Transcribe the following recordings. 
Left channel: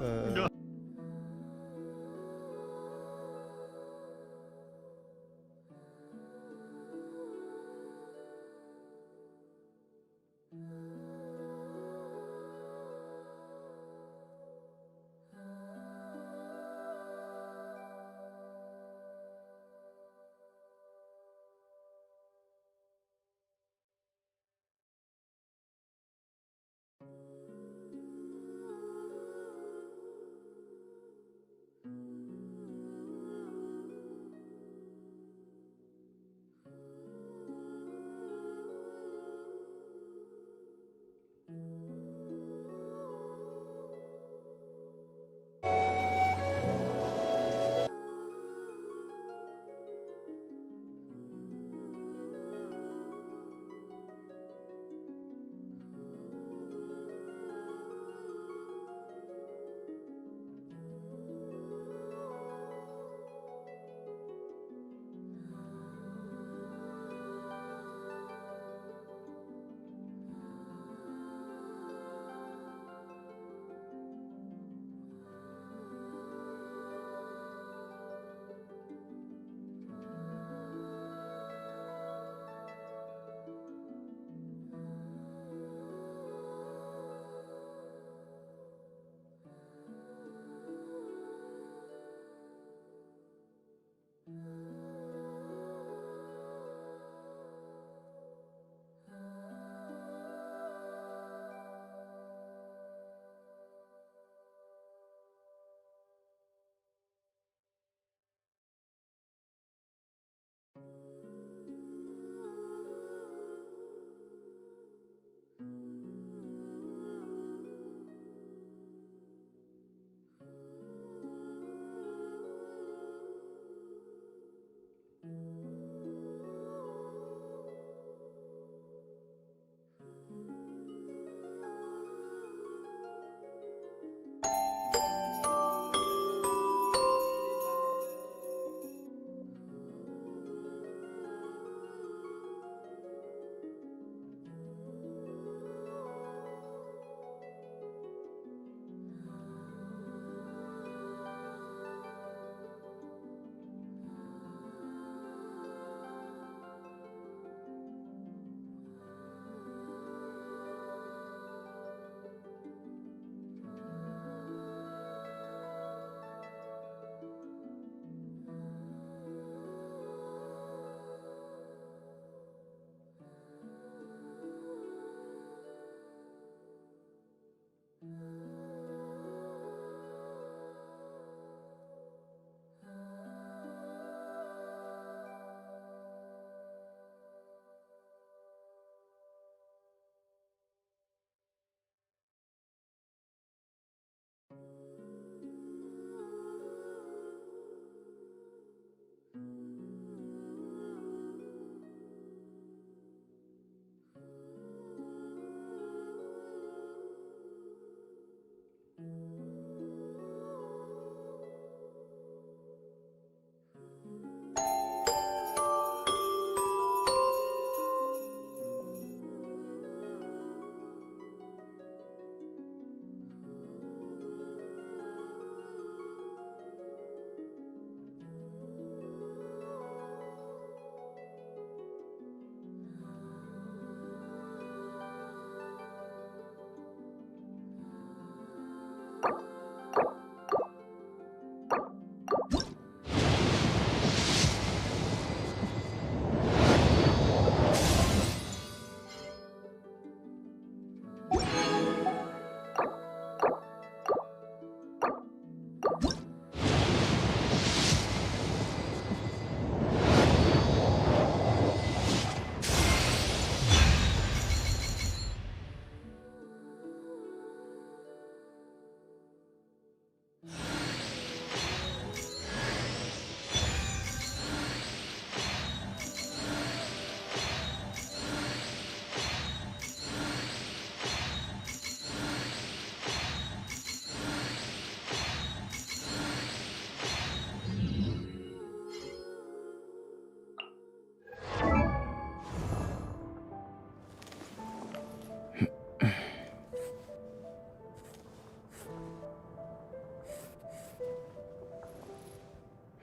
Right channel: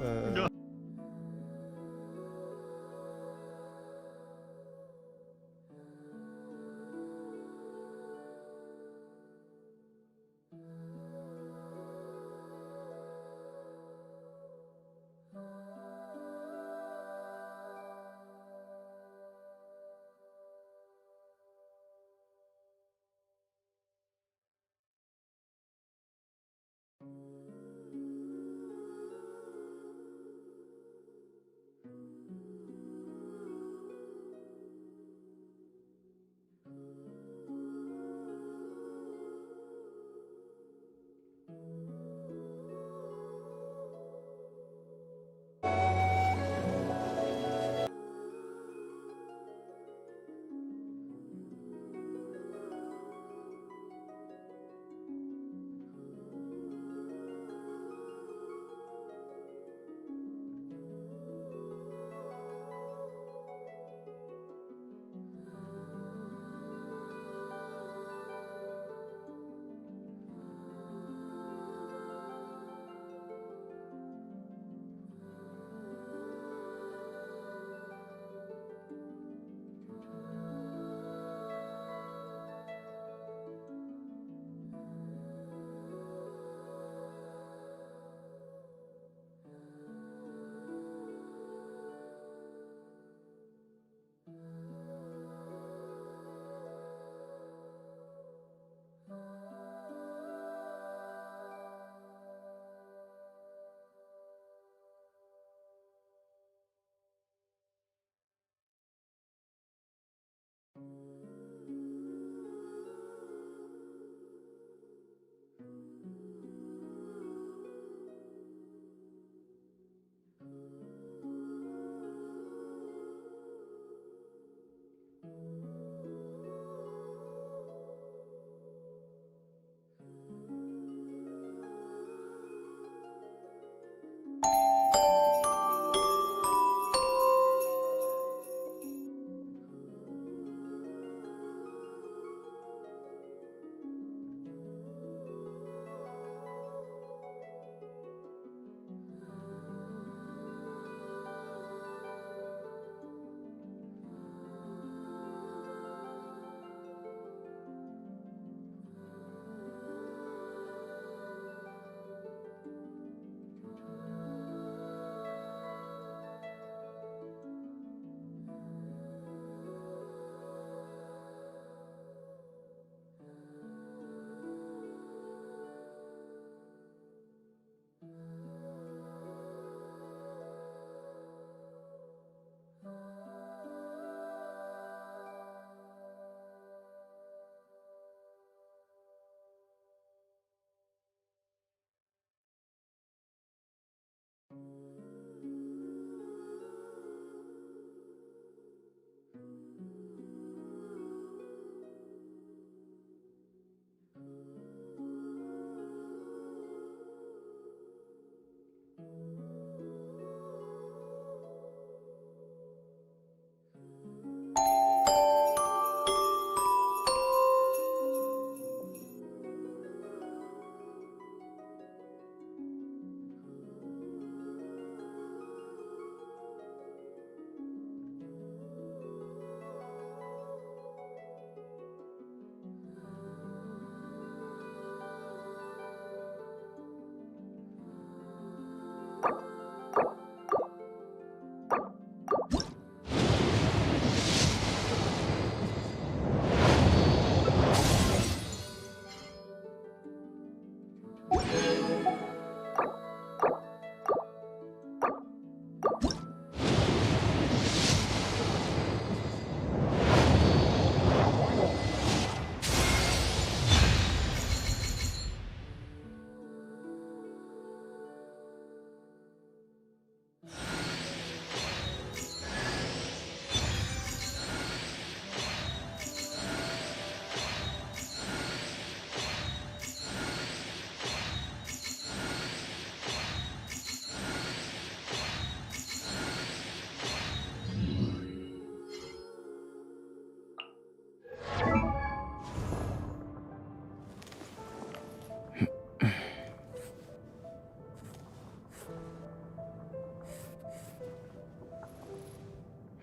Euh,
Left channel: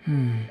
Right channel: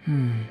Hmm.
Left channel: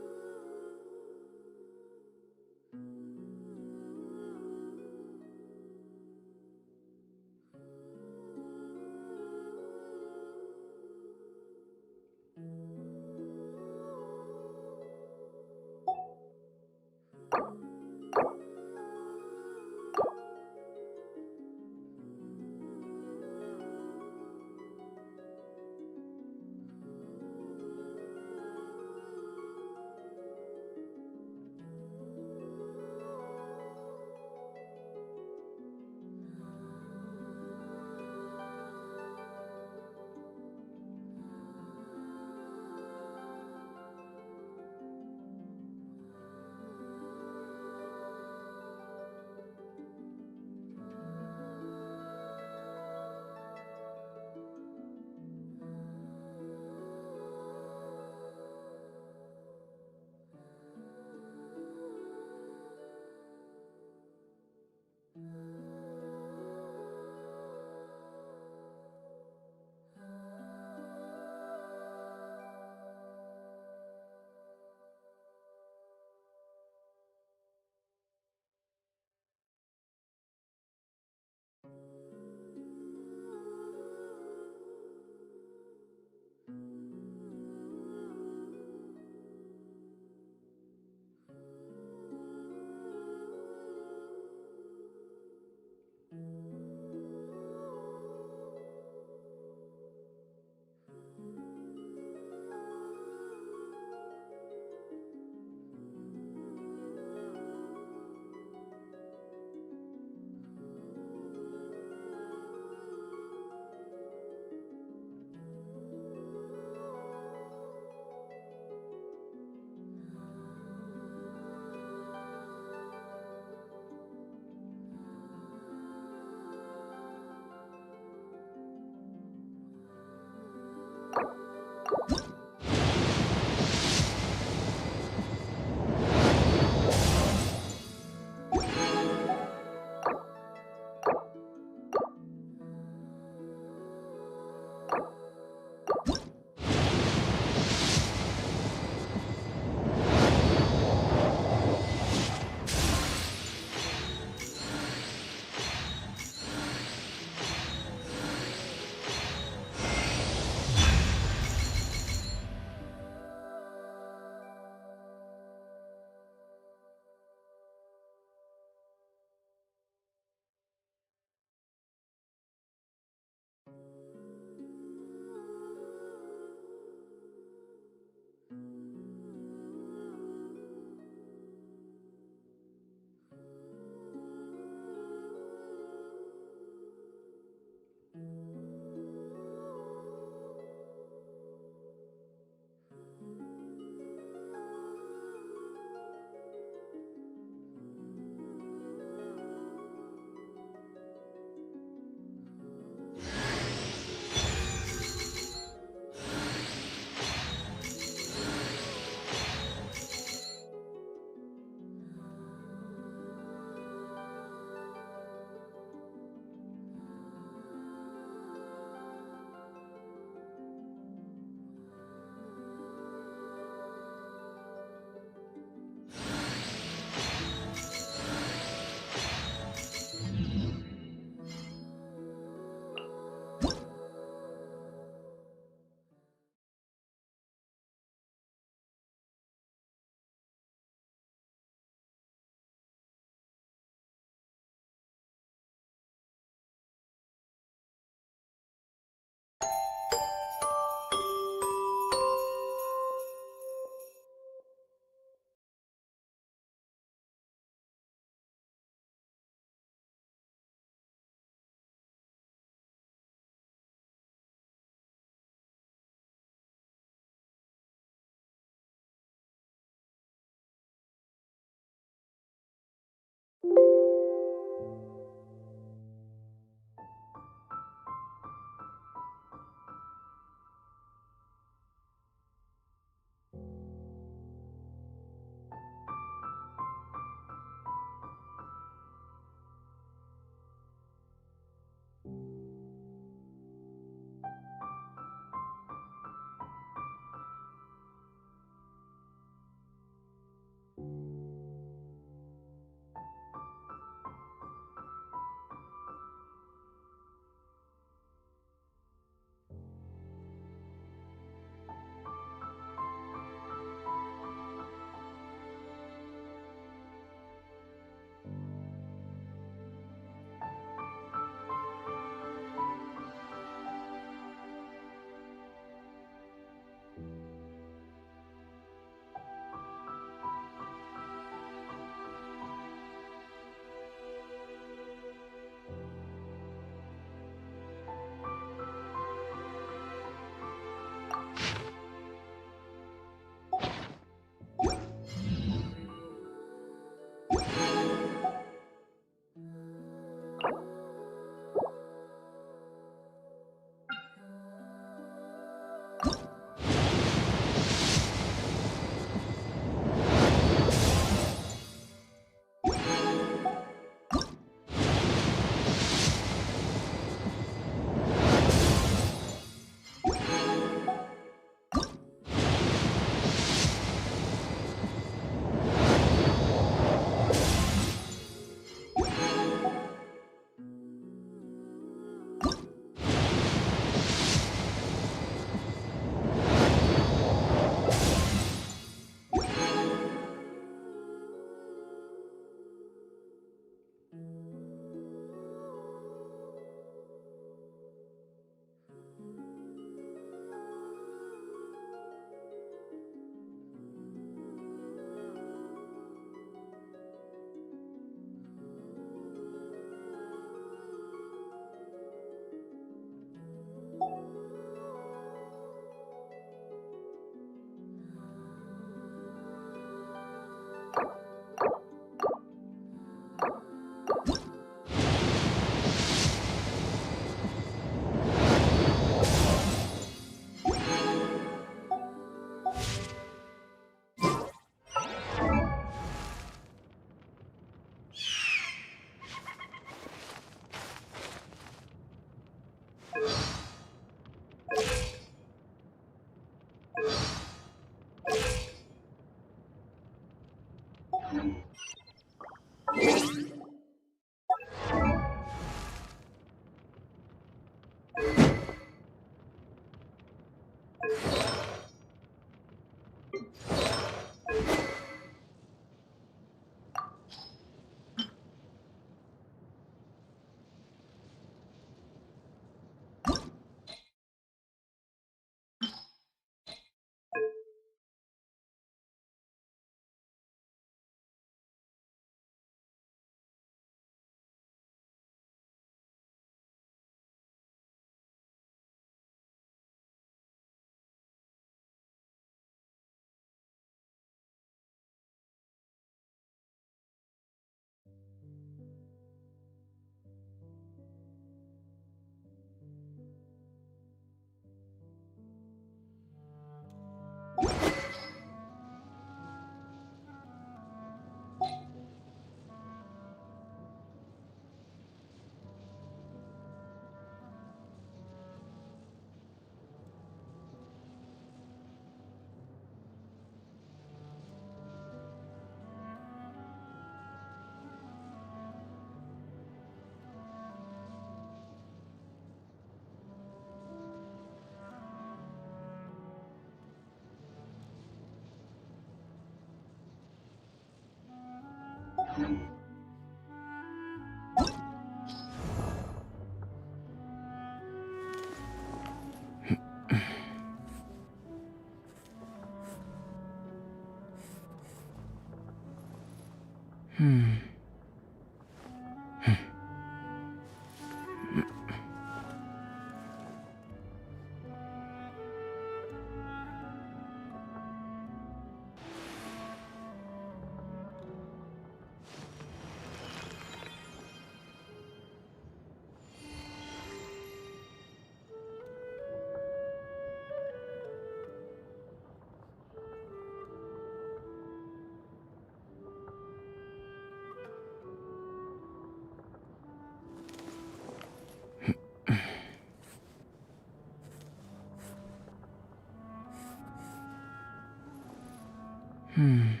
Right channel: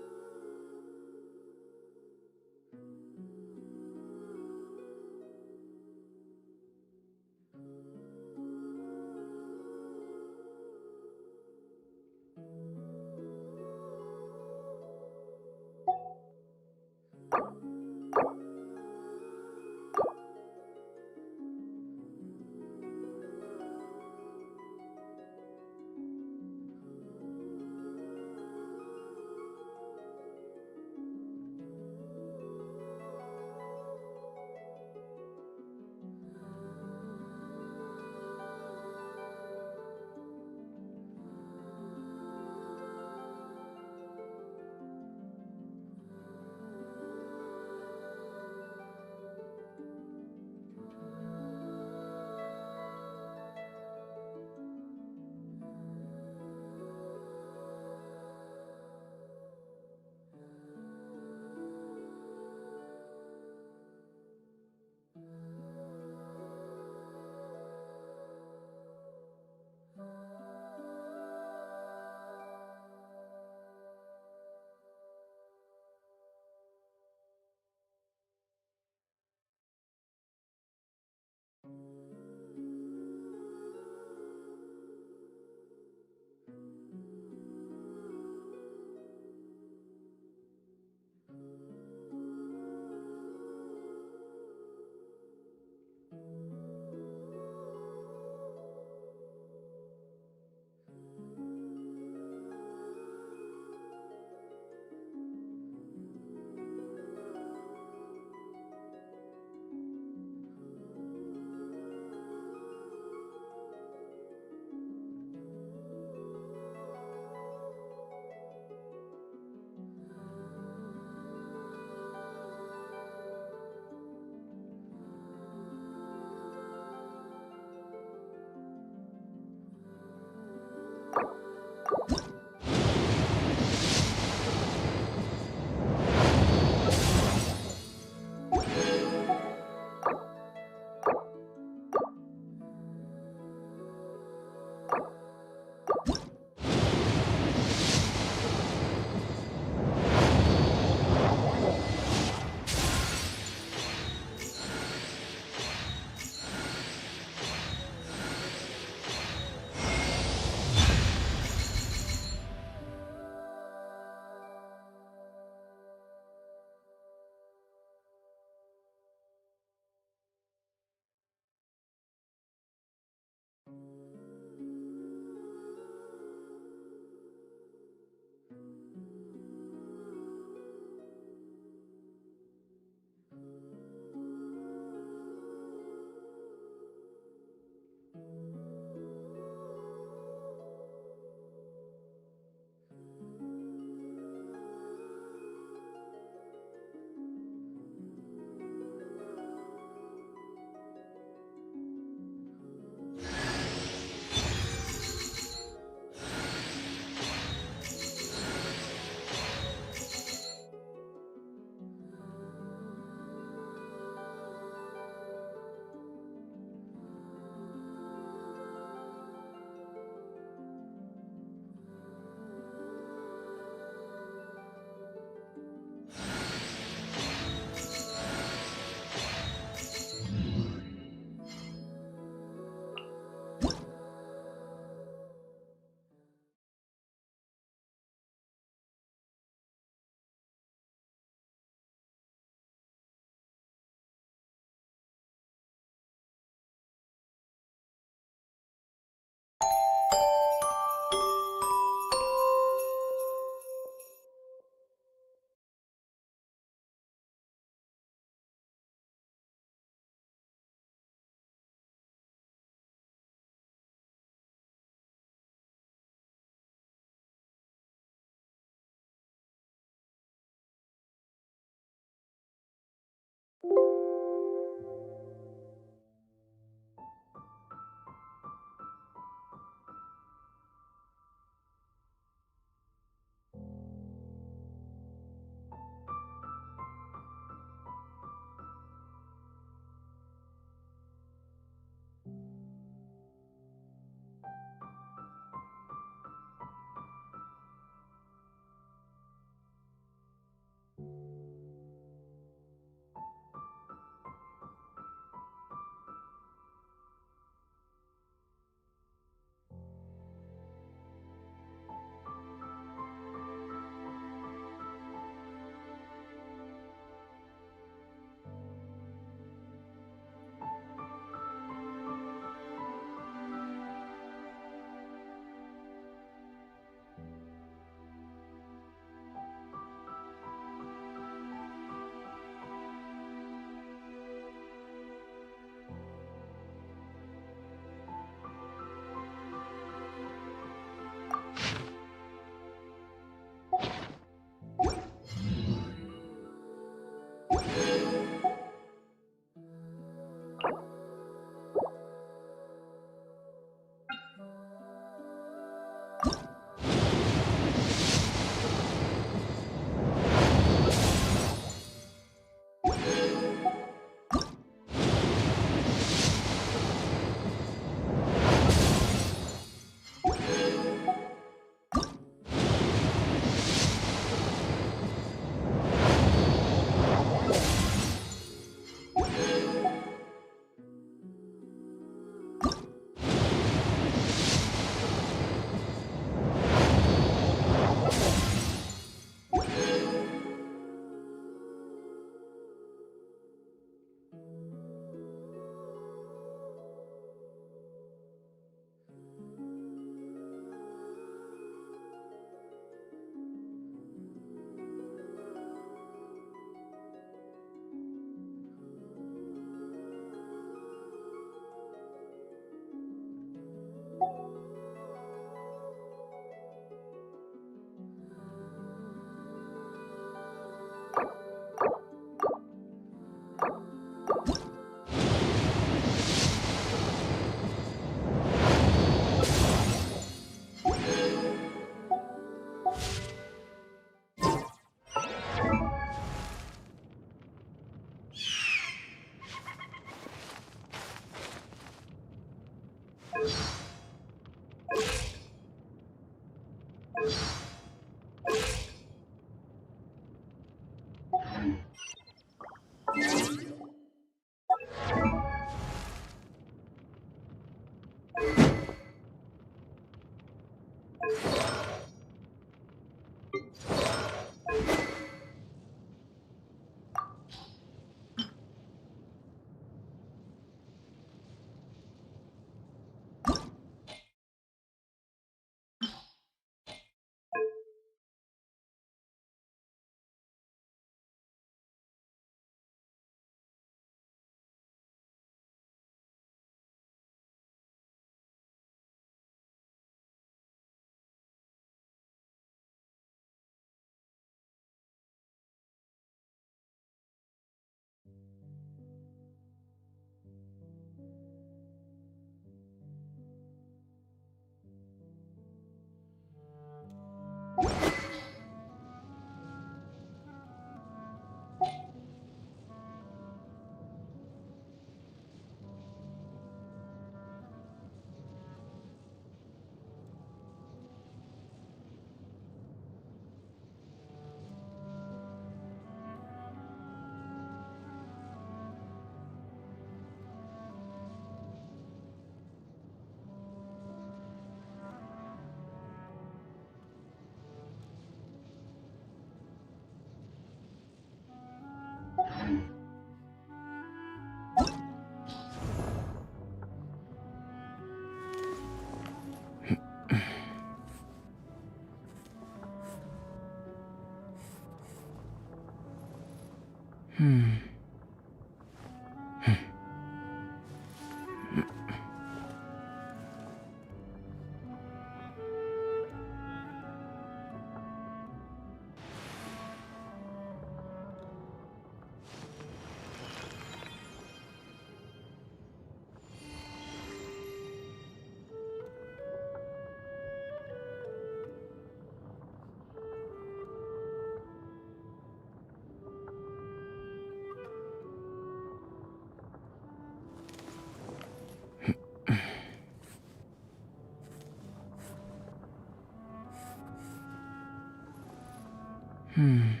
I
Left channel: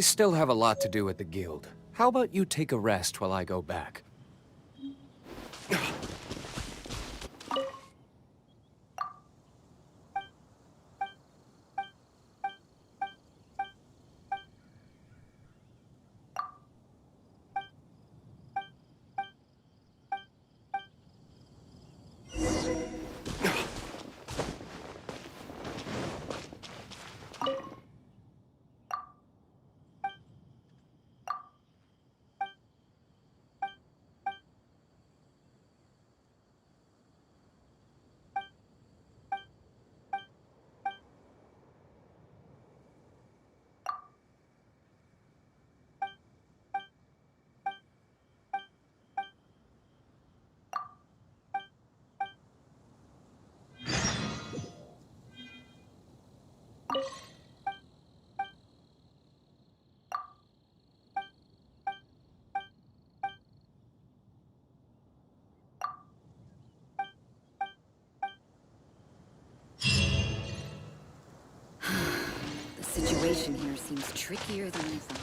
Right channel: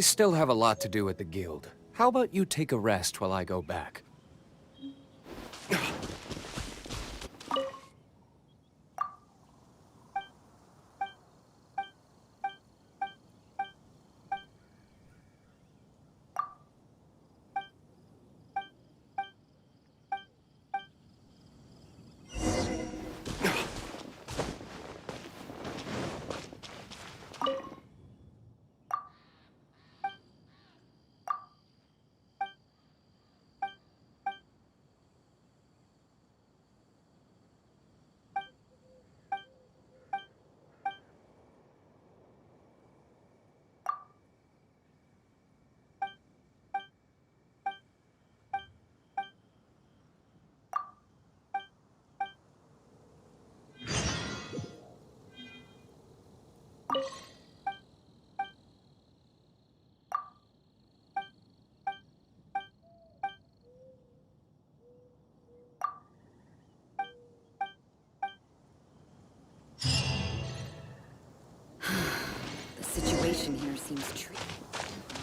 still have a lot to do at the guild. How about you take a rest while I go back? The situation here seems trickier than I thought.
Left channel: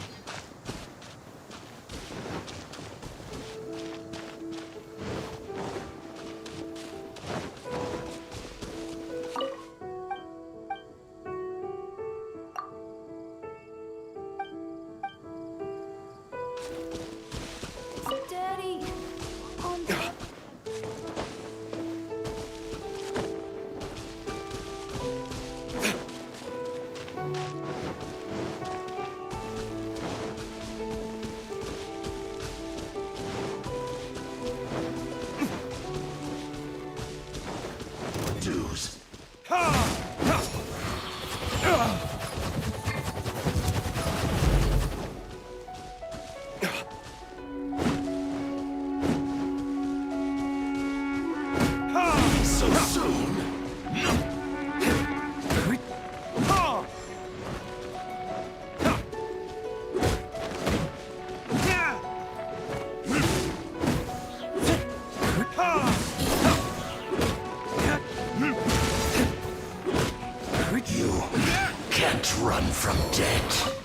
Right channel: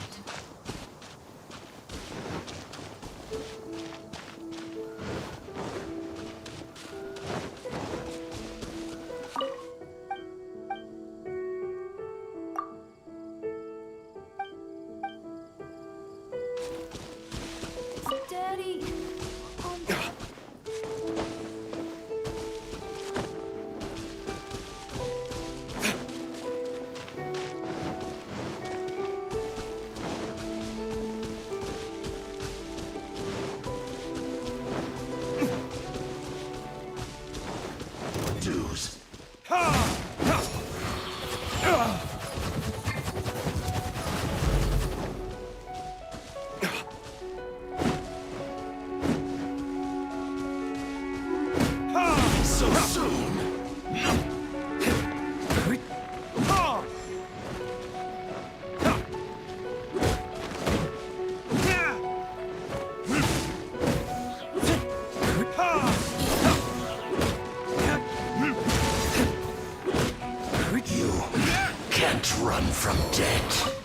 Daddy! Dues. So soon. You can't run from death.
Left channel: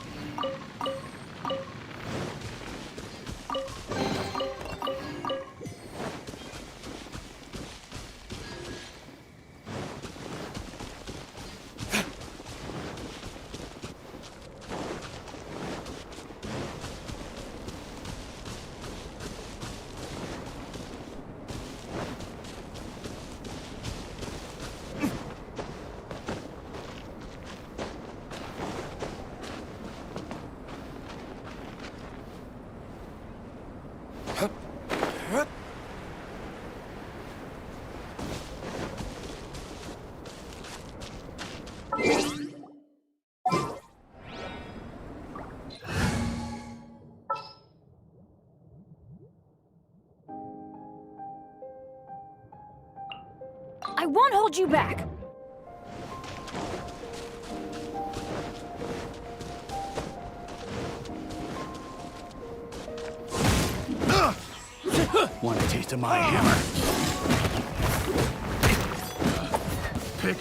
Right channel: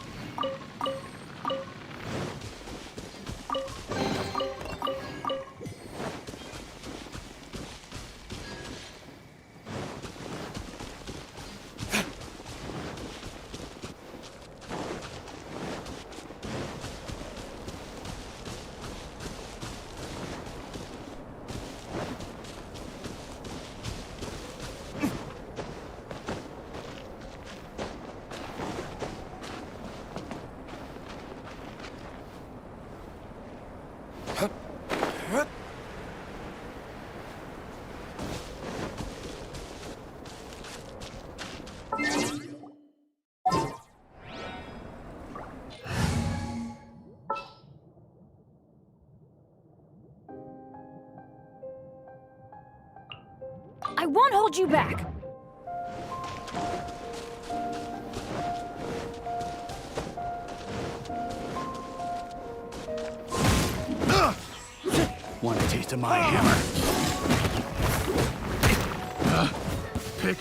I won't hold you back! Want a taste of my hammer? Pick.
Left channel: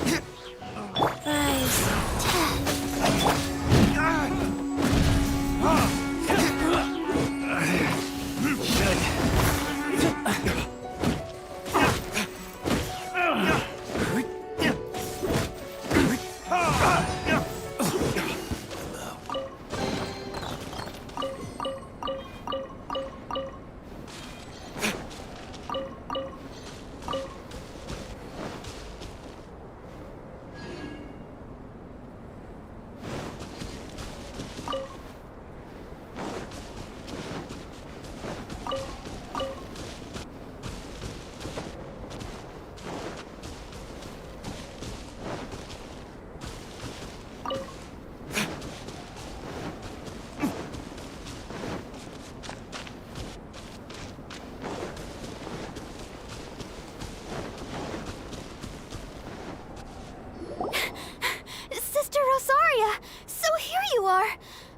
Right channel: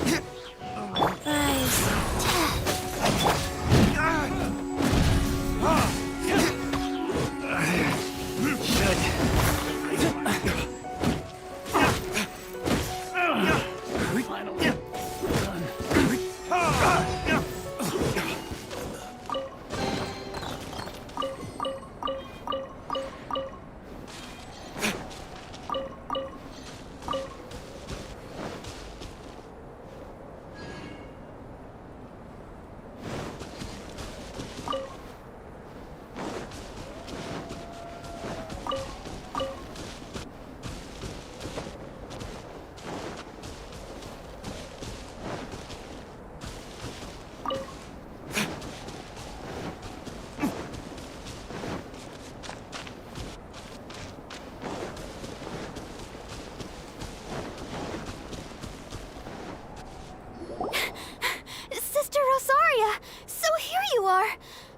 Sister Rosaria! So here you are!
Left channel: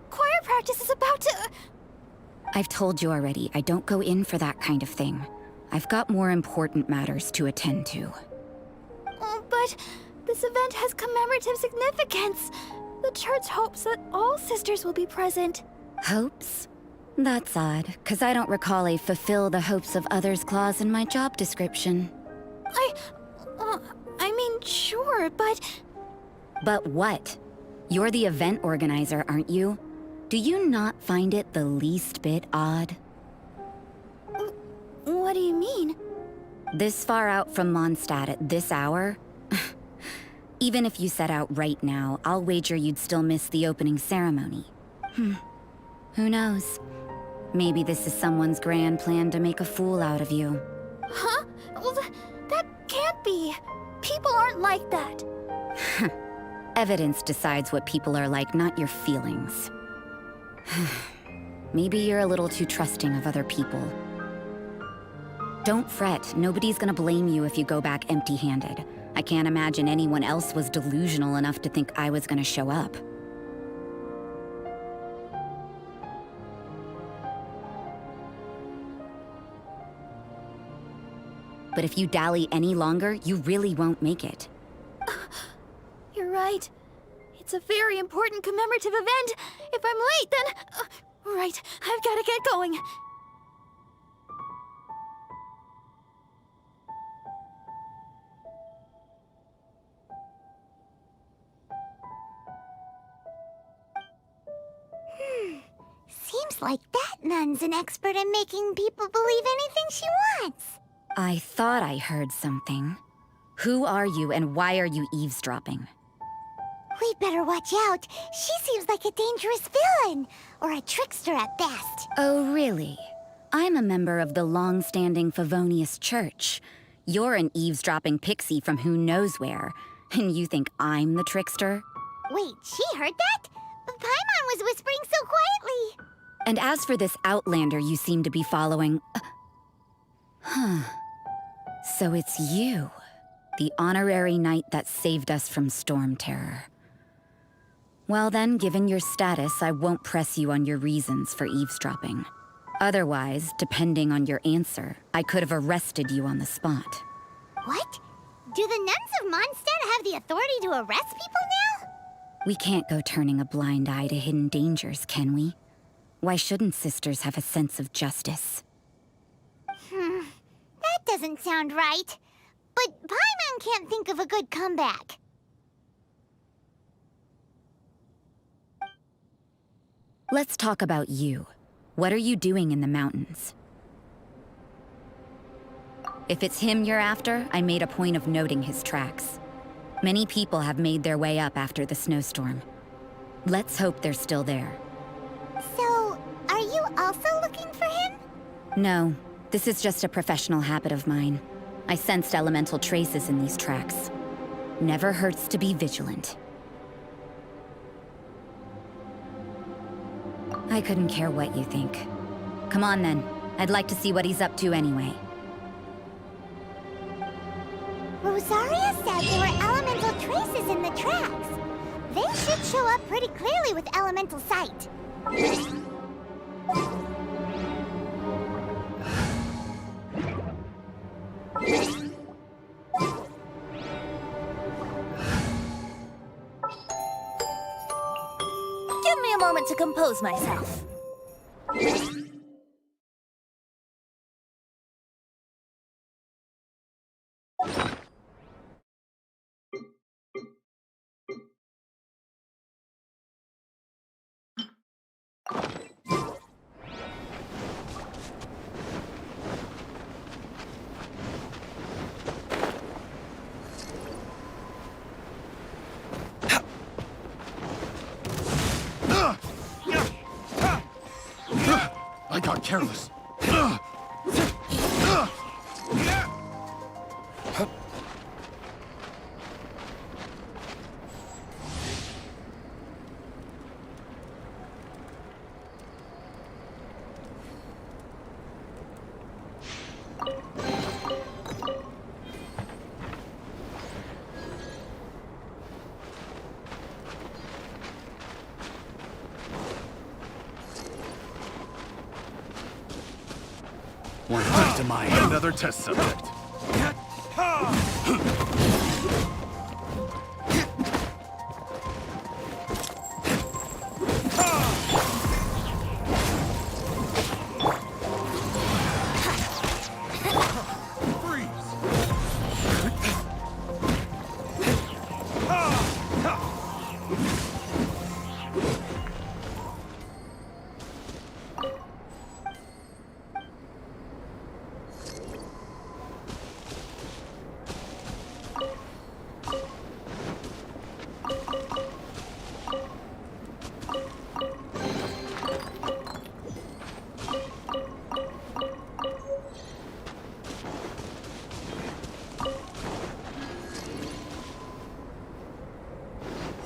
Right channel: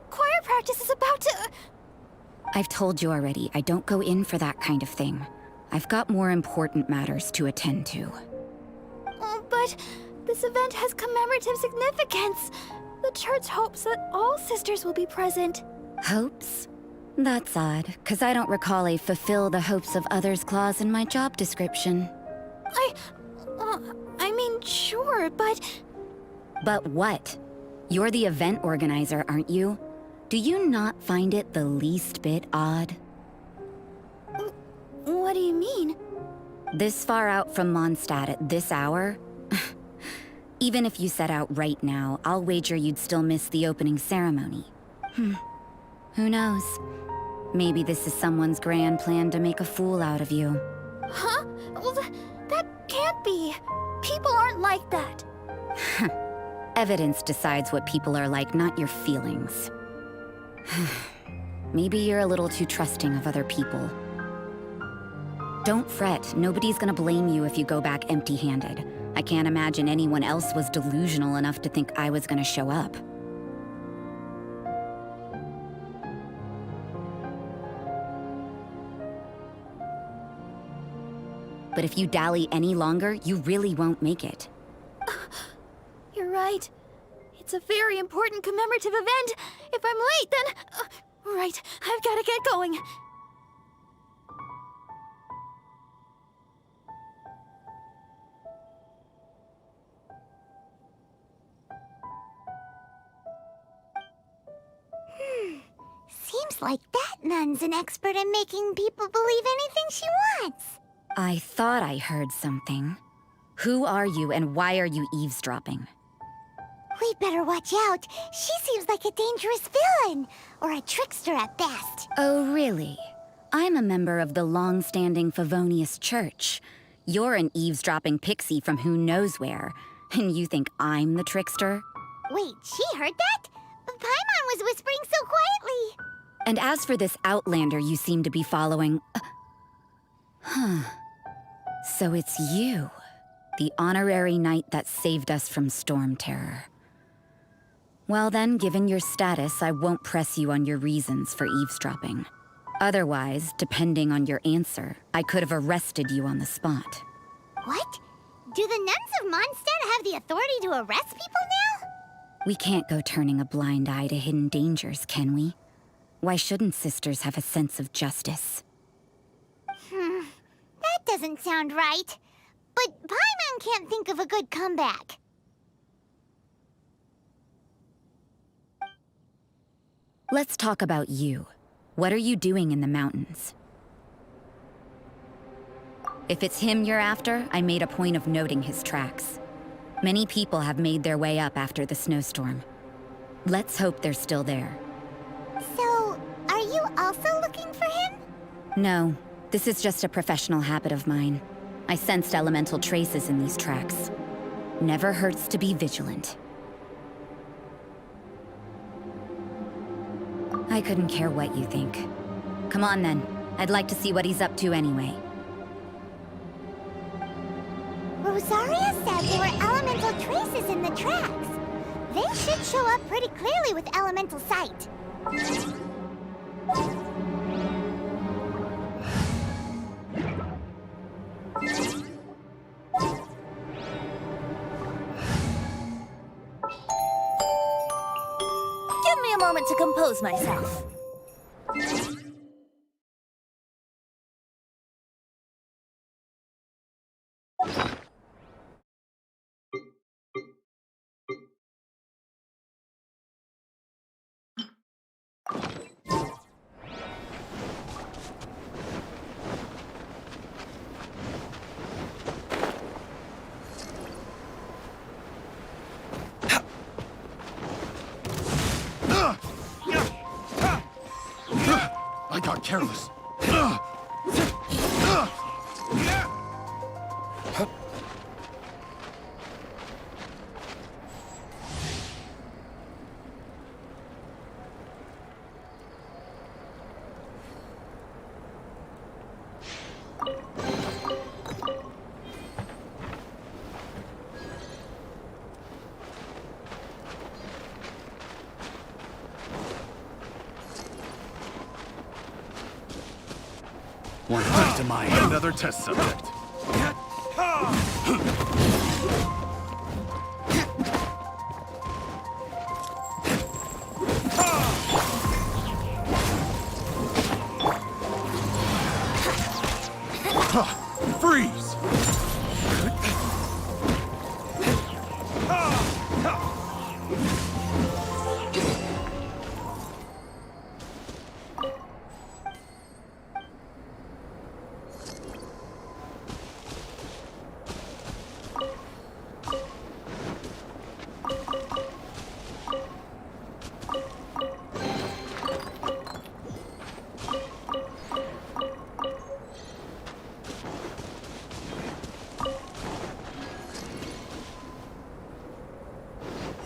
Choir practice is about to... I've told you already, I don't go in for that kind of thing. I've got more important matters to attend to. Oh, but this event has commemorative significance. The church hopes that all sisters will be present. Hopes? That's odd, because I don't recall a fulfill the hopes of others clause in my job description. I mean, sure, but... But what? You're the event organizer, aren't you? Do you not find it the least bit odd? What do you mean? This far out from Mondstadt at this hour? Even if you set out right now, I'll wager you'd still miss the opening ceremony. Who knows? Maybe this is someone's grand plan to make a fool out of you. Huh? Well, that can't be. People aren't like that. Evidence decides what people are like, not your feelings. Maybe you're a little too trusting of other people. Don't fret, nobody's gonna blame you if you go back empty-handed. I can't imagine anyone else was delusional enough to think I was gonna show up. But if you dally any longer, you really won't make it. You're right. It's a very important commemorative event. If I'm late, then... right, I've gotta get going. Seems like that nun's an expert in making people believe anything she wants. I thought I heard something. Who are you and why are you eavesdropping? We'd better watch out. She seems like a dangerous villain, or a trickster at best. Oh, really? I'm a member of the long-standing Favonius Church. You're an eavesdropping pixie from who knows where, and you think I'm the trickster? Wait, she heard that? But Paimon was whispering so quietly. And as for this outlander you seem to be following... So it's you, the honorary knight that saved us from storm terror. Well then, given your status, I won't press you on your reasons for eavesdropping. Otherwise, depending on your answer, I could have arrested you on the spot. What? Do the nuns of Mondstadt have the authority to arrest people now? We can't go turning a blind eye to hidden dangers, can we? Why shouldn't sisters have a sense of justice? That doesn't sound right. But Paimon can't think of a good comeback. Let's talk about you. What are you doing in the mountains? If it's him you're after, I made a point of noting his tracks. Many people have made their way up after the snowstorm. Let's hope they're still there. So, are you also looking for him? No, this is just a professional habit of mine. I sensed elemental traces in these tracks. Never hurts to be vigilant. I couldn't care what you think. Come on then. I'd like to see what he's up to anyway. Rosaria said there were elemental traces in the tracks. They should show up pretty clearly with elemental sight. Give me a moment to compose myself. I got careless. One back to mine. Another test subject. Freeze!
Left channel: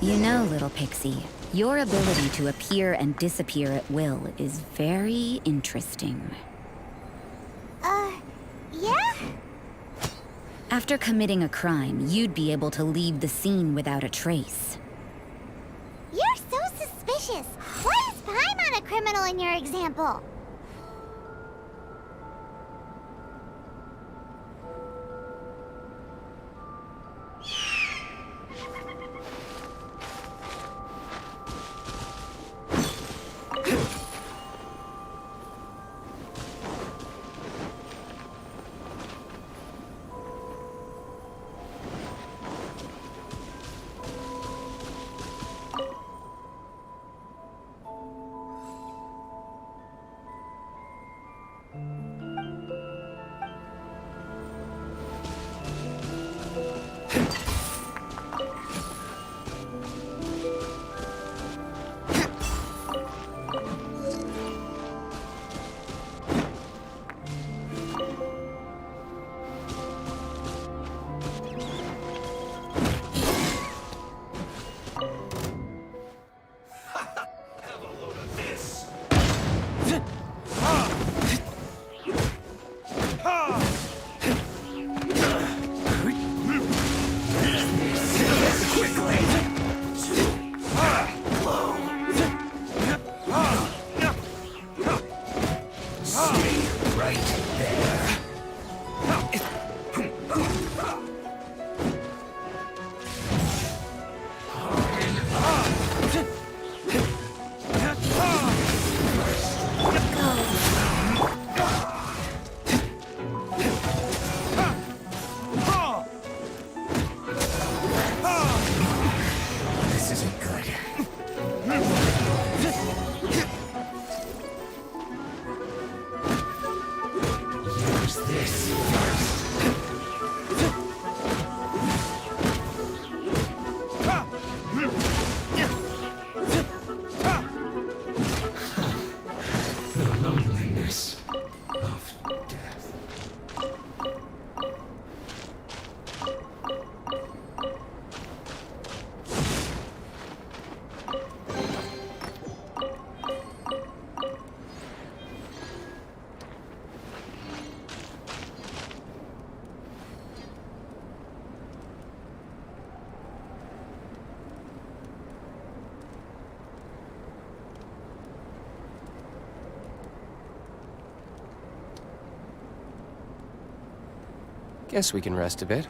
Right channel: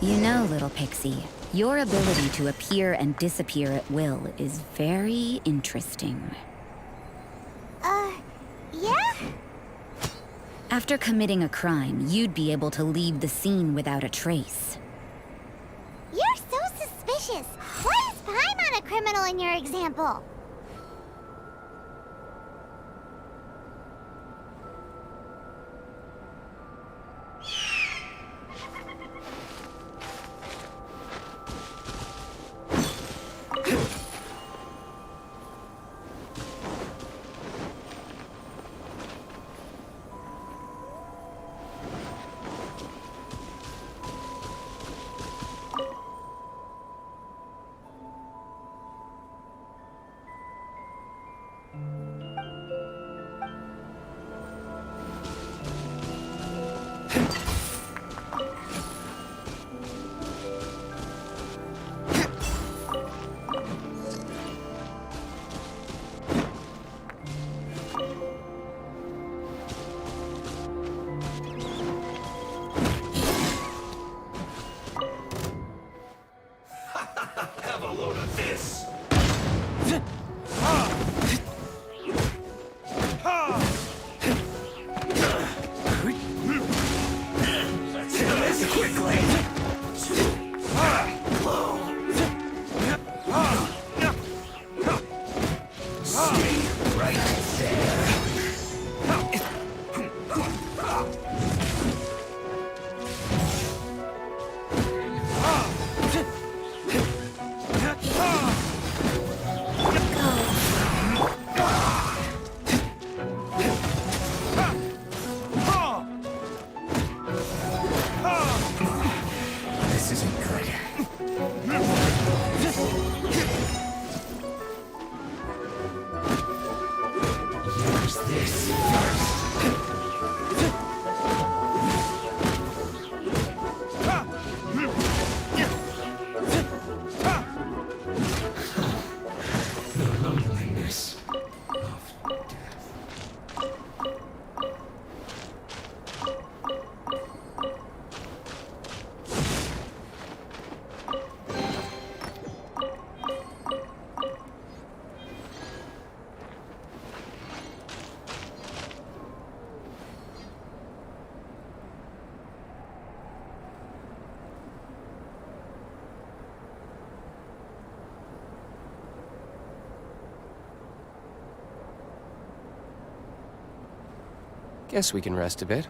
You know, little pixie, your ability to appear and disappear at will is very interesting. Yeah? After committing a crime, you'd be able to leave the scene without a trace. You're so suspicious. Why is Paimon a criminal in your example? Guess we can rest a bit.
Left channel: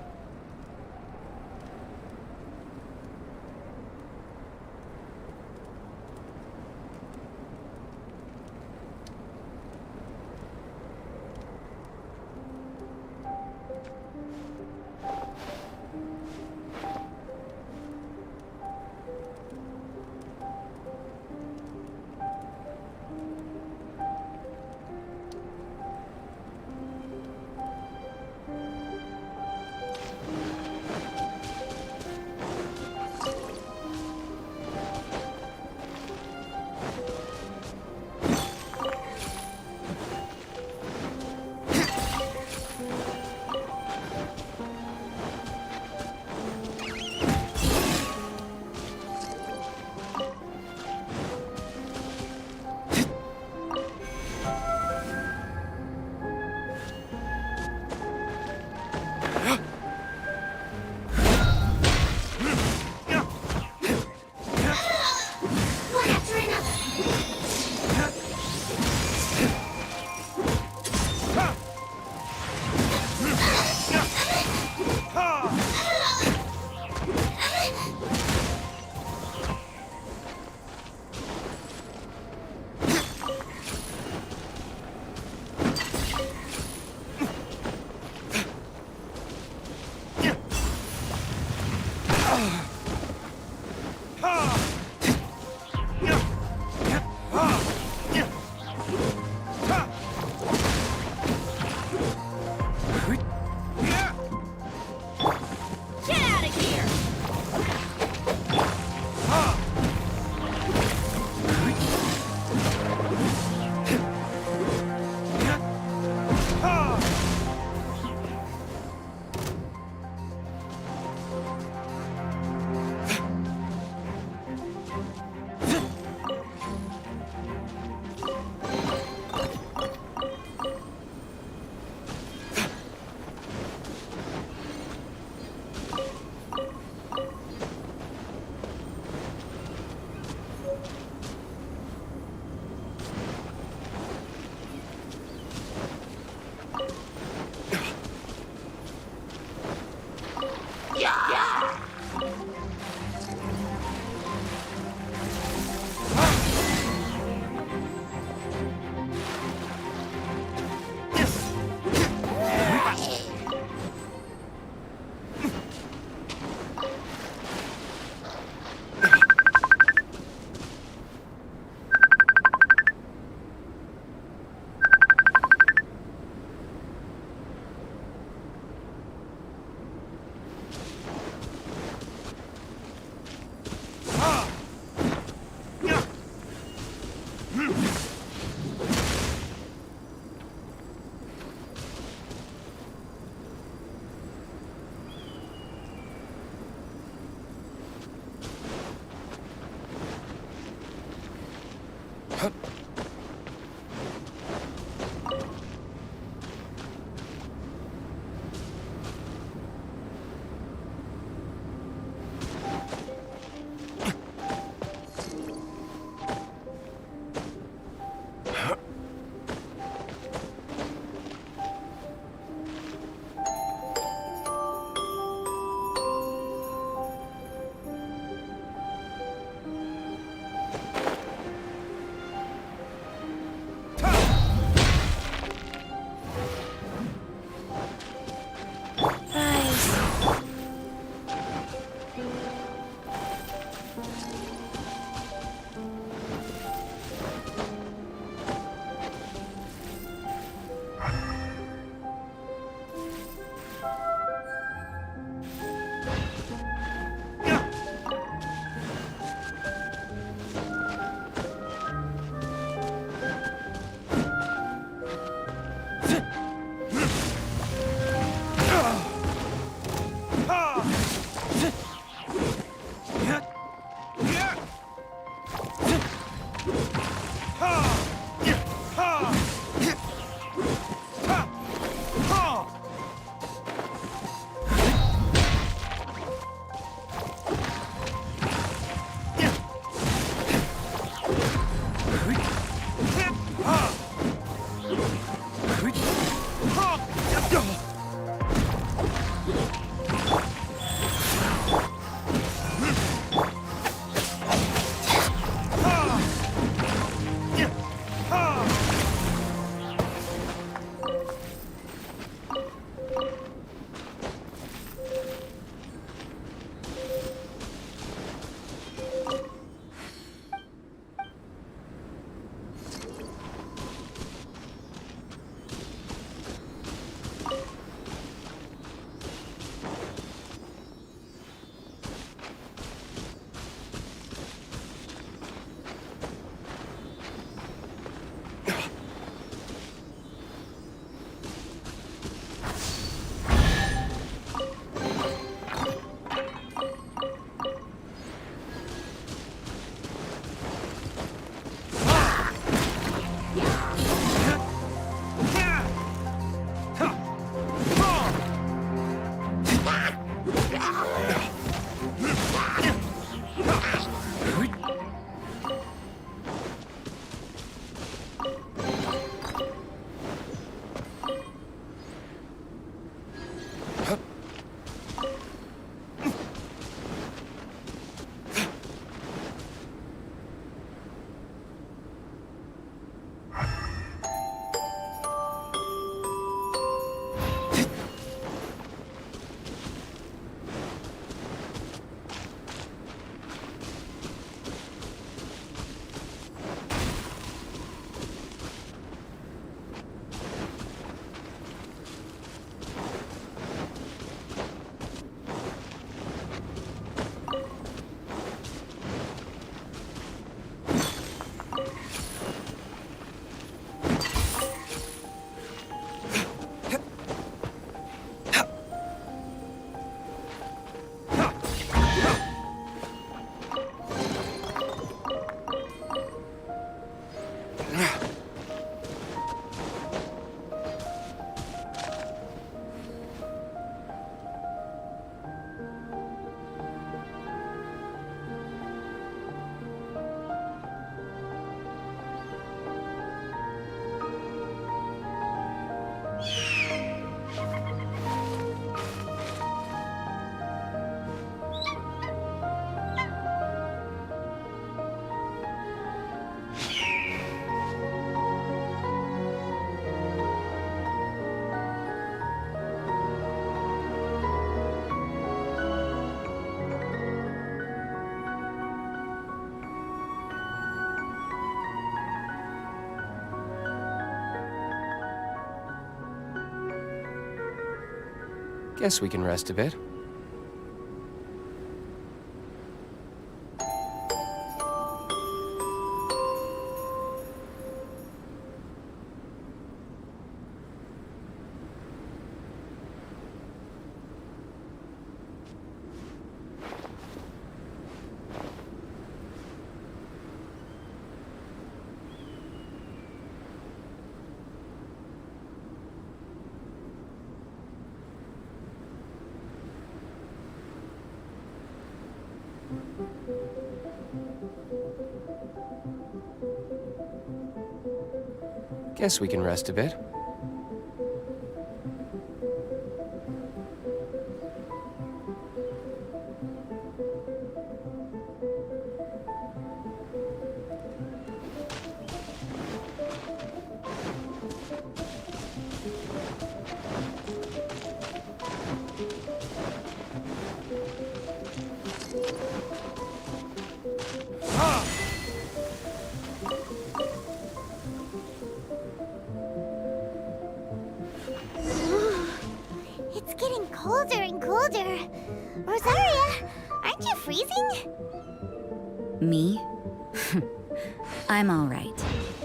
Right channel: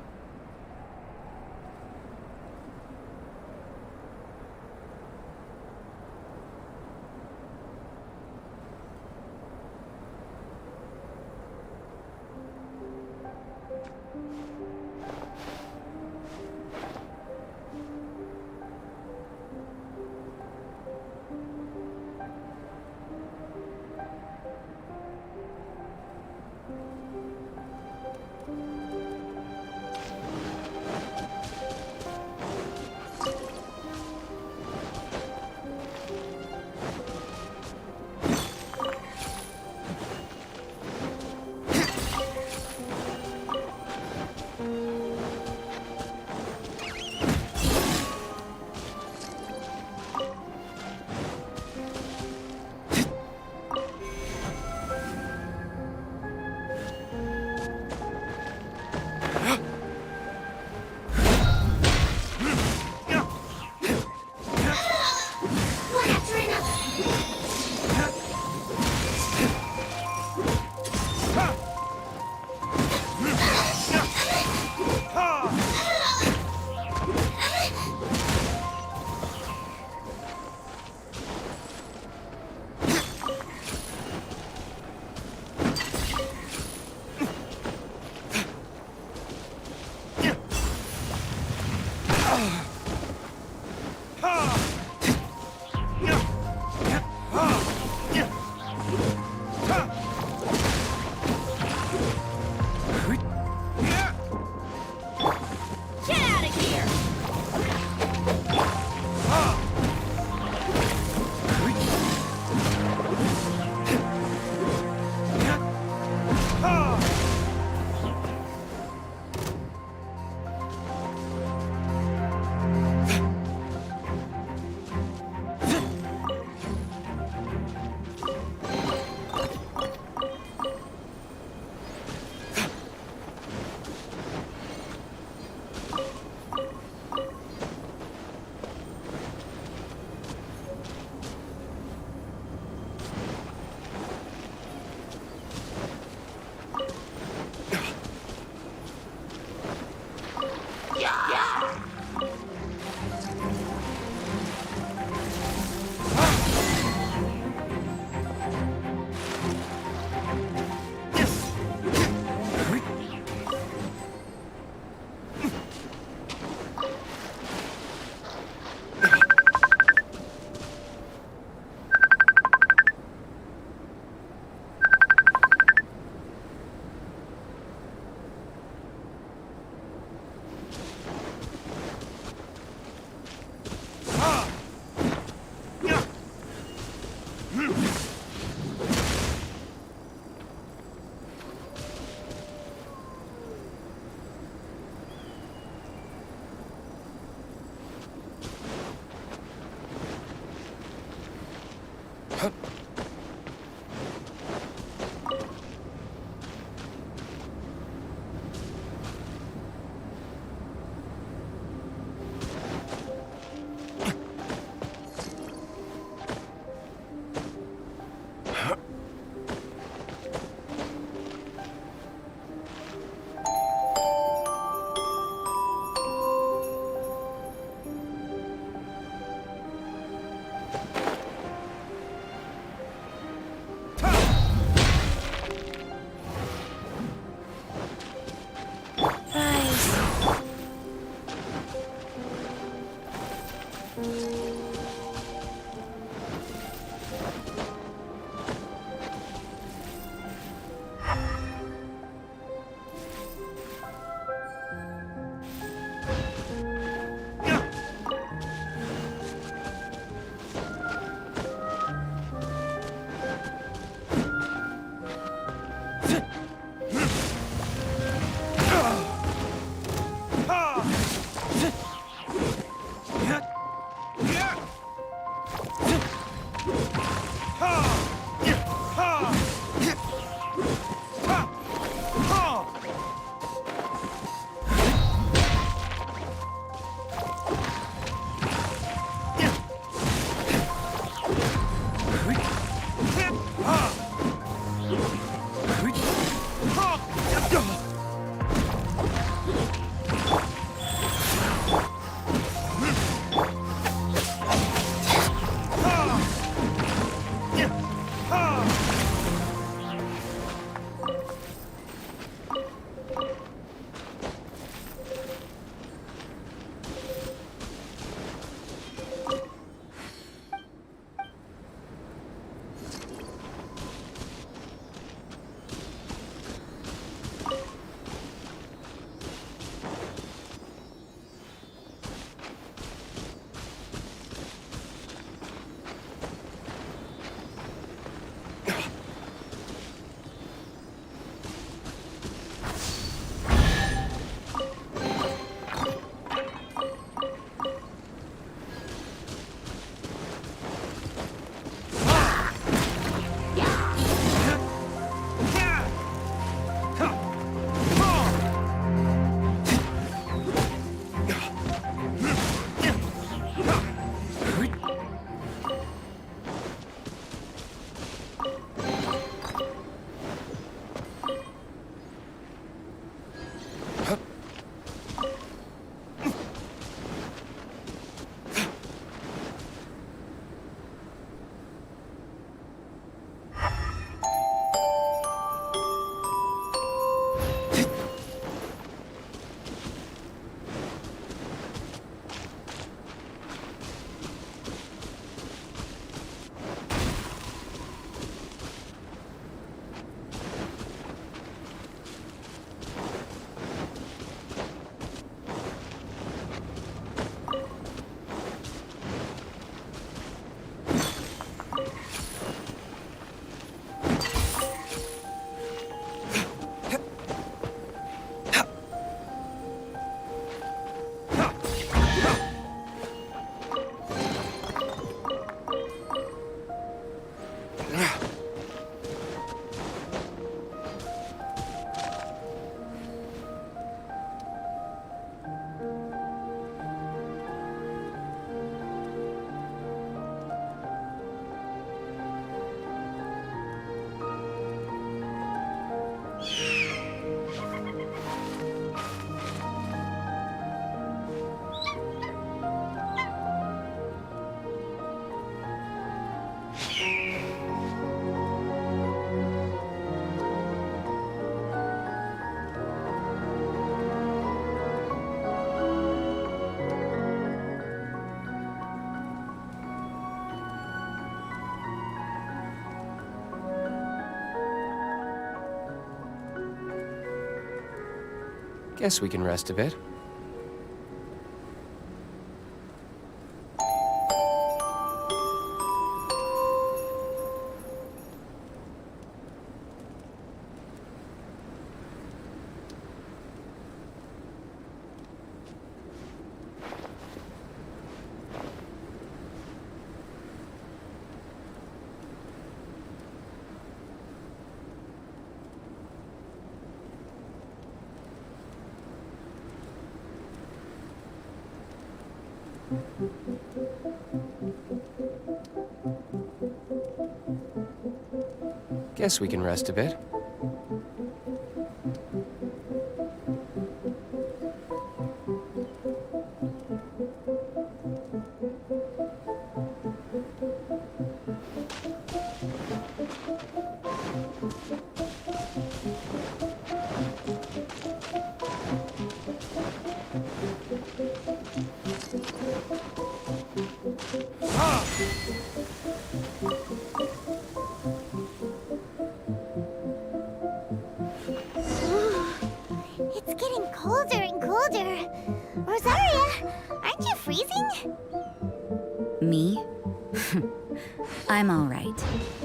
Guess we can rest a bit. Guess we can rest a bit. It's getting colder and colder. Rosaria, aren't you freezing? Me? I'm all right.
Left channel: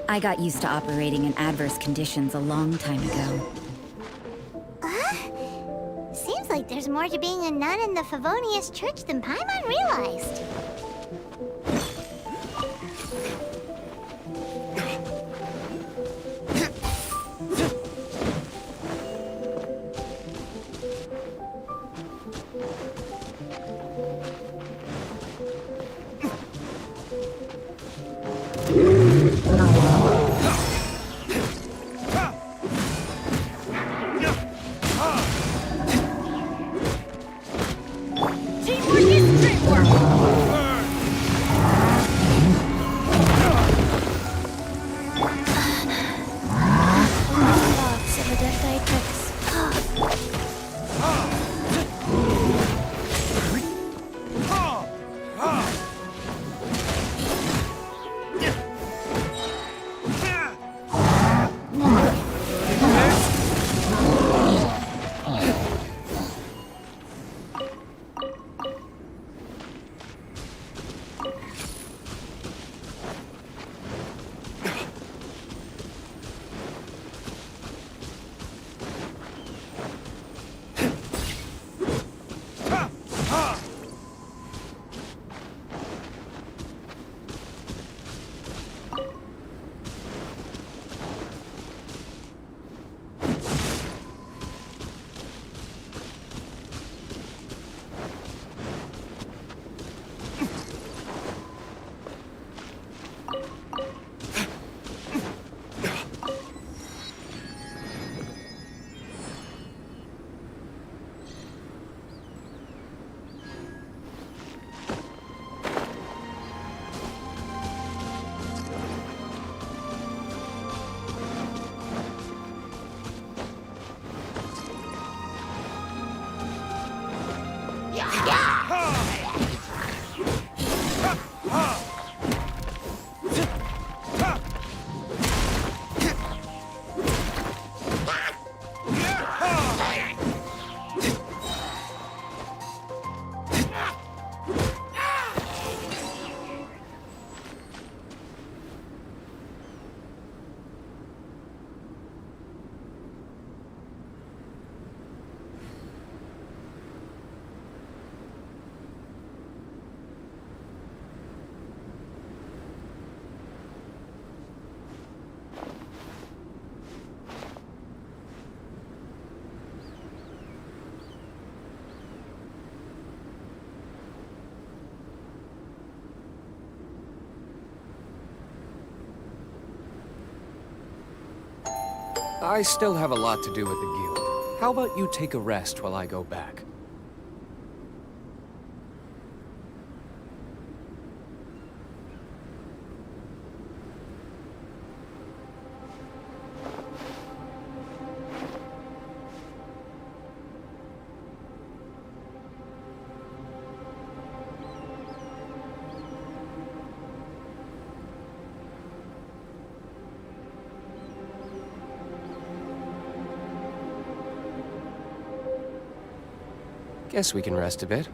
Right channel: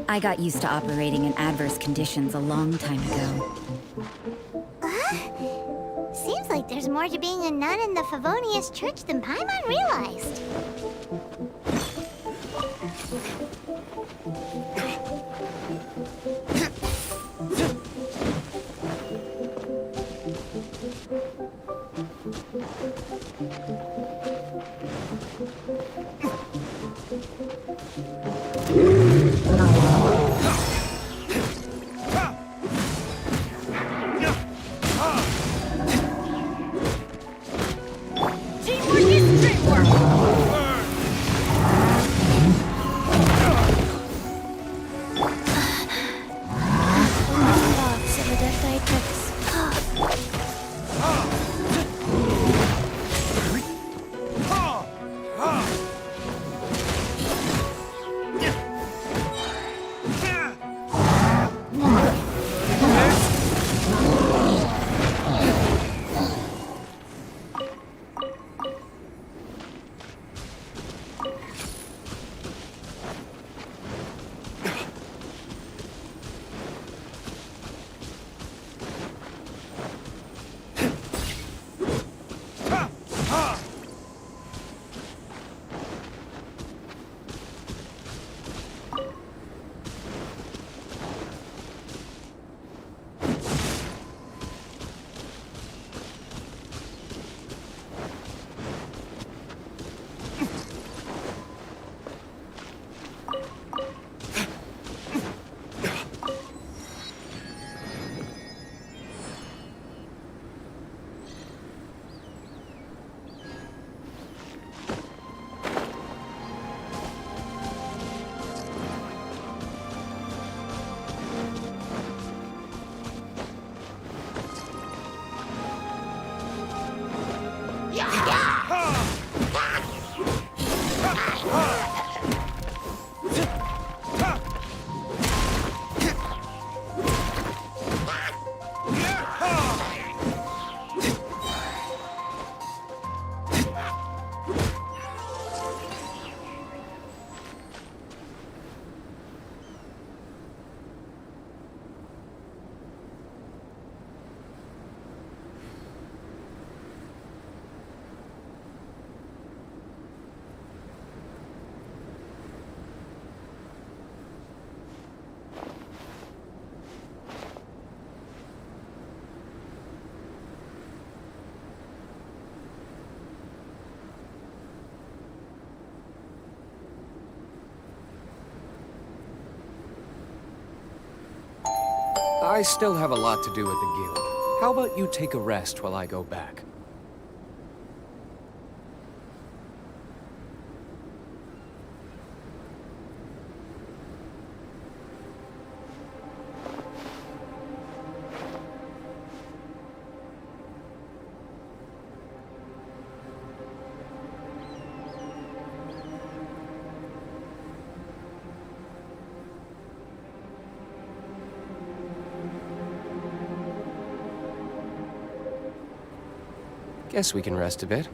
I got used to operating in adverse conditions a long time ago. Seems like there's more to being a nun in the Favonius Church than Paimon realized. I still have a lot to do with the guild. How about you take a rest while I go back? Guess we can rest a bit.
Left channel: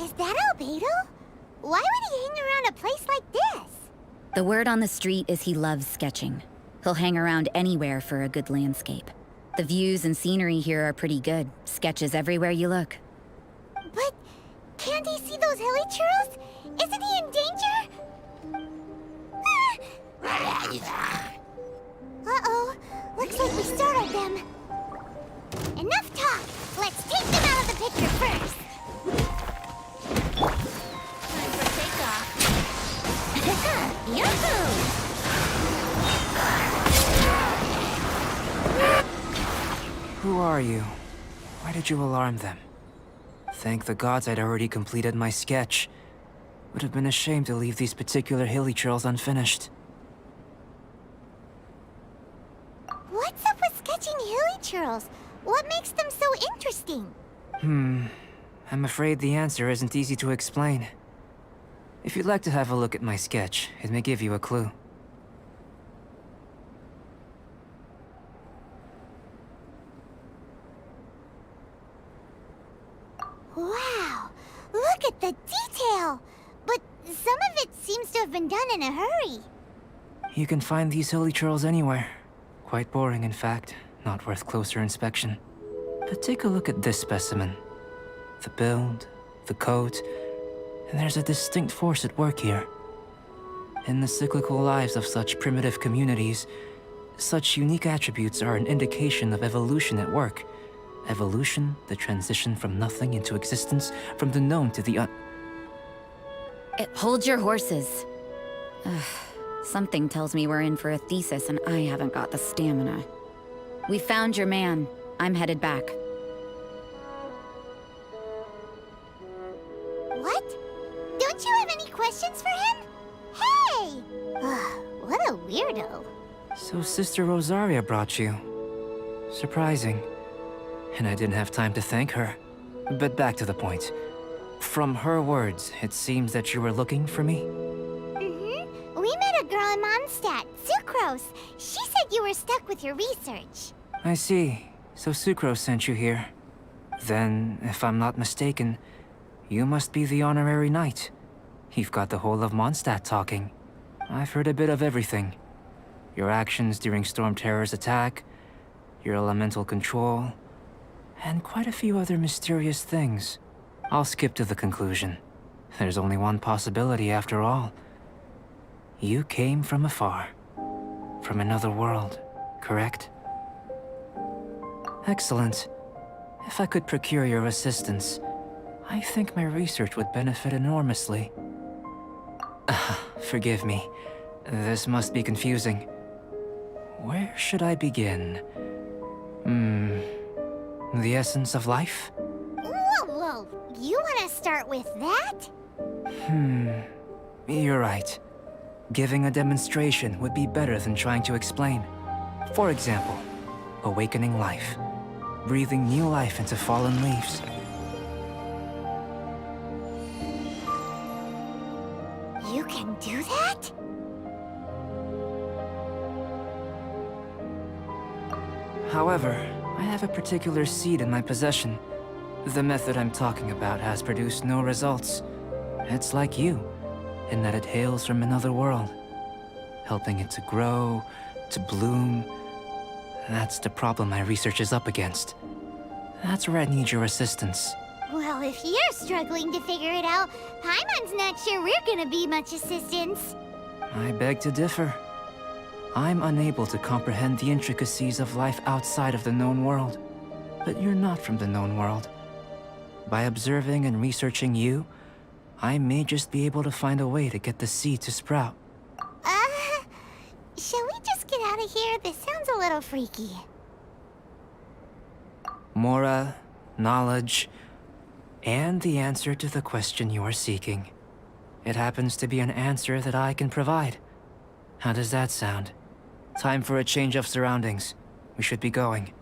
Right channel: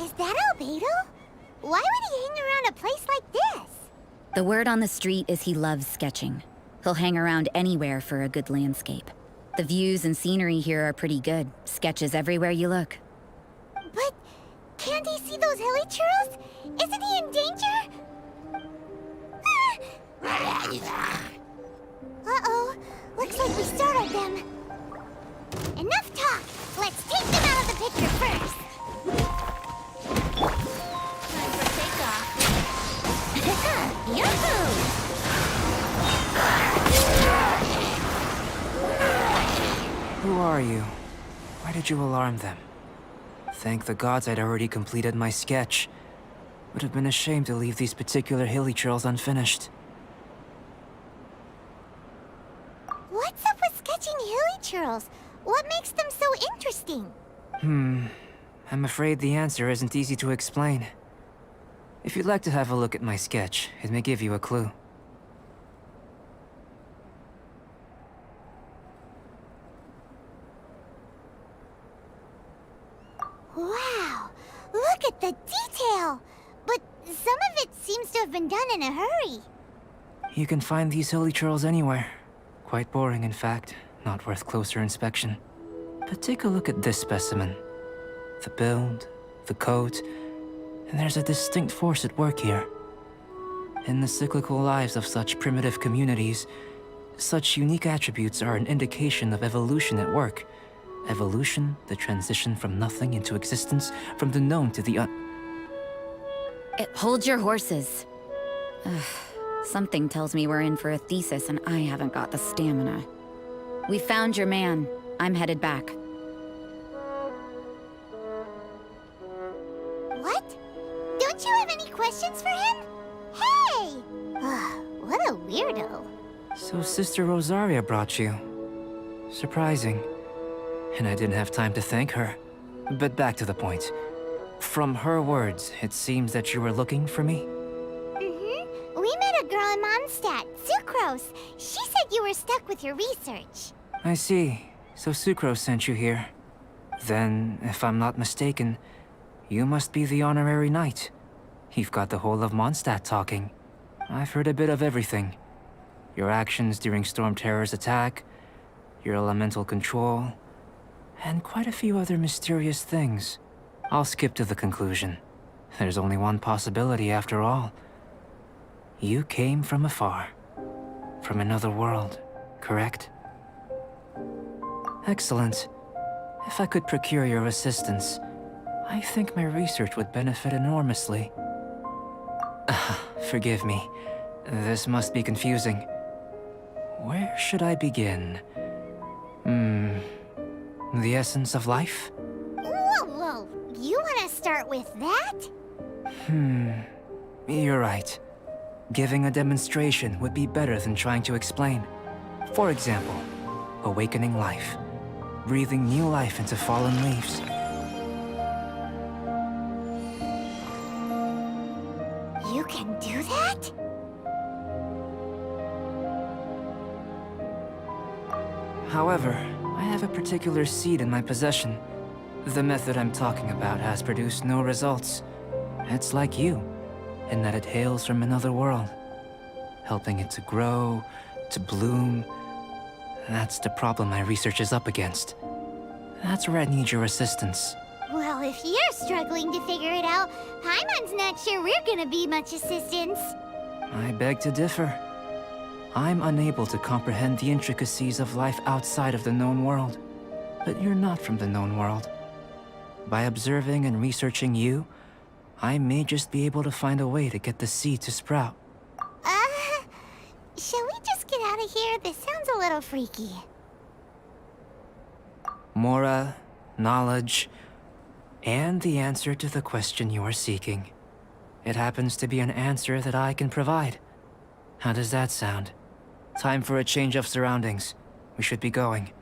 Is that Albedo? Why would he hang around a place like this? The word on the street is he loves sketching. He'll hang around anywhere for a good landscape. The views and scenery here are pretty good. Sketches everywhere you look. But can't he see those hilly churls? Isn't he in danger? Uh-oh. Looks like we startled them. Enough talk. Let's take them out of the picture first. Time for takeoff. Yahoo! Who are you? Why did you alarm them? Thank the gods I'd already completed my sketch. Would have been a shame to leave these particular hilly trails unfinished. What's up with sketching hilly churls? What makes them so interesting? I'm afraid the answer isn't easy to explain. If you'd like to have a look at my sketch, it may give you a clue. Wow! Look at the detail! But some of it seems to have been done in a hurry. You can find these hilly trails anywhere. Quite boring, in fact. Not worth closer inspection. But take a look at this specimen. The build, the coat, and there's a distinct force at work here. In the cyclical lives of such primitive communities, such unique attributes are an indication of evolution at work. Evolution, the transition from nothing into existence, from the known to the Hold your horses. Ugh, something tells me we're in for a thesis and I haven't got the stamina. We found your man. I'm headed back. What? Don't you have any questions for him? Hey! What a weirdo. So Sister Rosaria brought you. Surprising. And I didn't have time to thank her. But back to the point. From her words, it seems that you were looking for me? Mm-hmm. We met a girl in Mondstadt, Sucrose. She said you were stuck with your research. I see. So Sucrose sent you here. Then, if I'm not mistaken, you must be the honorary knight. You've got the whole of Mondstadt talking. I've heard a bit of everything. Your actions during Storm Terror's attack, your elemental control, and quite a few other mysterious things. I'll skip to the conclusion. There's only one possibility after all. You came from afar. From another world, correct? Excellent. If I could procure your assistance, I think my research would benefit enormously. Forgive me. This must be confusing. Where should I begin? The essence of life? Whoa, whoa! You want to start with that? You're right. Giving a demonstration would be better than trying to explain. For example, awakening life. Breathing new life into fallen leaves. You can do that? However, I have a particular seed in my possession. The method I'm talking about has produced no results. It's like you, in that it hails from another world. Helping it to grow, to bloom. That's the problem my research is up against. That's where I need your assistance. Well, if you're struggling to figure it out, Paimon's not sure we're gonna be much assistance. I beg to differ. I'm unable to comprehend the intricacies of life outside of the known world. But you're not from the known world. By observing and researching you, I may just be able to find a way to get the seed to sprout. Shall we just get out of here? This sounds a little freaky. Mora, knowledge, and the answer to the question you are seeking. It happens to be an answer that I can provide. How does that sound? Time for a change of surroundings. We should be going.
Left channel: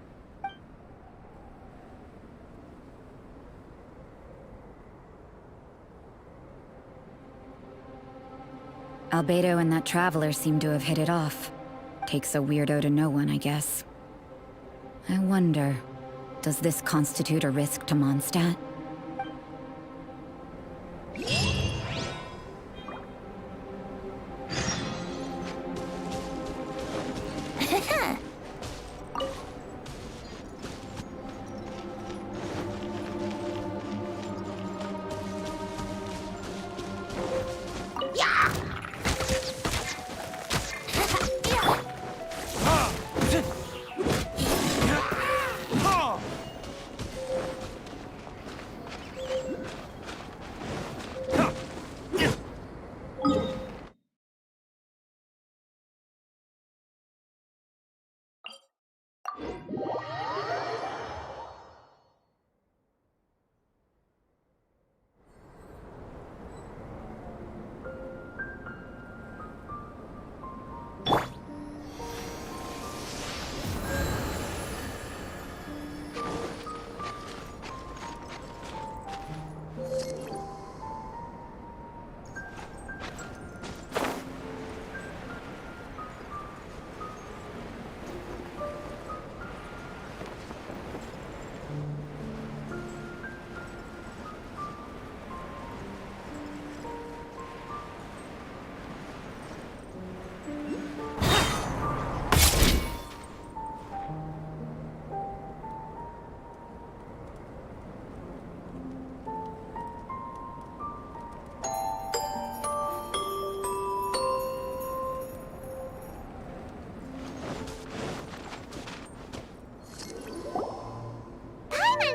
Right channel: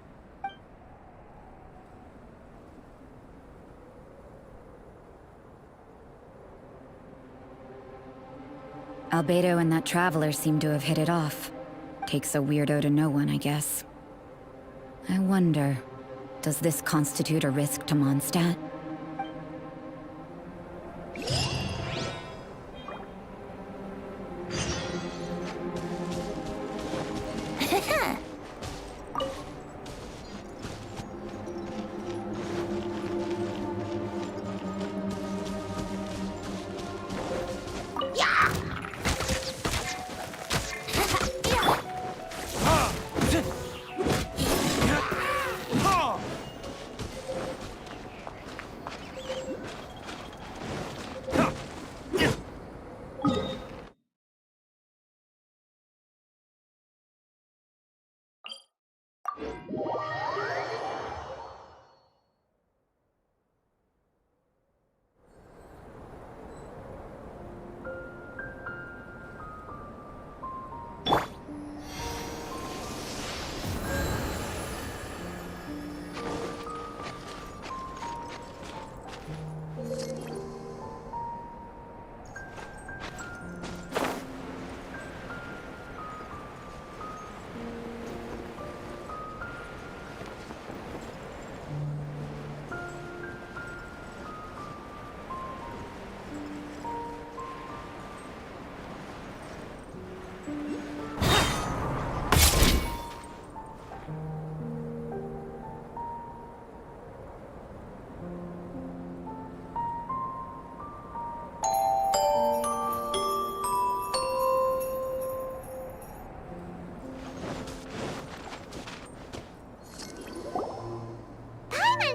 Albedo and that traveler seem to have hit it off. Takes a weirdo to know one, I guess. I wonder, does this constitute a risk to Mondstadt?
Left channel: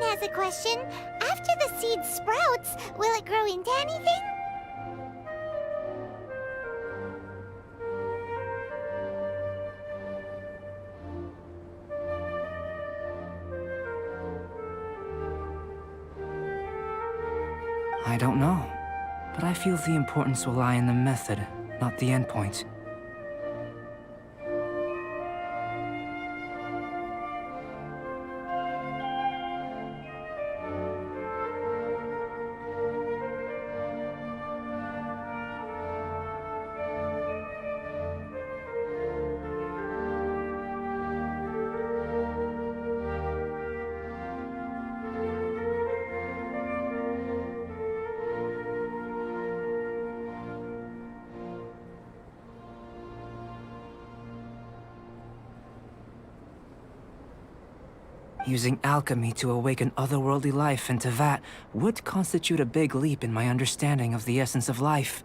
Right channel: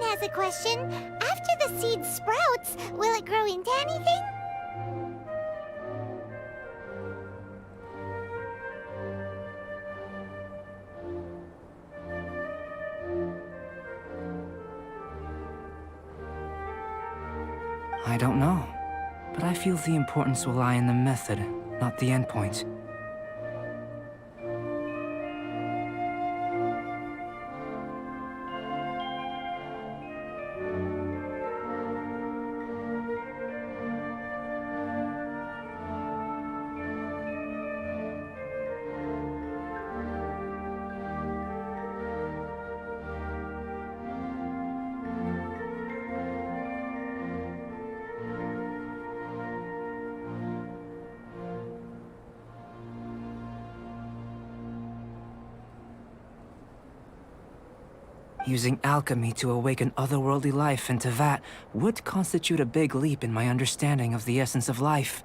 Has a question. After the seed sprouts, will it grow into anything? I don't know, but I feel the importance will lie in the method, not the endpoint. Using alchemy to awaken otherworldly life into that would constitute a big leap in my understanding of the essence of life.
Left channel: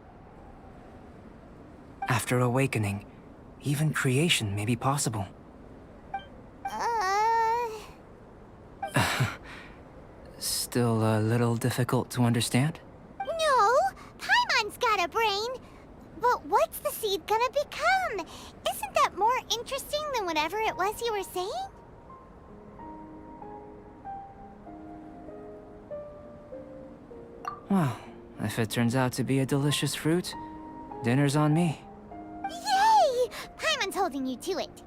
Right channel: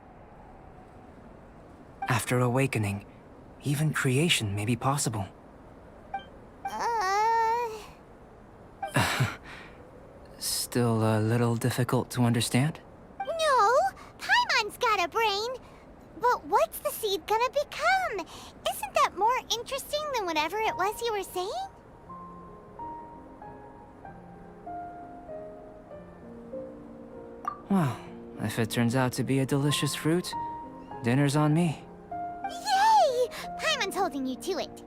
After awakening, even creation may be possible. Still a little difficult to understand? No, Paimon's got a brain. But what's the seed gonna become? Isn't that more interesting than whatever it was you were saying? Well, if it turns out to be a delicious fruit, dinner's on me. Yay! Paimon's holding you to it.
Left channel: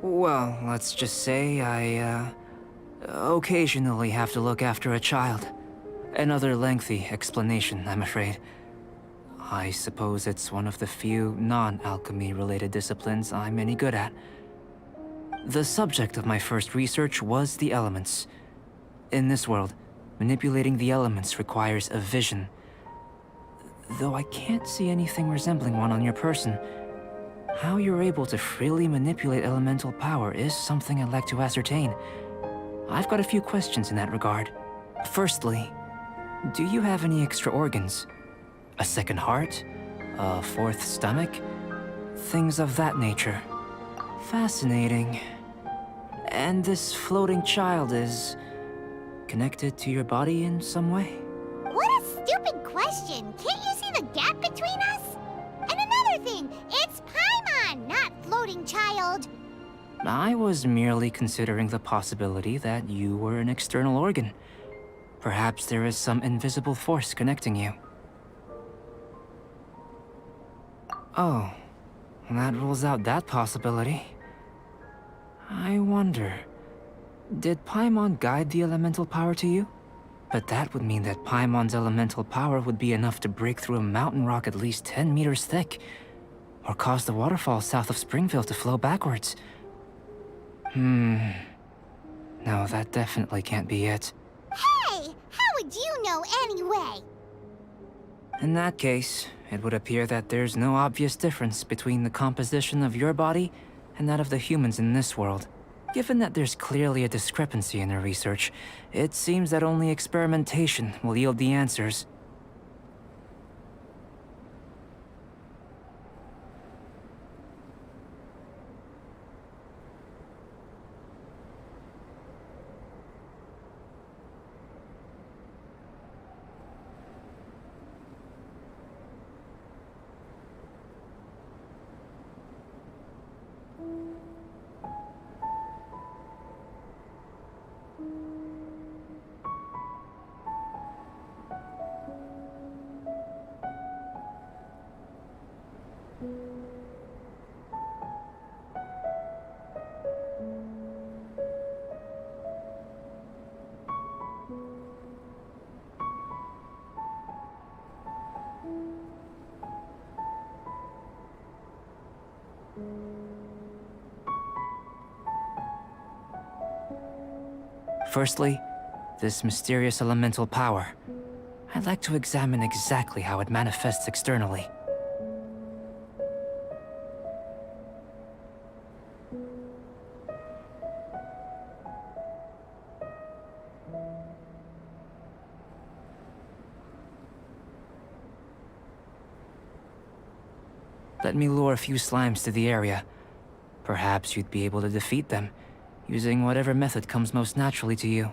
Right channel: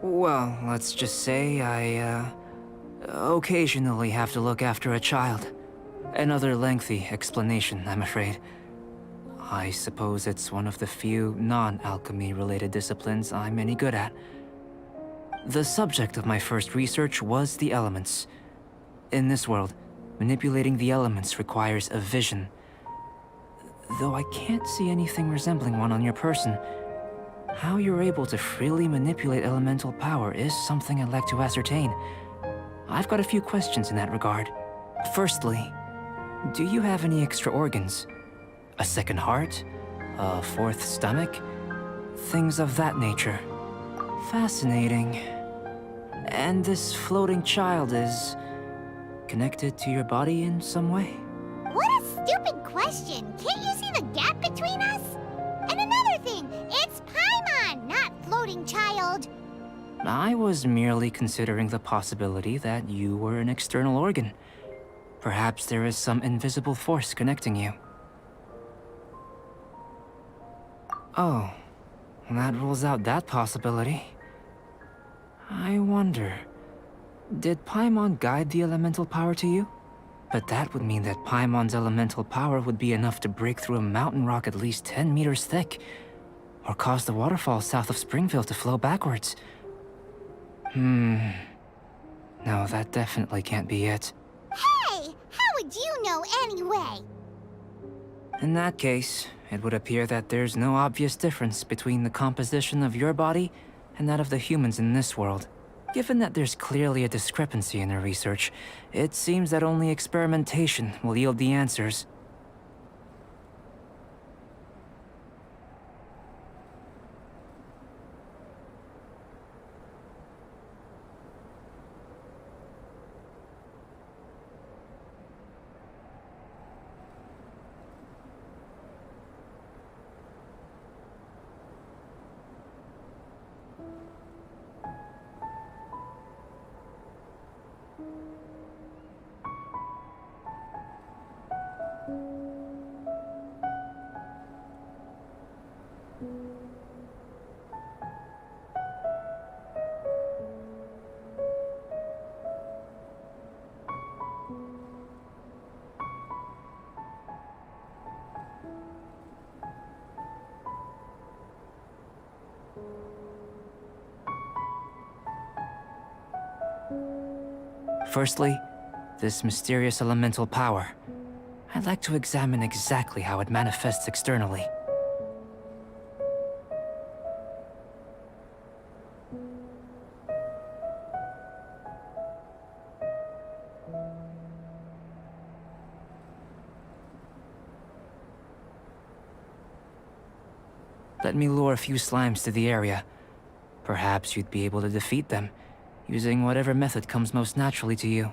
Well, let's just say I, occasionally have to look after a child. Another lengthy explanation, I'm afraid. I suppose it's one of the few non-alchemy related disciplines I'm any good at. The subject of my first research was the elements. In this world, manipulating the elements requires a vision. Though I can't see anything resembling one on your person, how you're able to freely manipulate elemental power is something I'd like to ascertain. I've got a few questions in that regard. Firstly, do you have any extra organs? A second heart? A fourth stomach? Things of that nature. Fascinating. And this floating child is connected to your body in some way? What a stupid question! Can't you see the gap between us? And another thing, it's Paimon, not floating child. I was merely considering the possibility that you were an external organ. Perhaps there is some invisible force connecting you. Oh, that rules out that possibility. I wonder, did Paimon guide the elemental power to you? But that would mean that Paimon's elemental power would be enough to break through a mountain rock at least 10 meters thick, or cause the waterfall south of Springville to flow backwards. No, that definitely can't be it. Hey, how would you know anyway? In that case, it would appear that there's no obvious difference between the composition of your body and that of the humans in this world. Given that there's clearly a discrepancy in their research, it seems that only experimentation will yield the answers. Firstly, this mysterious elemental power. I'd like to examine exactly how it manifests externally. Let me lure a few slimes to the area. Perhaps you'd be able to defeat them, using whatever method comes most naturally to you.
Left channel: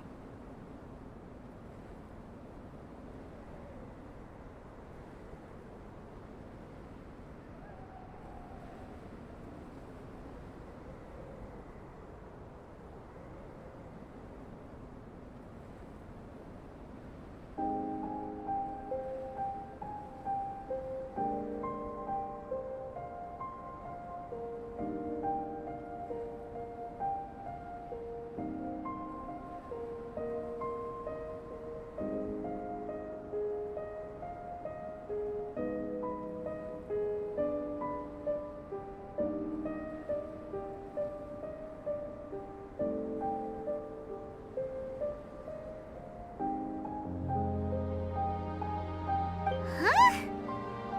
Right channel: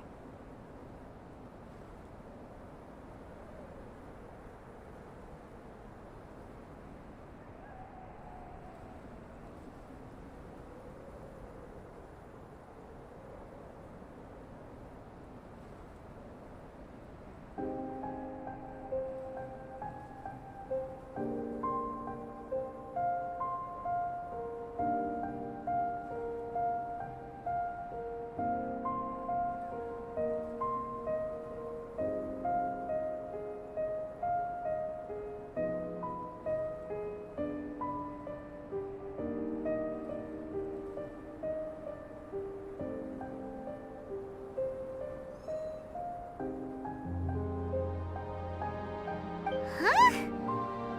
Huh?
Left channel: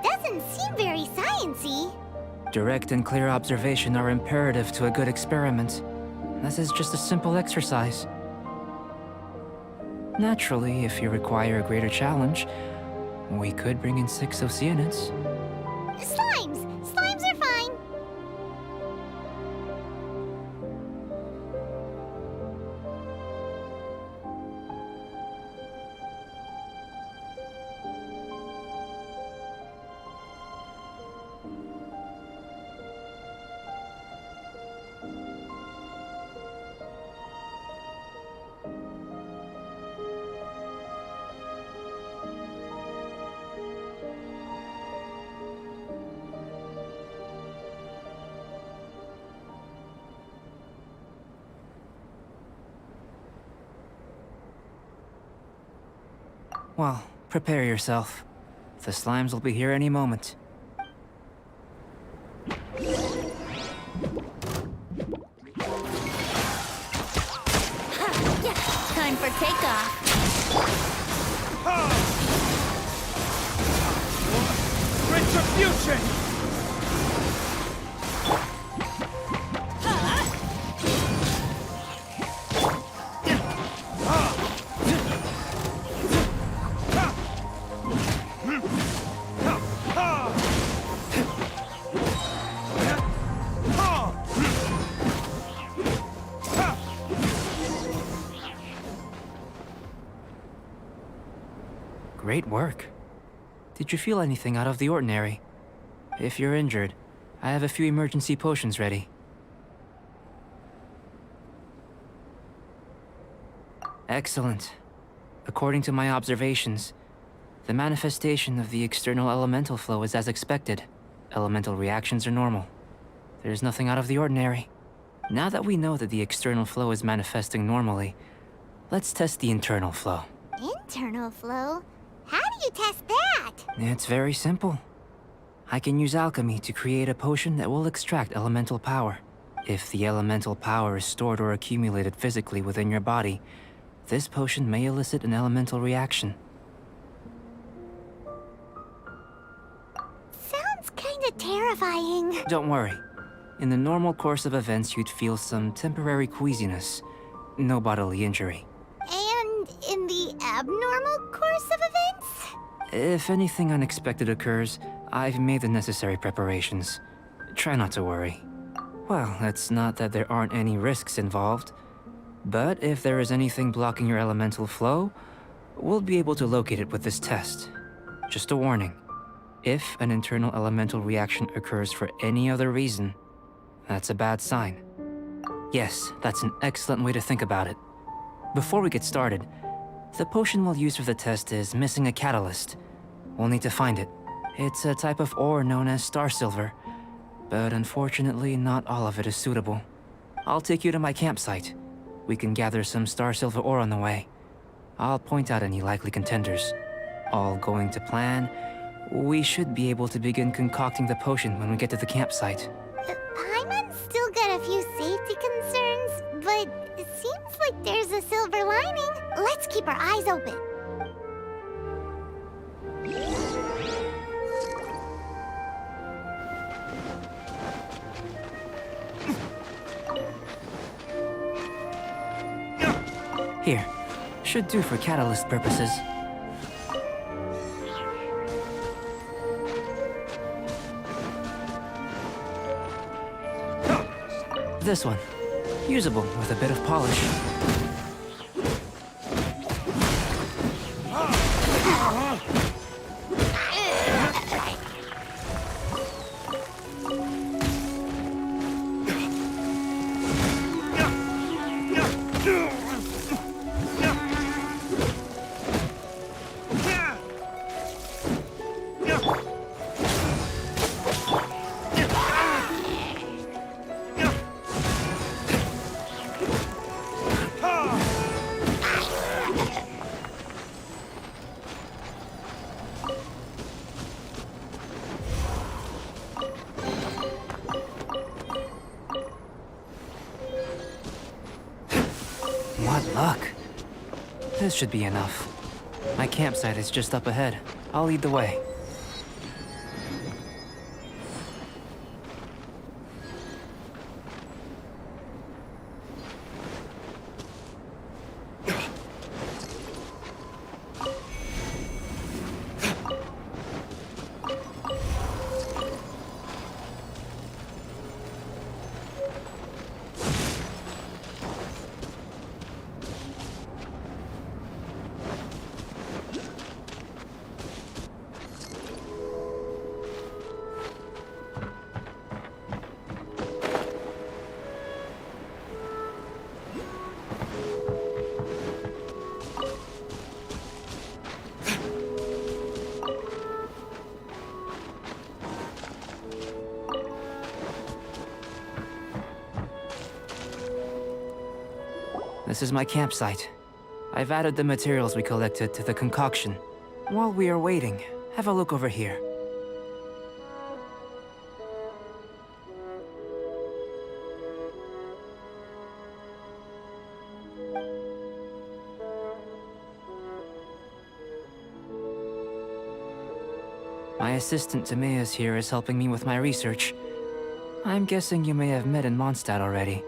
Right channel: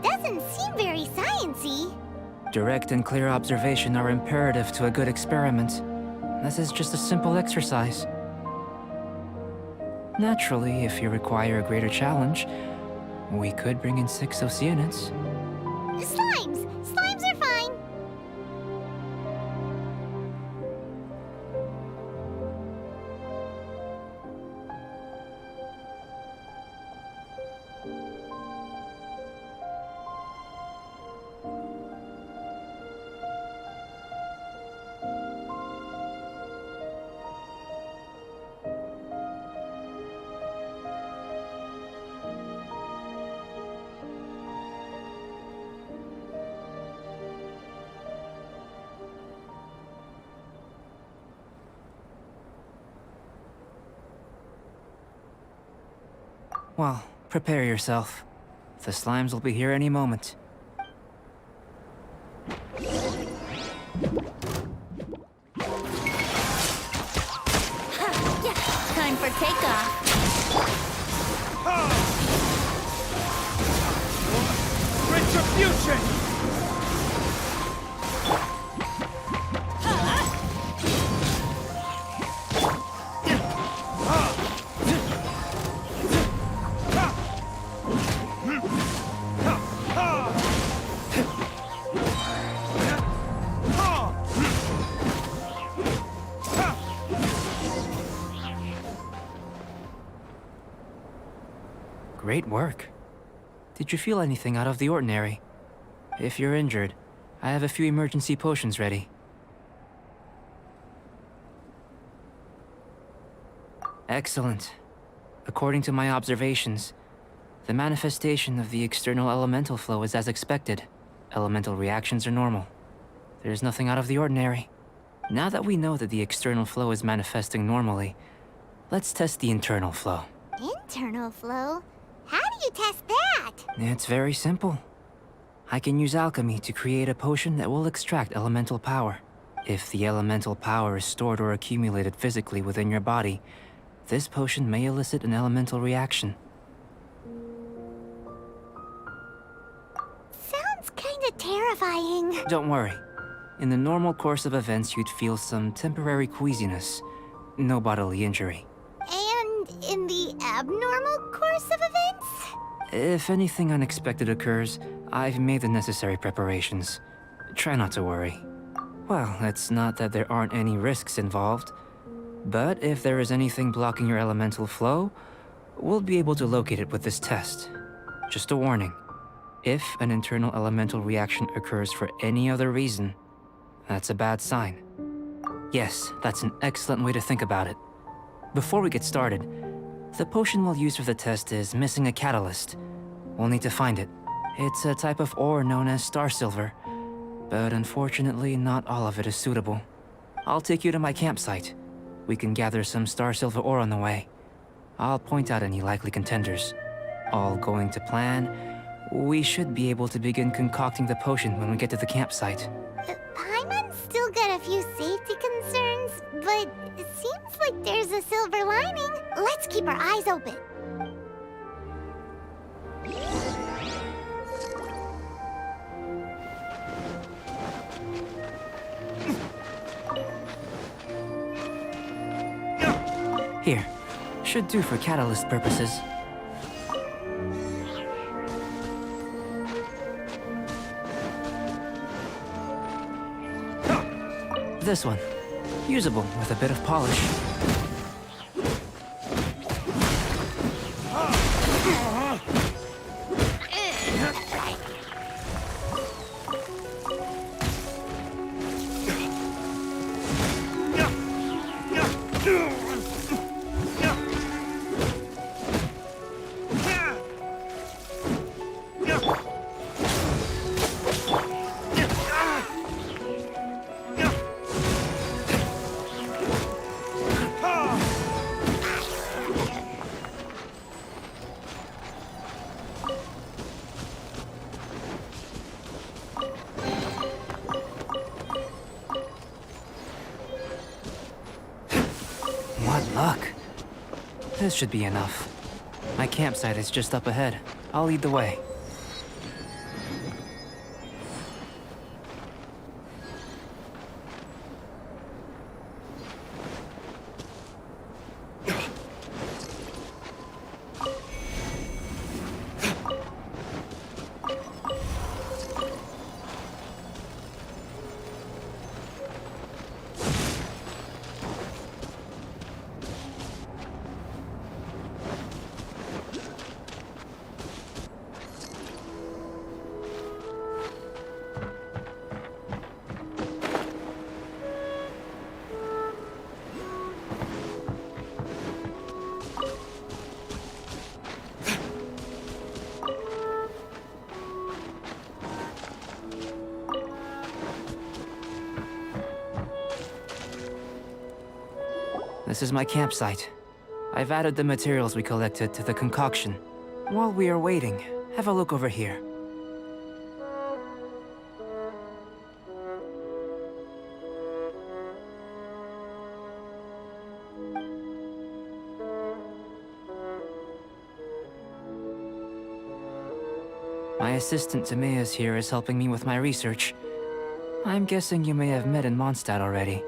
Doesn't seem very sciencey. Direct and clear observation are imperative to a good experiment. This is just a simple exercise. Naturally, if you require a greater challenge, we could bring in 6 Oceanids. Slimes! Slimes are fine! Well, prepare yourself. The slimes will be here any moment. Time for takeoff. Retribution! Great work. Did you feel anything out of the ordinary? If you're injured, I have a few emergency potions ready. Excellent. According to my observations, the manifestation of the external elemental flow is as expected. Elemental reactions are normal. There's nothing out of the ordinary. Now that we know that the external flow is manifesting normally, let's test the internal flow. Internal flow? How do you test that? It's very simple. I can use alchemy to create a potion that will extract elemental power. If the elemental power is stored or accumulated physically within your body, this potion may elicit an elemental reaction. Sounds kinda terrifying. Don't worry. In the normal course of events, you'd feel some temporary queasiness. No bodily injury. And in the abnormal course of events? If anything unexpected occurs, I've made the necessary preparations. Try not to worry. Well, it's not that there aren't any risks involved. But if there is anything blocking your elemental flow, we'll be able to locate it with this test. Just a warning. If an internal elemental reaction occurs for any other reason, that's a bad sign. Yes, that's an excellent way to think about it. Before we get started, the potion we'll use for the test is missing a catalyst. We'll need to find it. It's a type of ore known as star silver, but unfortunately not all of it is suitable. I'll take you to my campsite. We can gather some star silver ore on the way. I'll point out any likely contenders. All going to plan, we should be able to begin concocting the potion when we get to the campsite. Paimon's still got a few safety concerns, but it seems like there's a silver lining. Let's keep our eyes open. Here, should do for catalyst purposes. This one, usable with a bit of polish. What luck. This should be enough. My campsite is just up ahead. I'll lead the way. This is my campsite. I've added the materials we collected to the concoction. While we are waiting, have a look over here. My assistant Timaeus here is helping me with my research. I'm guessing you may have met in Mondstadt already.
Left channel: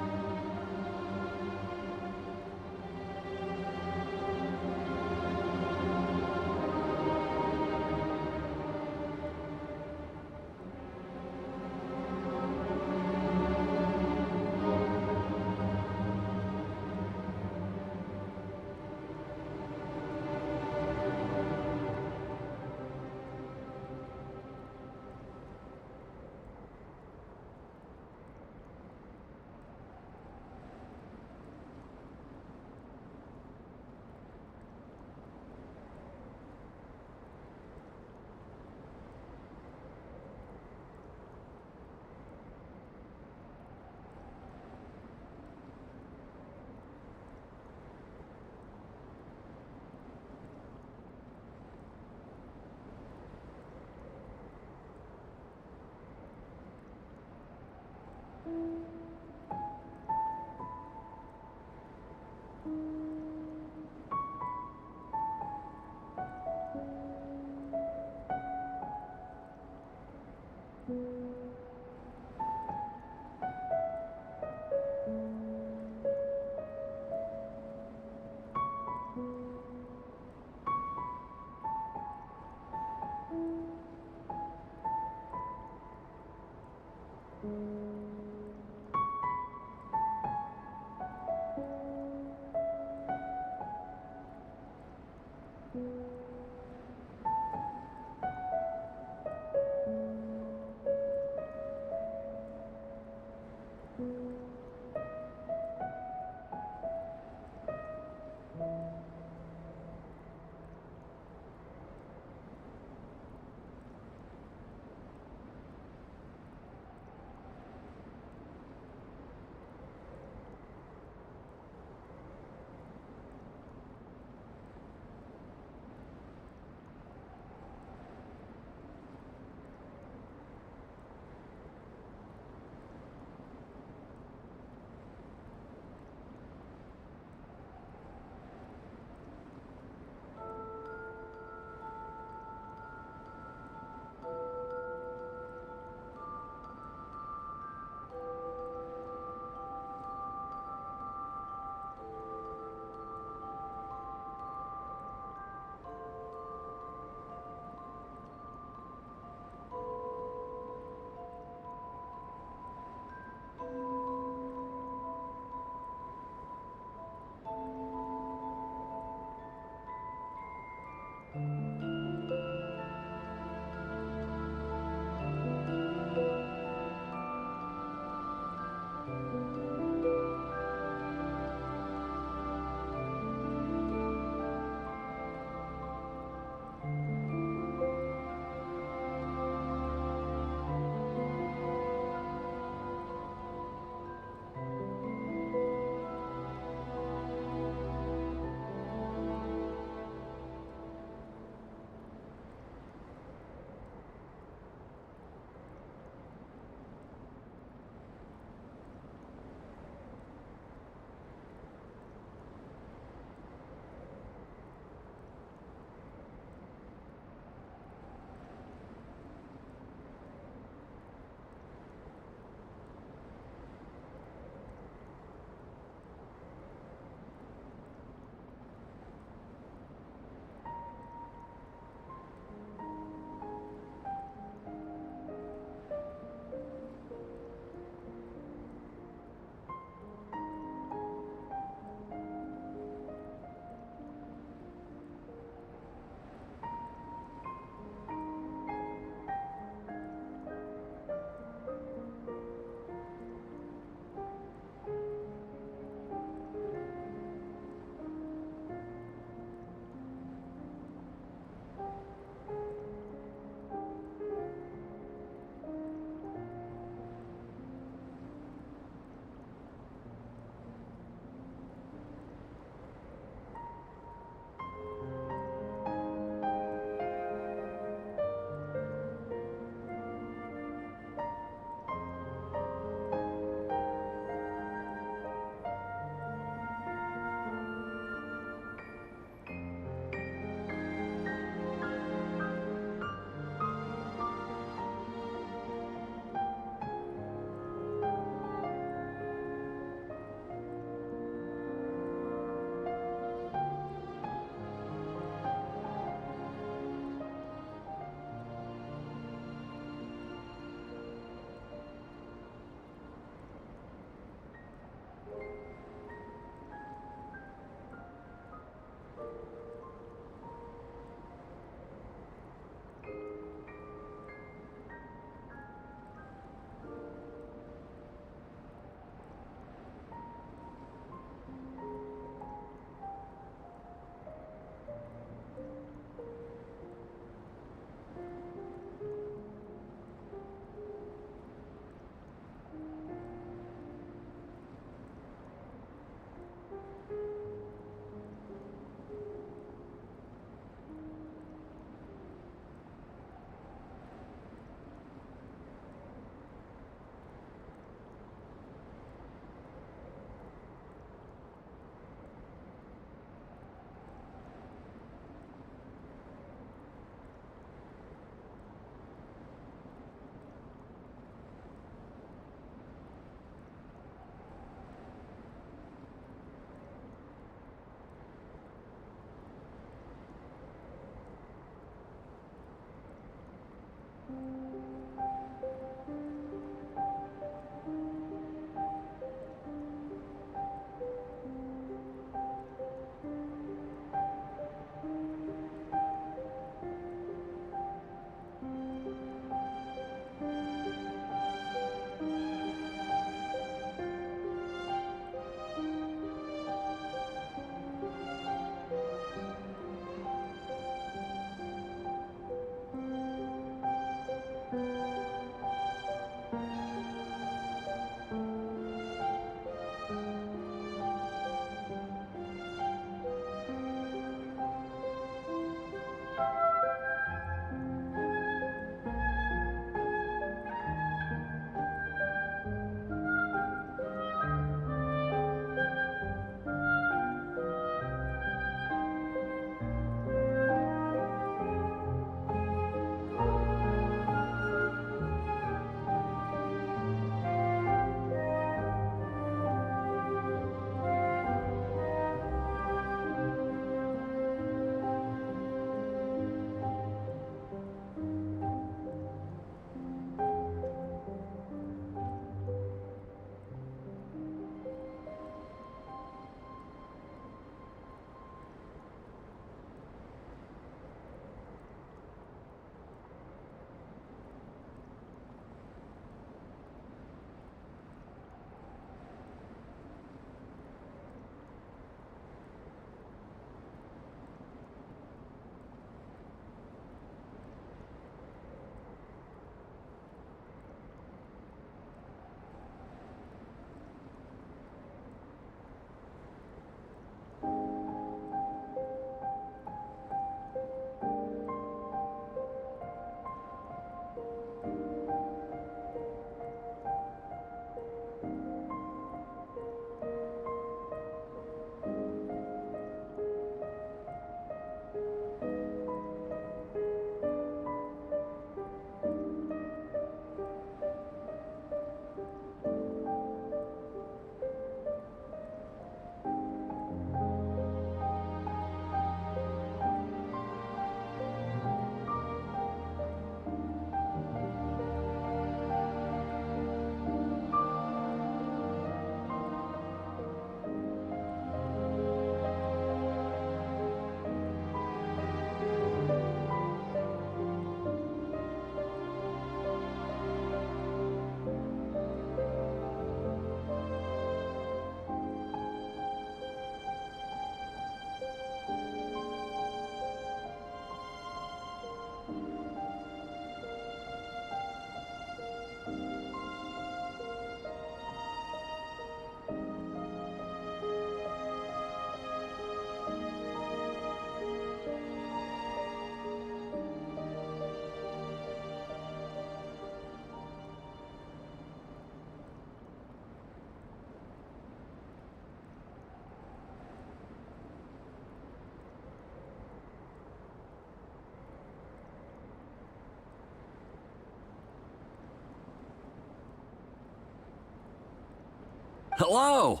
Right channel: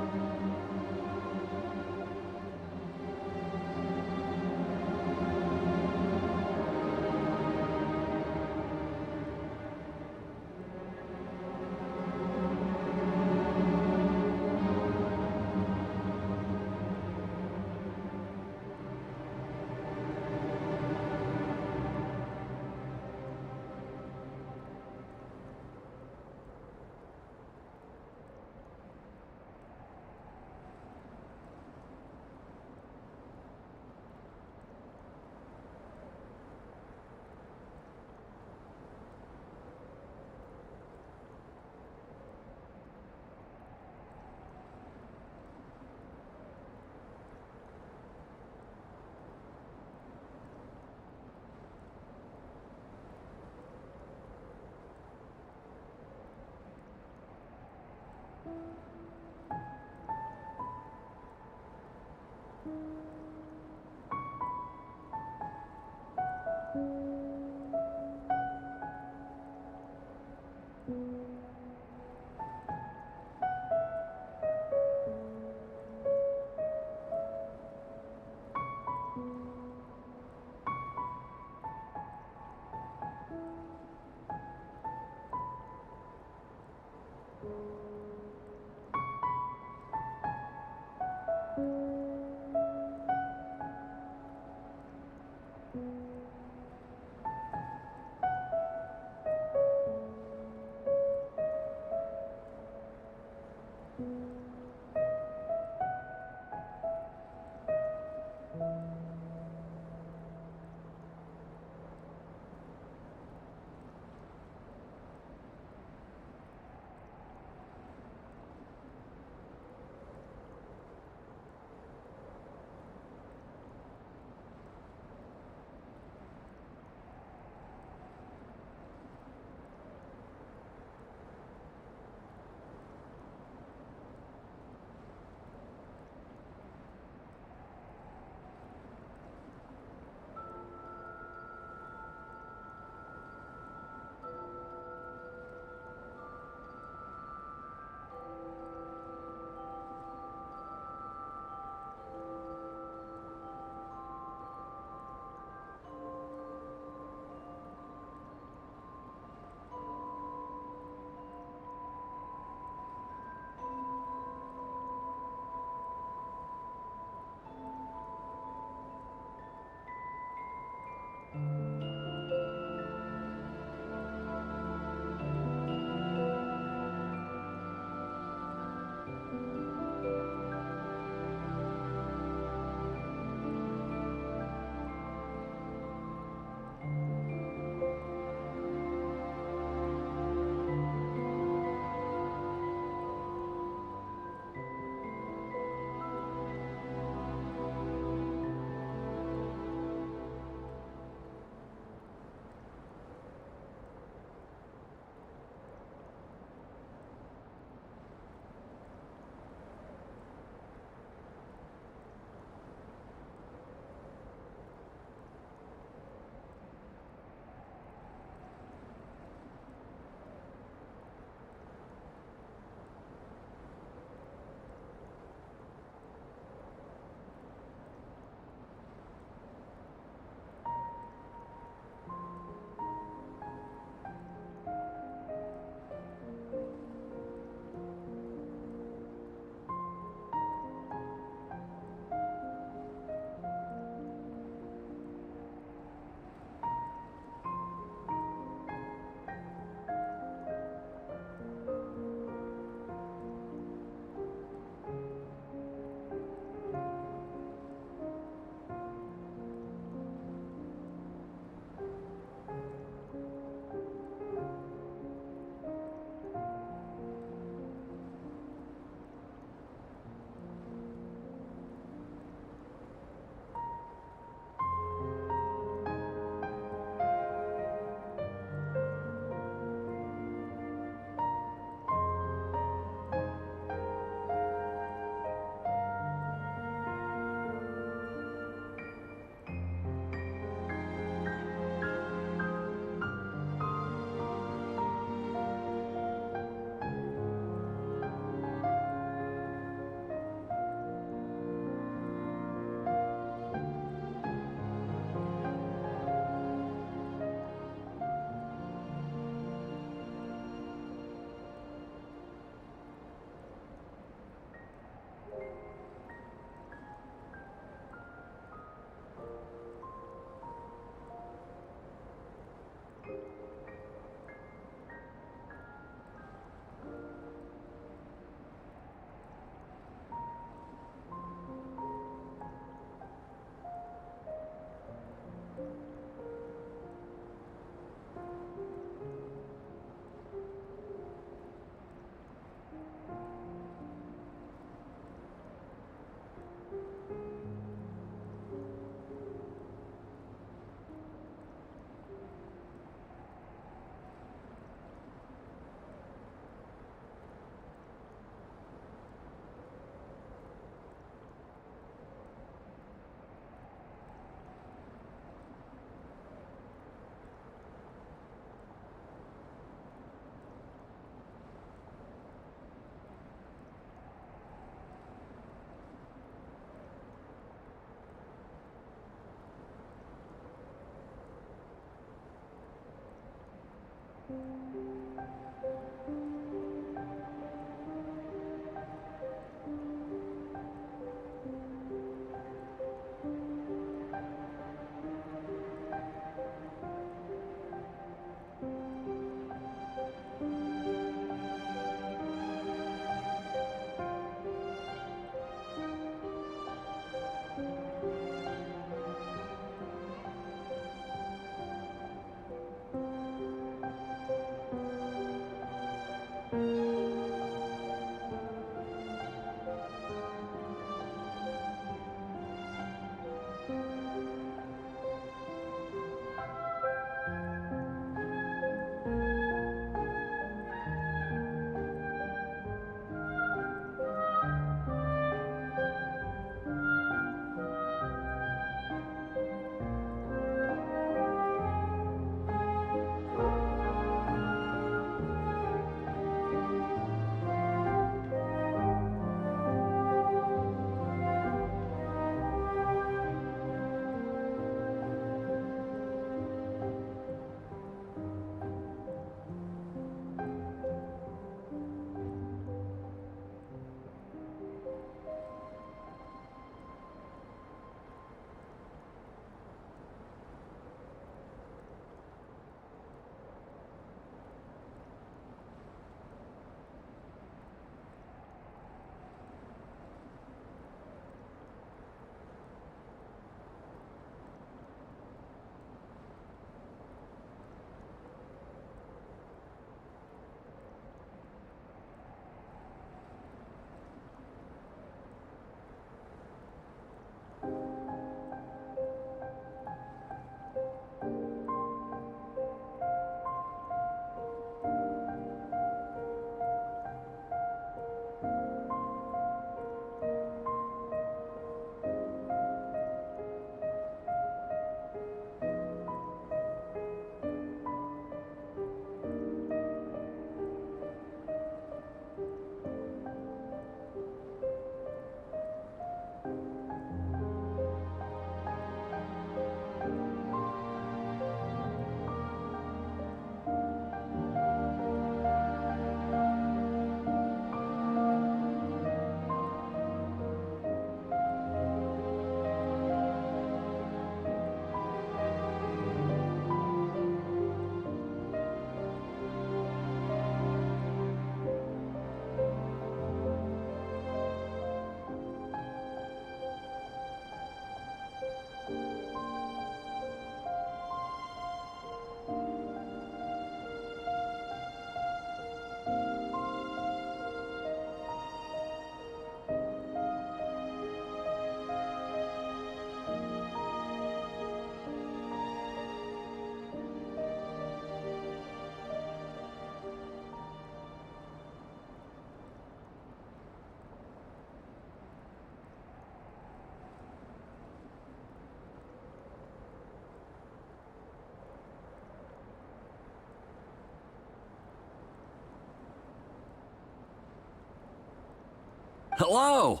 Hello!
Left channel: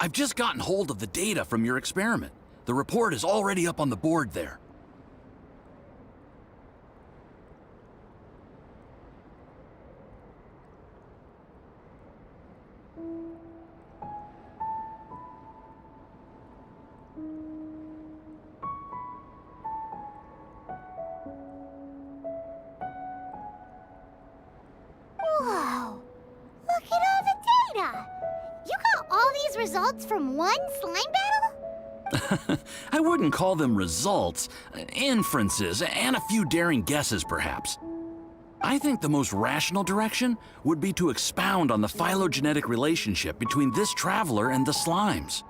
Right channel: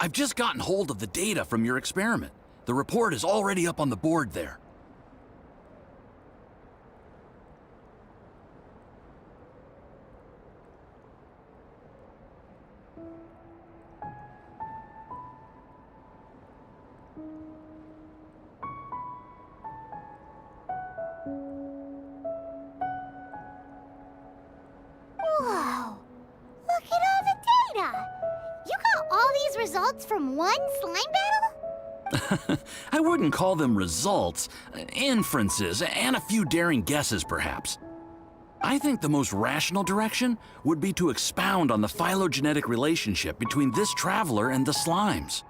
I've just gotten hold of the data from your experiment. The report is already up on the board there. Whoa! Look at all the data! You got all these results from one slime battle? I wouldn't call them results, inferences, and a few daring guesses perhaps. I think the most rational direction would be to expound on the phylogenetic relationship between this traveler and the slimes.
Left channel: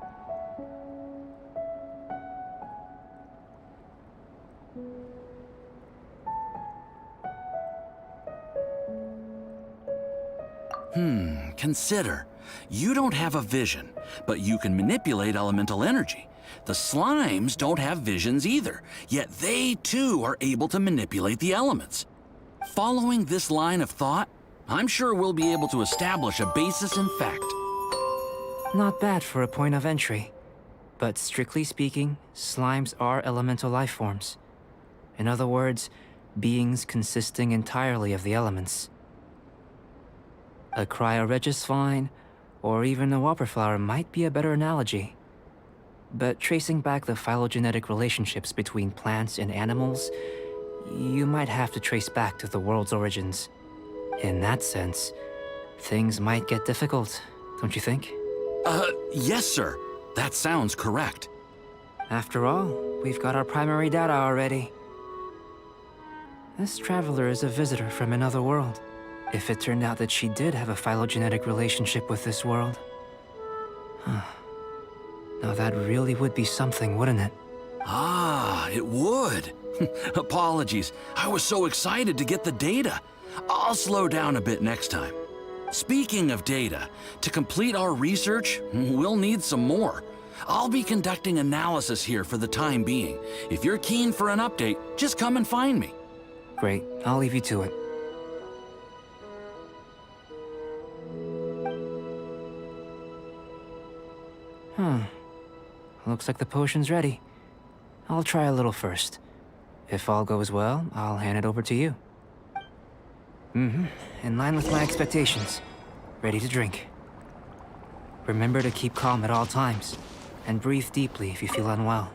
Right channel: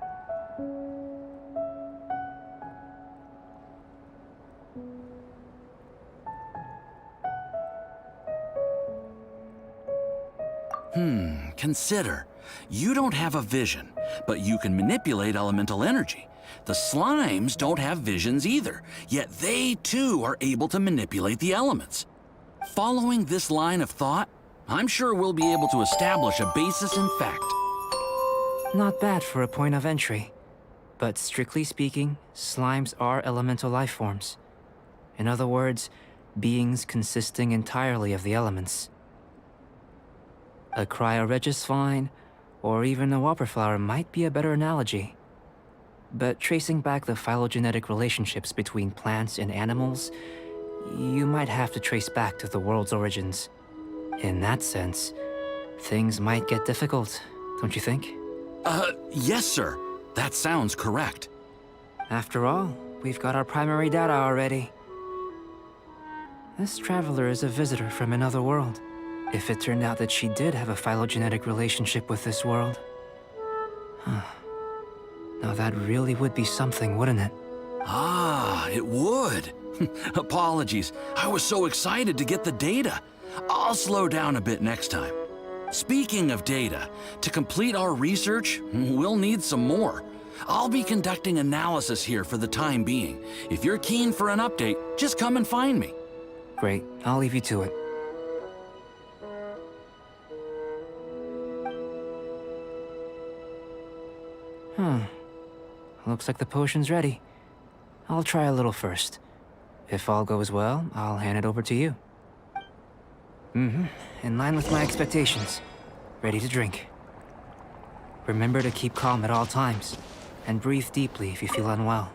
Consider. You don't have a vision, but you can manipulate elemental energy. The slimes don't have visions either, yet they too are able to manipulate the elements. Following this line of thought, I'm sure we'll be able to establish a basis in fact. Not bad for a point of entry. But strictly speaking, slimes are elemental life forms. In other words, beings consisting entirely of the elements. A cryoregisvine, or even a wildflower might be a better analogy. But tracing back the phylogenetic relationships between plants and animals, you might have to trace back to the world's origins. In that sense, things might get difficult, don't you think? Yes, sir. That sounds correct. After all, we've got our primary data already. This traveler is a visitor from another world. If it turned out that she did have a phylogenetic relationship with this world... Now that really would be something, wouldn't it? Ah, it would. Apologies. I was so excited to get the data. I'll slow down a bit next time. Speaking of data, to complete our research, we'll need some more. I'll be conducting analysis here for the time being. If you're keen for an update, just come and find me. Great, I'll leave you to it. Looks like the potion's ready. I'll try a little first. If all goes well, I'll hand it over to you. In line with my expectations. Ready to drink. Remember to keep calm at all times, and breathe deeply if you feel unwell.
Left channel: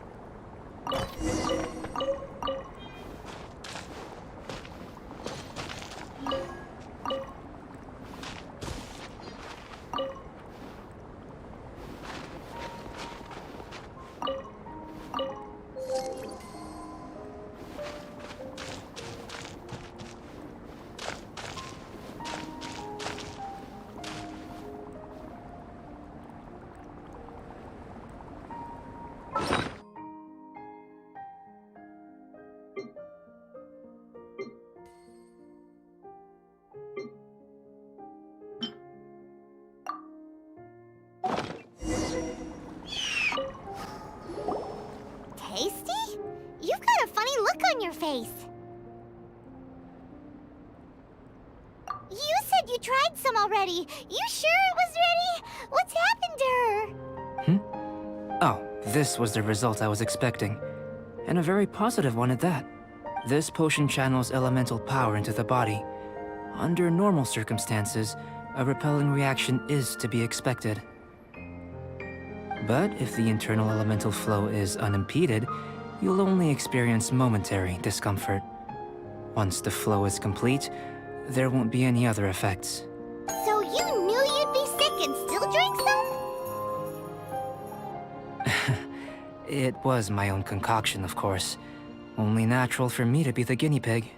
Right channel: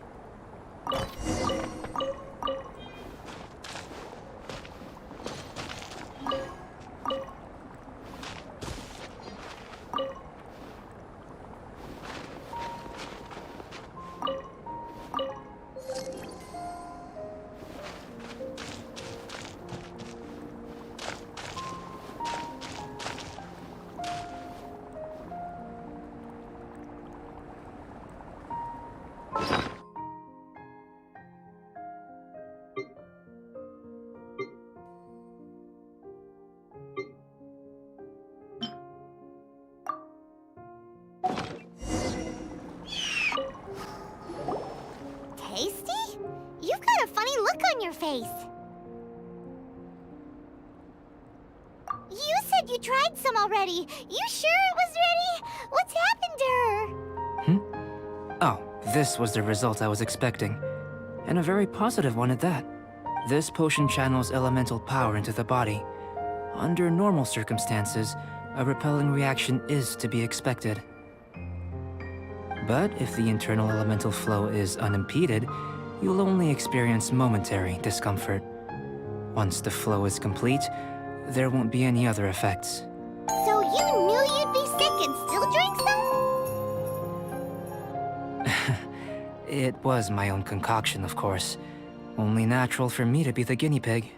Tasty? You've got a funny look on your face. You said you tried some already. You sure it was ready? What's happened to her? Oh, this was the result I was expecting. And a very positive one at that. This potion channels elemental power into the body. Under normal circumstances, a repelling reaction is to be expected. But if the internal elemental flow is unimpeded, you'll only experience momentary discomfort. Once the flow is complete, there won't be any other effects. So you knew you'd be sick and still drank some? It was my own concoction, of course. Only natural for me to be the guinea pig.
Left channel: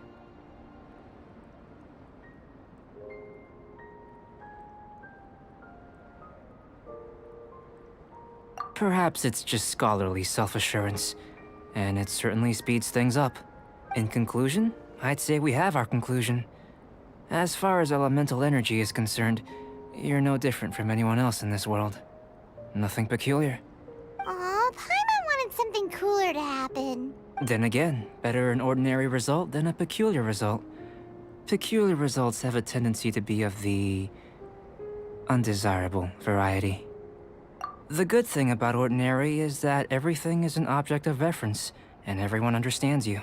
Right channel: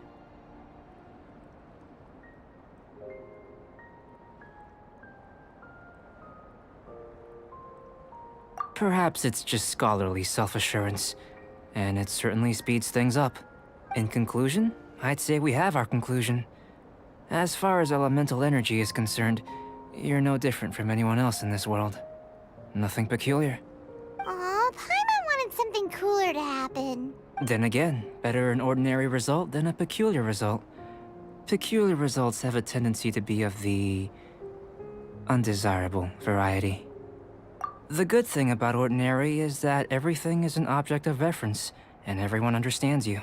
Perhaps it's just scholarly self-assurance, and it certainly speeds things up. In conclusion, I'd say we have our conclusion. As far as elemental energy is concerned, you're no different from anyone else in this world. Nothing peculiar. Aw, Paimon wanted something cooler to happen. Then again, better an ordinary result than a peculiar result. Peculiar results have a tendency to be of the undesirable variety. The good thing about ordinary is that everything is an object of reference, and everyone understands you.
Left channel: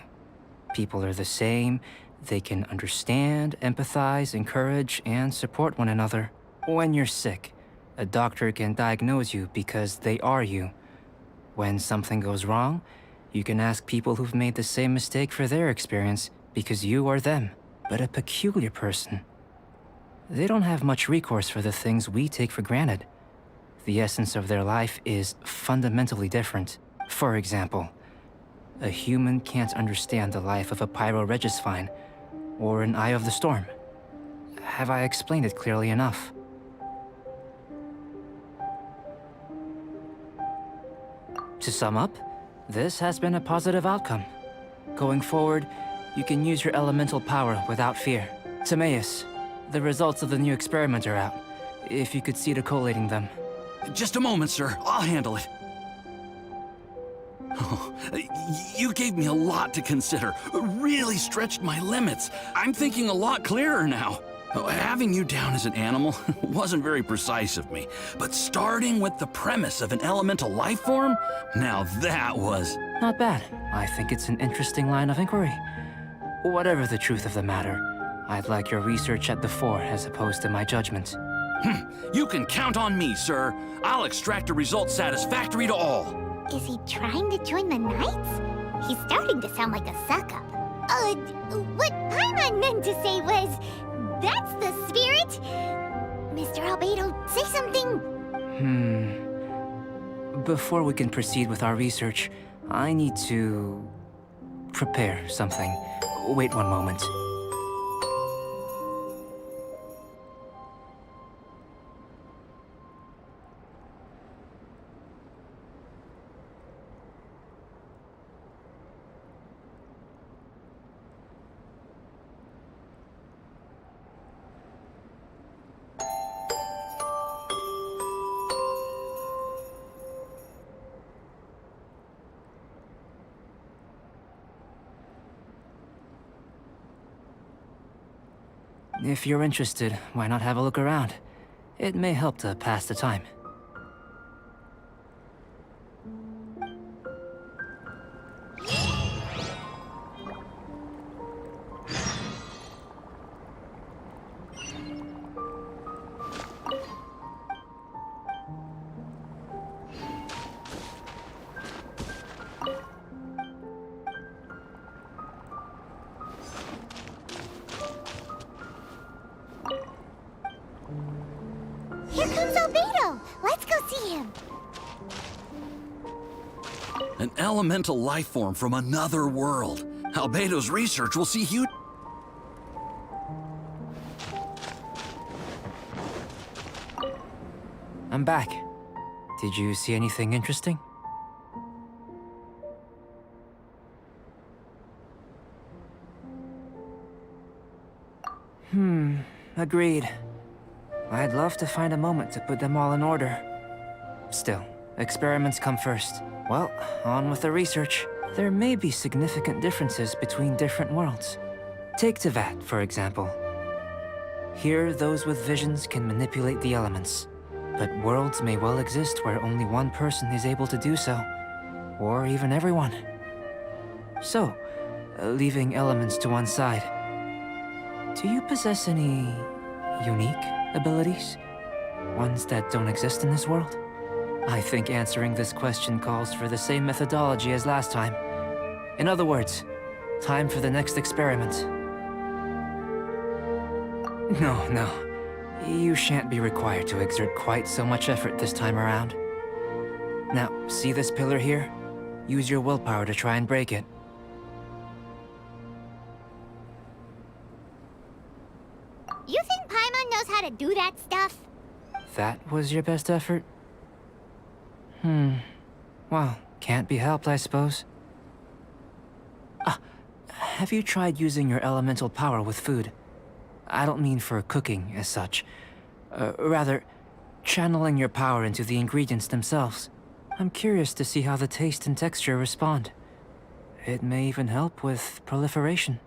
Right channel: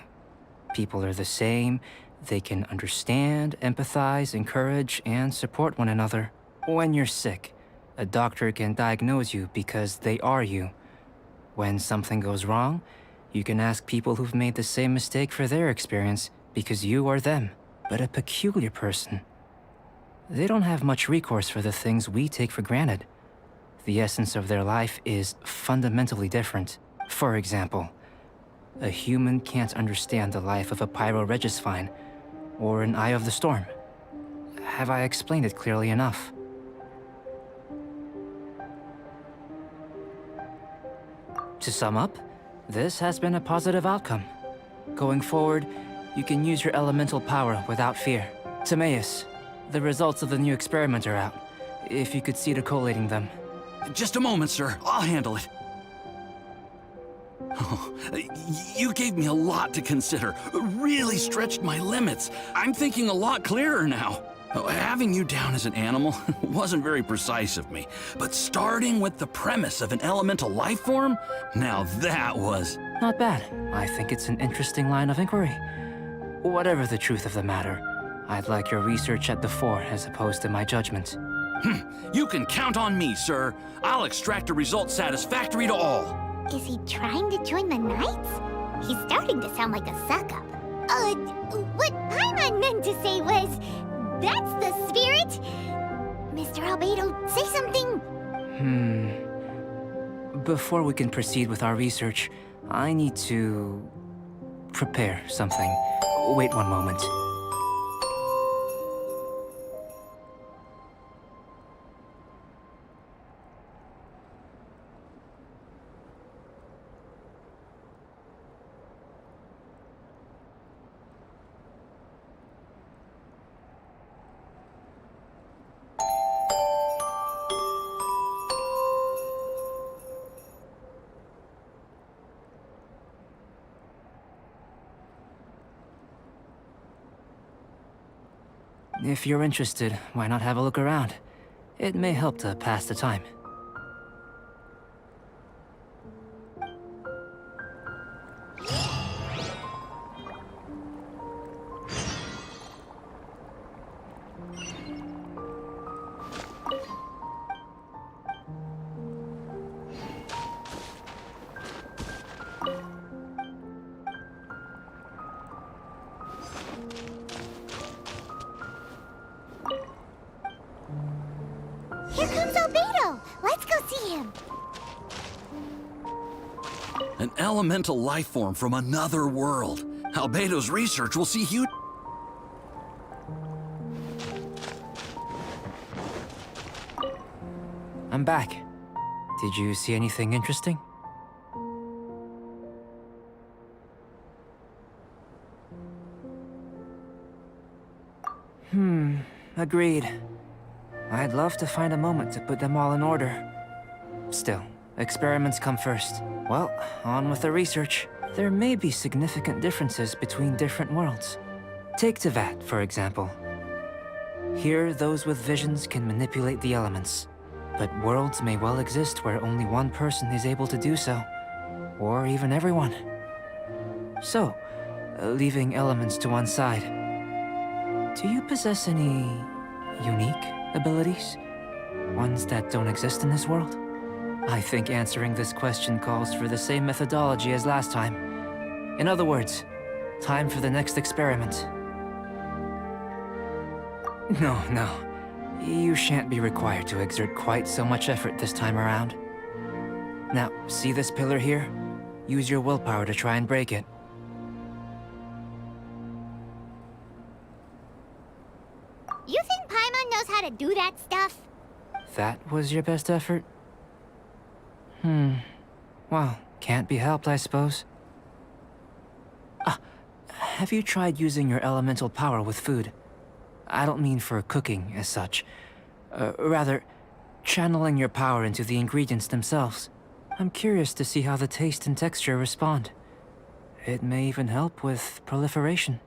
People are the same, they can understand, empathize, encourage, and support one another. When you're sick, a doctor can diagnose you because they are you. When something goes wrong, you can ask people who've made the same mistake for their experience because you are them. But a peculiar person, they don't have much recourse for the things we take for granted. The essence of their life is fundamentally different. For example, a human can't understand the life of a pyroregisvine or an eye of the storm. Have I explained it clearly enough? To sum up, this has been a positive outcome. Going forward, you can use your elemental power without fear. Timaeus, the results of the new experiment are out. If you could see to collating them. Just a moment, sir. I'll handle it. Oh, you gave me a lot to consider. Really stretched my limits. I'm thinking a lot clearer now. Having you down as an animal wasn't very precise of me, but starting with the premise of an elemental life form, now that was... Not bad. I think it's an interesting line of inquiry. Whatever the truth of the matter, I'd like your research at the fore as opposed to my judgment. You can count on me, sir. I'll extract a result satisfactory to all. Is he trying to join the Knights? He's starting to sound like a suck-up. What Paimon meant to say was, that's the spirit! Mr. Albedo, say something! Before we can proceed with our research, I need to prepare something. Wait one moment. If you're interested, why not have a look around? It may help to pass the time. Here comes Albedo! Let's go see him! An elemental life form from another world. Albedo's research will see huge... I'm back. Did you see anything interesting? Agreed. I'd love to find a moment to put them all in order. Still, experiments come first. Well, on with the research. There may be significant differences between different worlds. Take Tevat, for example. Here, those with visions can manipulate the elements. But worlds may well exist where only one person is able to do so. Or even everyone. So, leaving elements to one side, do you possess any unique abilities? Ones that don't exist in this world? I think answering this question calls for the same methodology as last time. In other words, time for the next experiment. No. You shan't be required to exert quite so much effort this time around. Now, see this pillar here? Use your willpower to try and break it. You think Paimon knows how to do that stuff? That was your best effort? Well, can't be helped, I suppose. Have you tried using your elemental power with food? I don't mean for cooking, as such. Rather, channeling your power into the ingredients themselves. I'm curious to see how the taste and texture respond. It may even help with proliferation.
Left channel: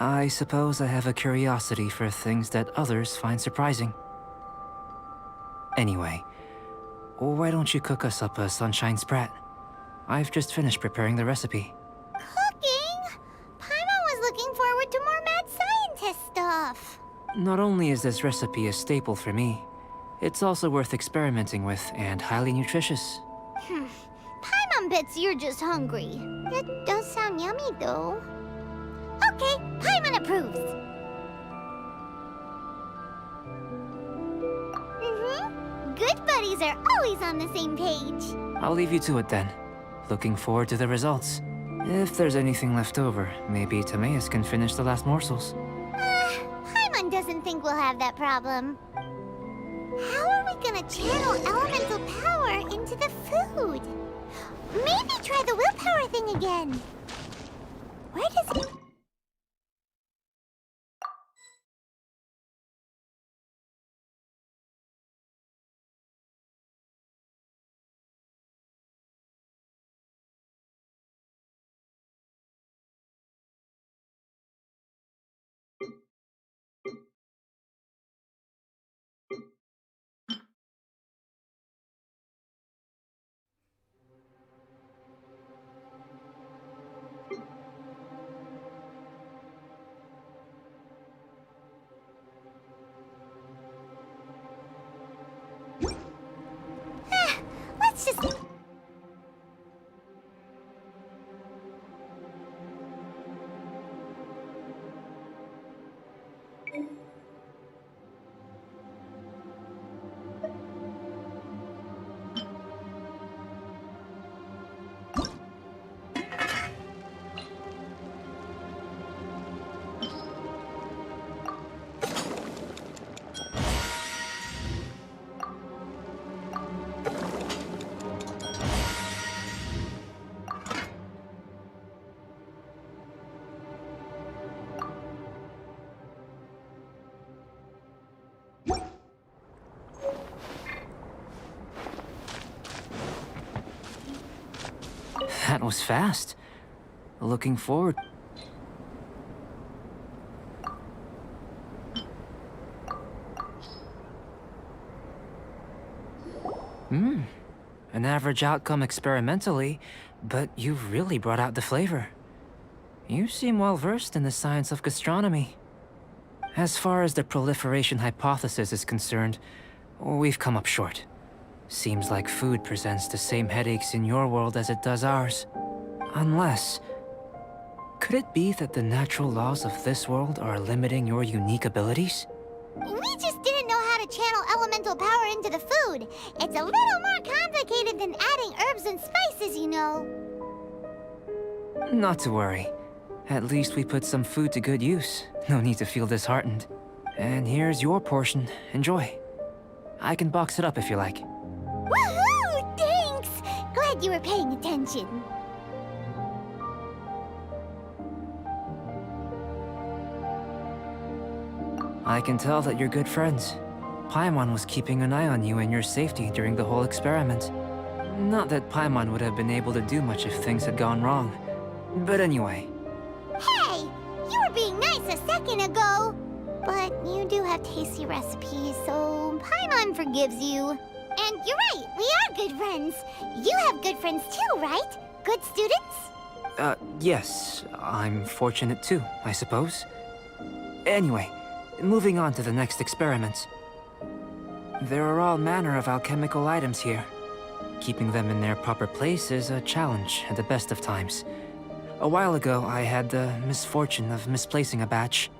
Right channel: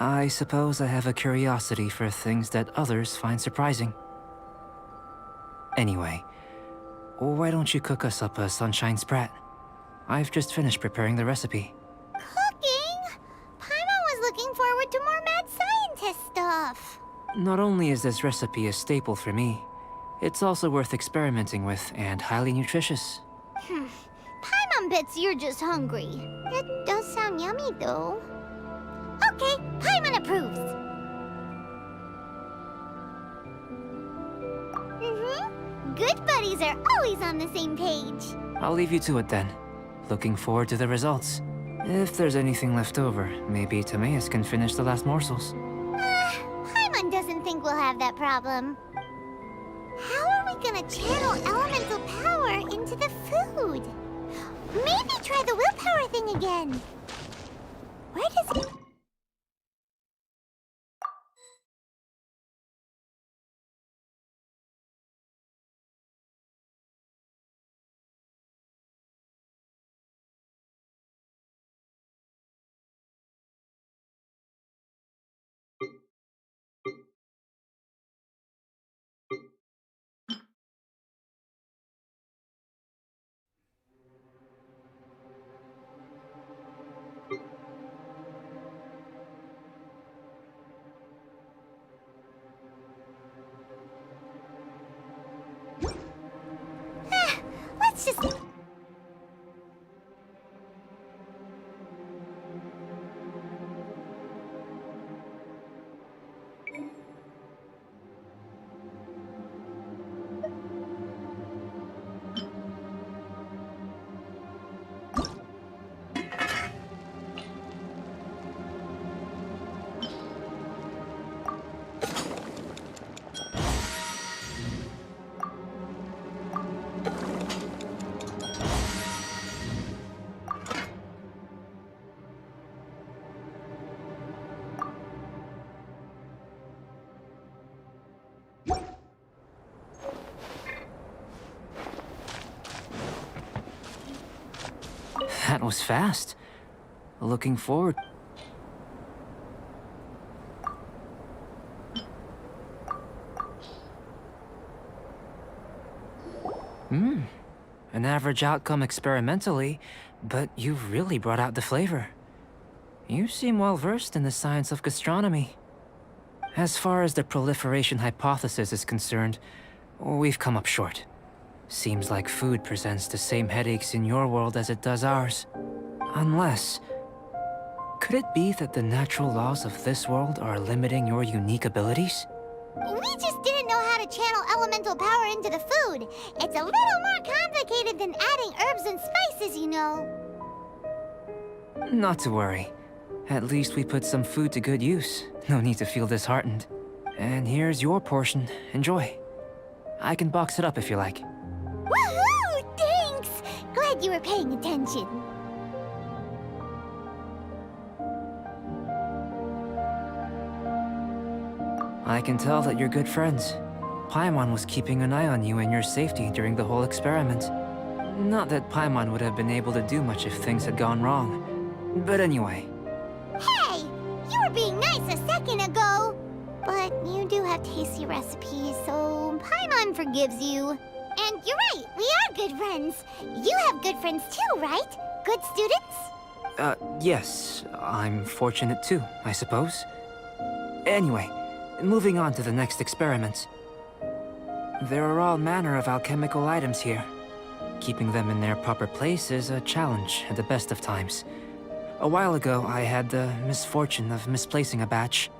I suppose I have a curiosity for things that others find surprising. Anyway, why don't you cook us up a sunshine sprat? I've just finished preparing the recipe. Cooking? Paimon was looking forward to more mad scientist stuff. Not only is this recipe a staple for me, it's also worth experimenting with and highly nutritious. Paimon bets you're just hungry. It does sound yummy, though. Okay, Paimon approves. Good buddies are always on the same page. I'll leave you to it then. Looking forward to the results. If there's anything left over, maybe Timaeus can finish the last morsels. Paimon doesn't think we'll have that problem. How are we gonna channel elemental power into the food? Maybe try the willpower thing again. Where does it... That was fast. Looking forward. An average outcome experimentally, but you've really brought out the flavor. You seem well versed in the science of gastronomy. As far as the proliferation hypothesis is concerned, we've come up short. Seems like food presents the same headaches in your world as it does ours. Unless... could it be that the natural laws of this world are limiting your unique abilities? We just didn't know how to channel elemental power into the food. It's a little more complicated than adding herbs and spices, you know. Not to worry. At least we put some food to good use. No need to feel disheartened. And here's your portion. Enjoy. I can box it up if you like. Woohoo! Thanks! Glad you were paying attention. I can tell that you're good friends. Paimon was keeping an eye on you and your safety during the whole experiment. Not that Paimon would have been able to do much if things had gone wrong. But anyway. Hey! You were being nice a second ago! But you do have tasty recipes, so Paimon forgives you. And you're right, we are good friends. You have good friends too, right? Good students? Yes. I'm fortunate too, I suppose. Anyway, moving on to the next experiment. There are all manner of alchemical items here. Keeping them in their proper place is a challenge at the best of times. A while ago, I had the misfortune of misplacing a batch.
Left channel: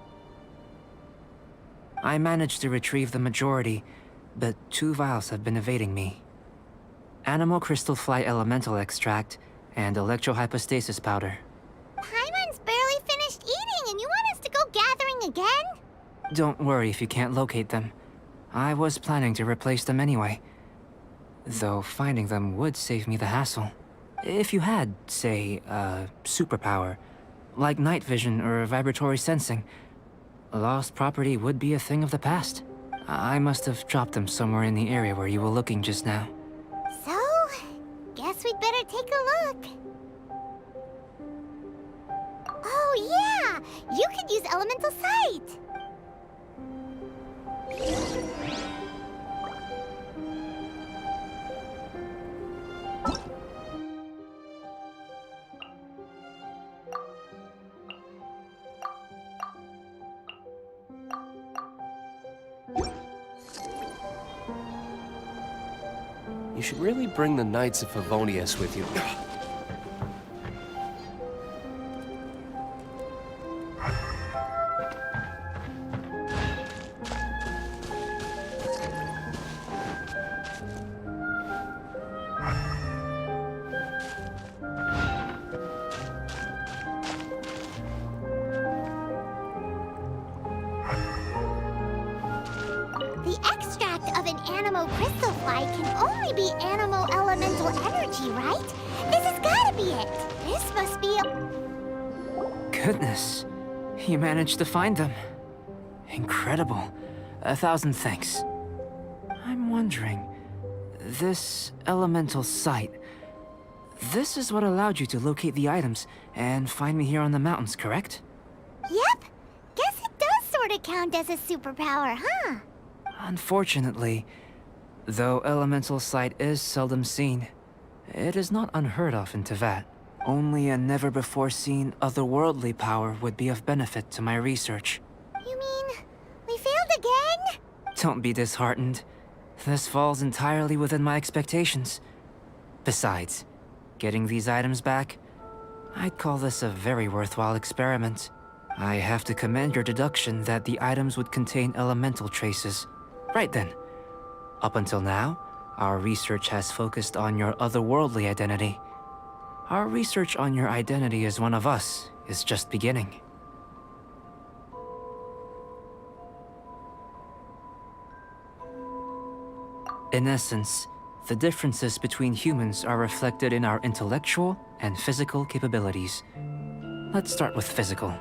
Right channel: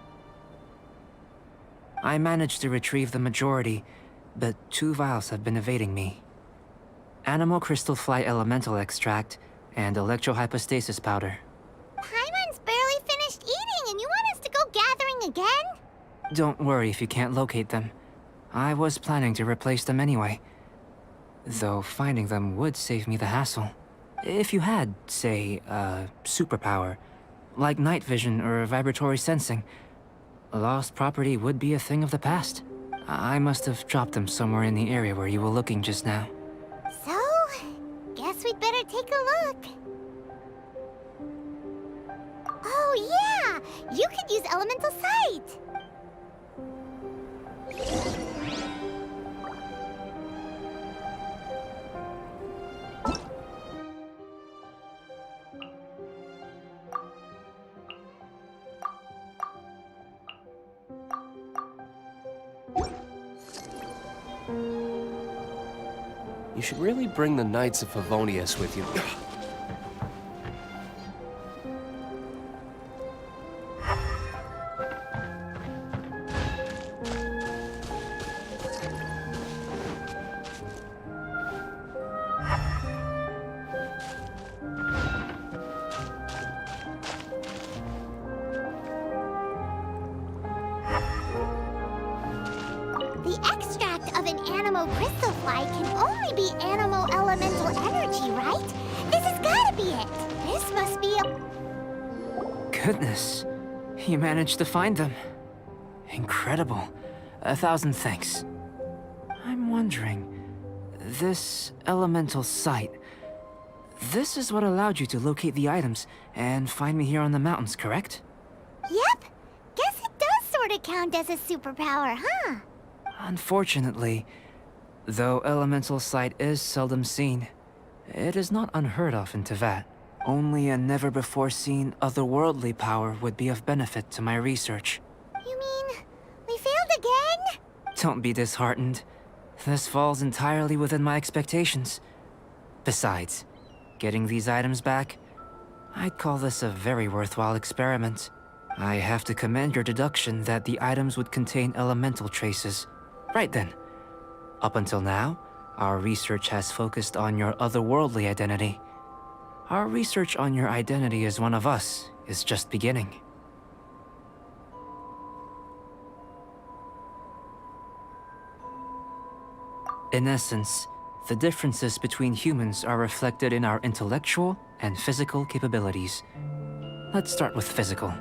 I managed to retrieve the majority, but 2 vials have been evading me. Animal crystal fly elemental extract and electrohypostasis powder. Paimon's barely finished eating and you want us to go gathering again? Don't worry if you can't locate them. I was planning to replace them anyway. Though finding them would save me the hassle. If you had, say, a superpower, like night vision or vibratory sensing, lost property would be a thing of the past. I must have dropped them somewhere in the area where you were looking just now. So, guess we'd better take a look. Oh yeah! You could use elemental sight! You should really bring the Knights of Favonius with you. The extract of an animal crystal fly can only be animal elemental energy, right? This has gotta be it! This must be a... Goodness, you managed to find them. Incredible. 1,000 thanks. I'm wondering, this elemental sight, this is what allowed you to locate the items and find me here on the mountains, correct? Yep! Guess it does sorta count as a superpower, huh? Unfortunately, though elemental sight is seldom seen, it is not unheard of in Teyvat. Only a never-before-seen otherworldly power would be of benefit to my research. You mean, we failed again? Don't be disheartened. This falls entirely within my expectations. Besides, getting these items back, I'd call this a very worthwhile experiment. I have to commend your deduction that the items would contain elemental traces. Right then. Up until now, our research has focused on your otherworldly identity. Our research on your identity as one of us is just beginning. In essence, the differences between humans are reflected in our intellectual and physical capabilities. Let's start with physical.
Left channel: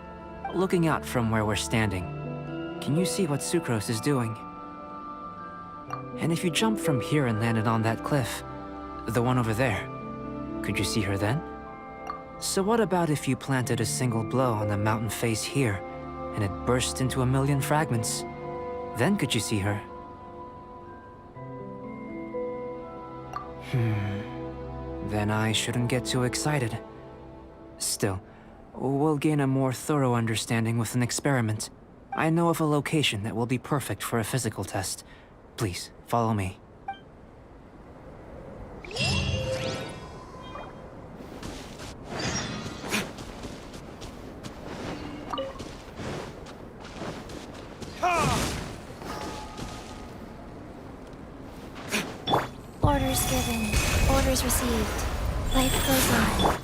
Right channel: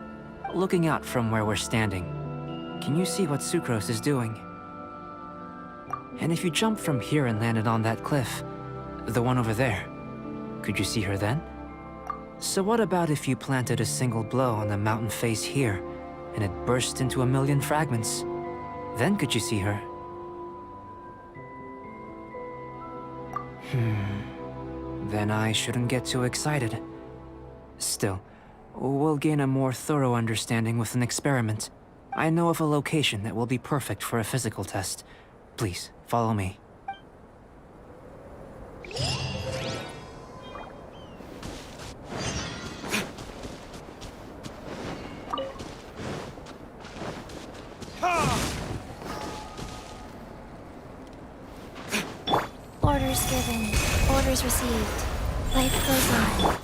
Looking out from where we're standing, can you see what Sucrose is doing? And if you jumped from here and landed on that cliff, the one over there, could you see her then? So what about if you planted a single blow on the mountain face here, and it burst into a million fragments? Then could you see her? Then I shouldn't get too excited. Still, we'll gain a more thorough understanding with an experiment. I know of a location that will be perfect for a physical test. Please, follow me. Orders given. Orders received. Life goes on.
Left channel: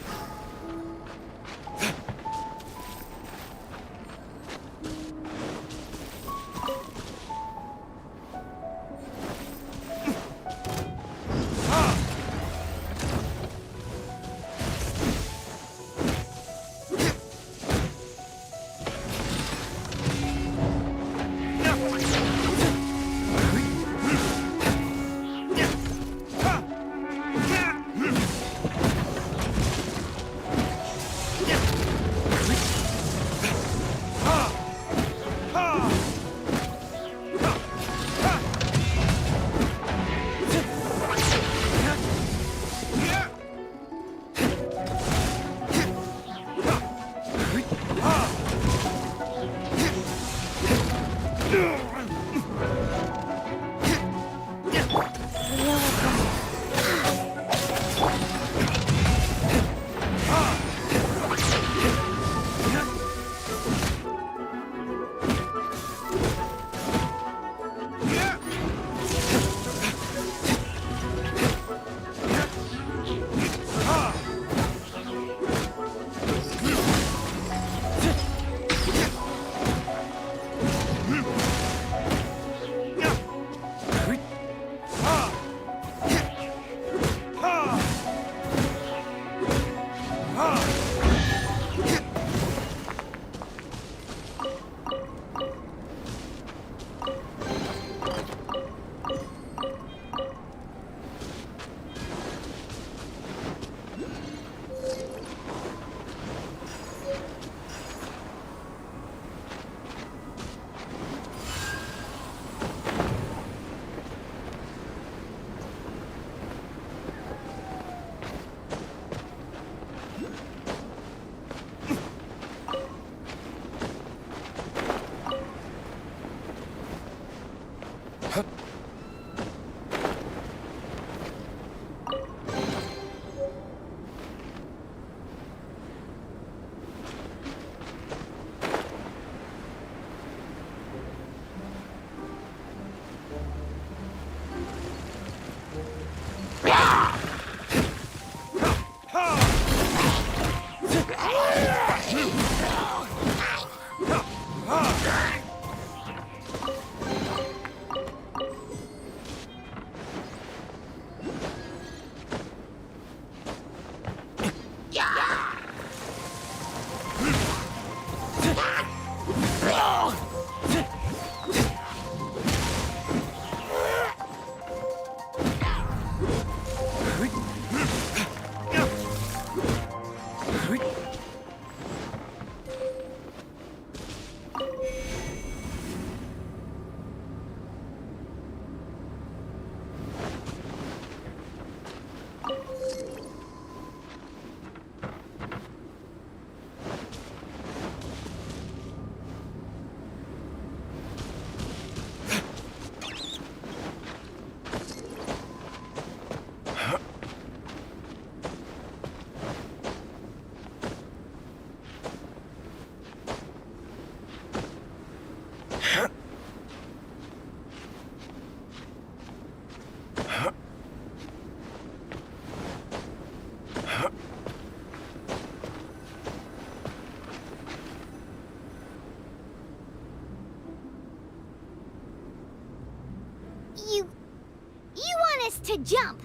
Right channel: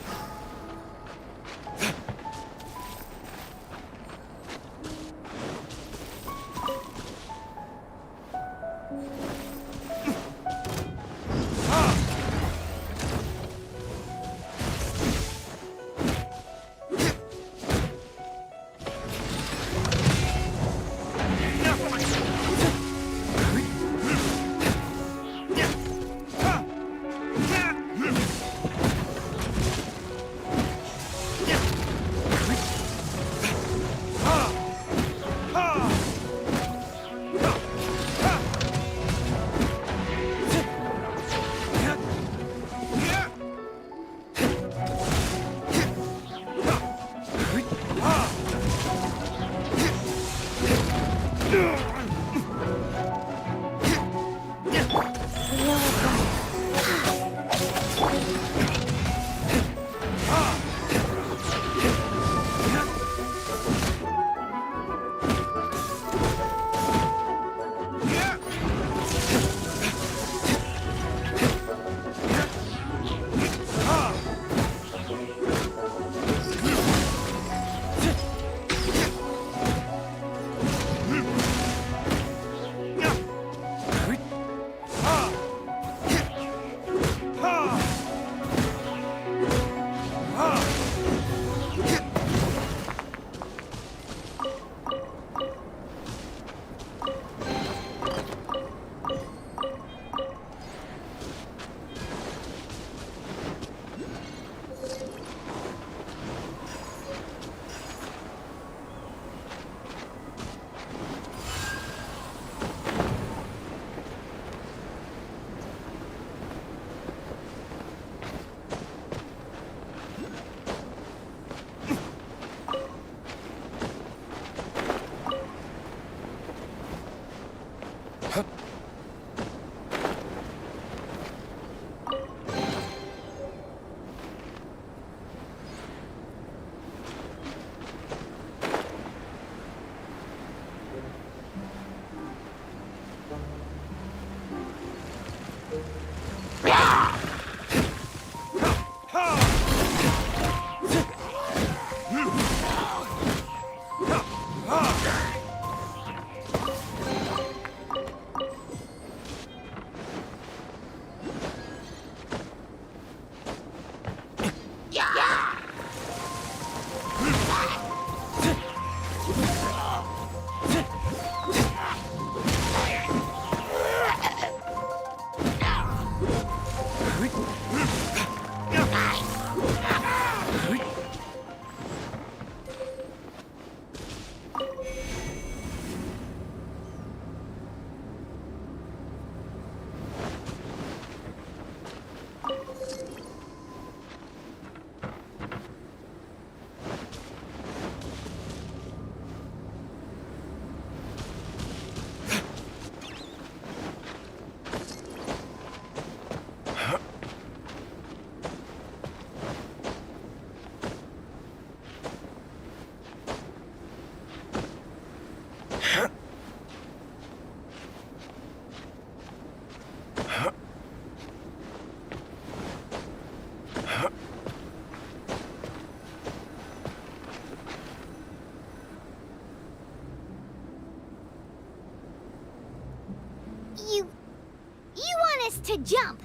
You want us to jump?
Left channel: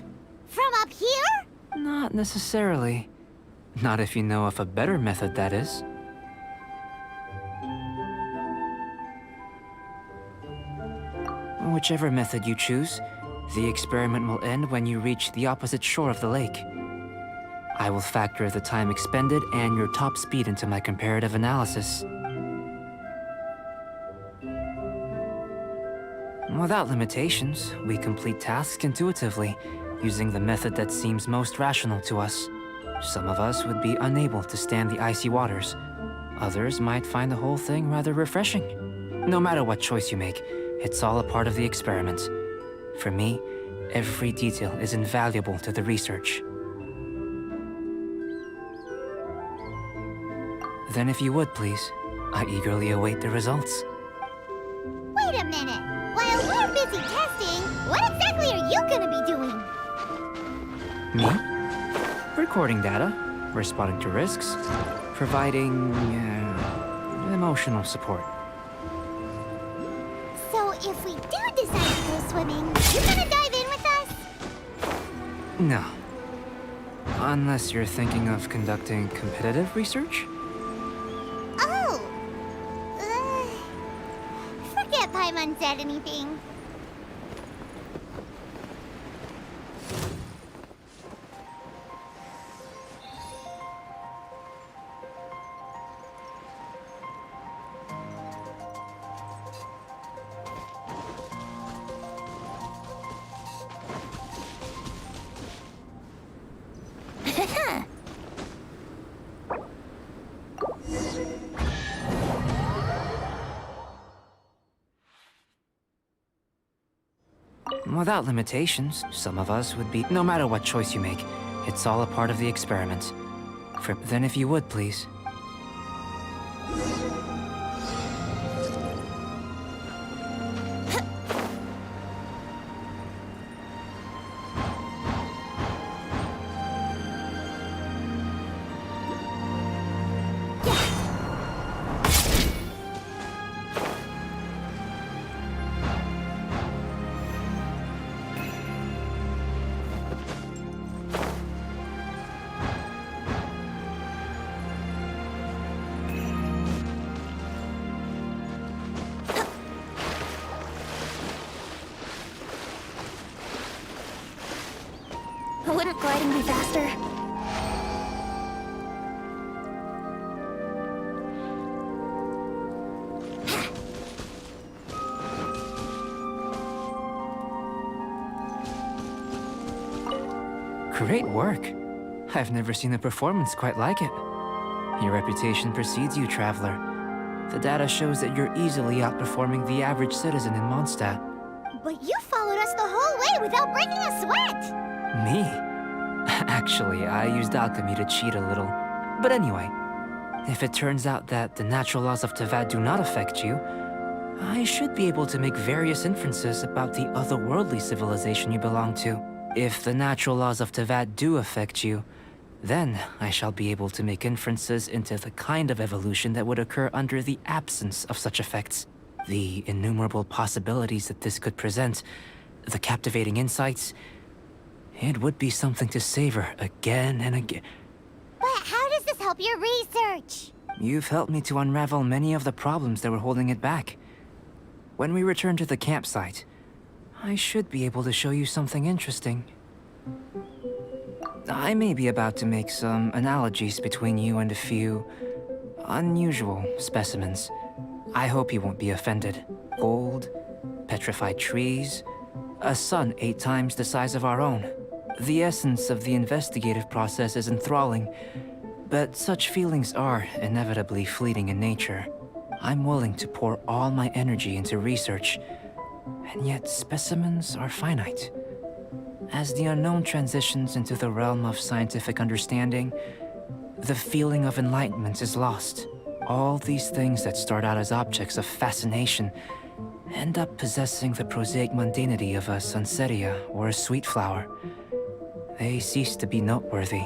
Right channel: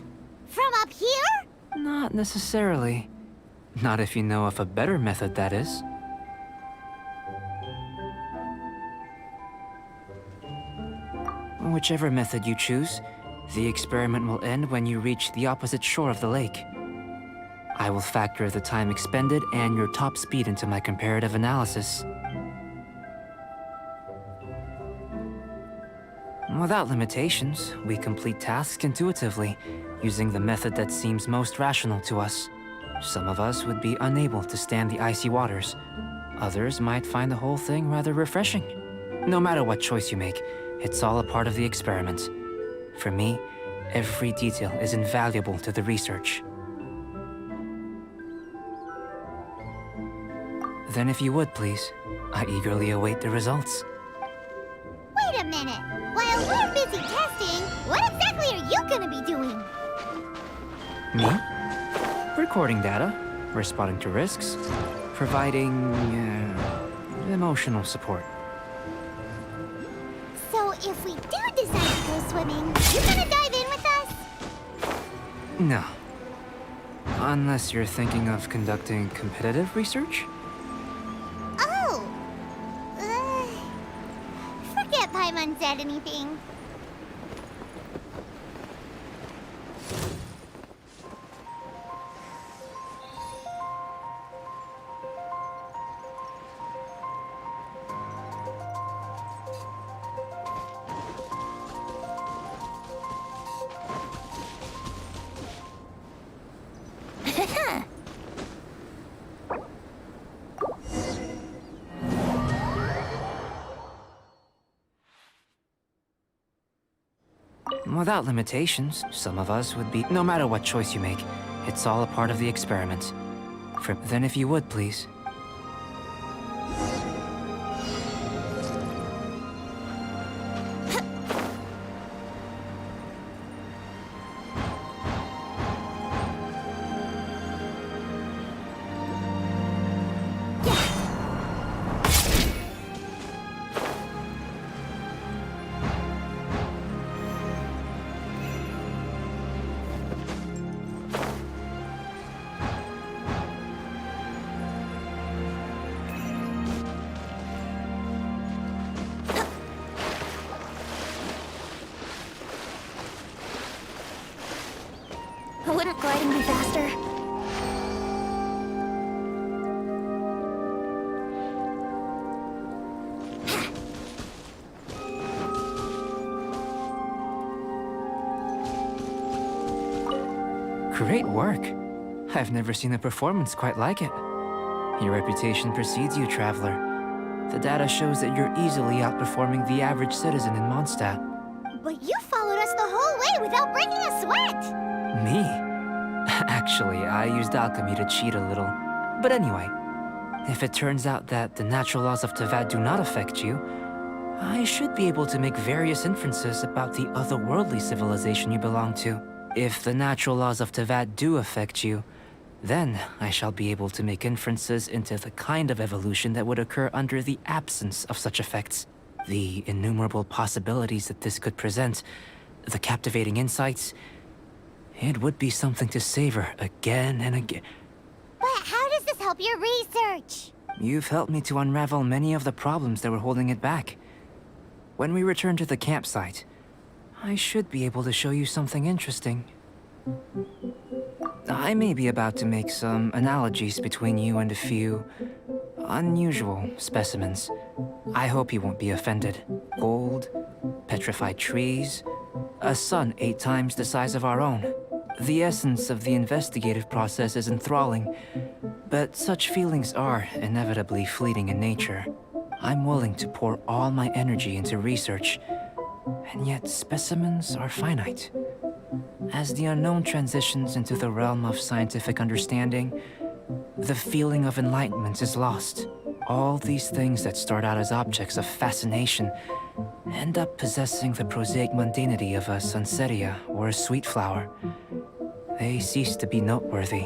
From up here? Not necessarily. Not if you know of a better method, that is. Whichever method you choose, the experiment will end when you reach the opposite shore of the lake. I will factor the time expended and your top speed into my comparative analysis. Without limitations, we complete tasks intuitively, using the method that seems most rational to us. Some of us would be unable to stand the icy waters. Others might find the whole thing rather refreshing. No matter what choice you make, it's all a part of the experiment. For me, every detail is invaluable to the research. Then if you would, please, I eagerly await the results. Wait a minute. While we're busy testing, what exactly are you gonna be doing? Me? Recording data, responding to risks, providing, emotional support. So if we do decide to go swimming, you gonna dive in with us? No. Unless you're thinking of conducting competitive research? Oh! Forget Paimon said anything. Without limitations, some of us would be... No matter what choice you make, it's all a part of the experiment. Then if you would, please. Wouldn't gliding be faster? Great work. I've never seen a performance quite like it. Your reputation precedes you, Traveler. The data shows that you're easily outperforming the average citizen in Mondstadt. But you followed us the whole way without breaking a sweat! Me? Actually, I used alchemy to cheat a little. But anyway, if it turns out that the natural laws of Tavad do not affect you, I should be able to make various inferences about the otherworldly civilization you belong to. If the natural laws of Tavad do affect you, then I shall be able to make inferences into the kind of evolution that would occur under the absence of such effects. The innumerable possibilities that this could present, the captivating insights, it would be something to savor again and again. But how does this help your research? You've helped me to unravel many of the problems that were holding it back. When we return to the campsite, I should be able to show you something interesting. I may be about to make some analogies between you and a few unusual specimens. I hope you won't be offended. Gold, petrified trees, a sun 8 times the size of our own. The essence of the investigative process is enthralling, but such feelings are inevitably fleeting in nature. I'm willing to pour all my energy into research, and yet specimens are finite. As the unknown transitions into the realm of scientific understanding, the feeling of enlightenment is lost. All these things that start out as objects of fascination end up possessing the prosaic mundanity of a sunsetia or a sweet flower. They cease to be noteworthy.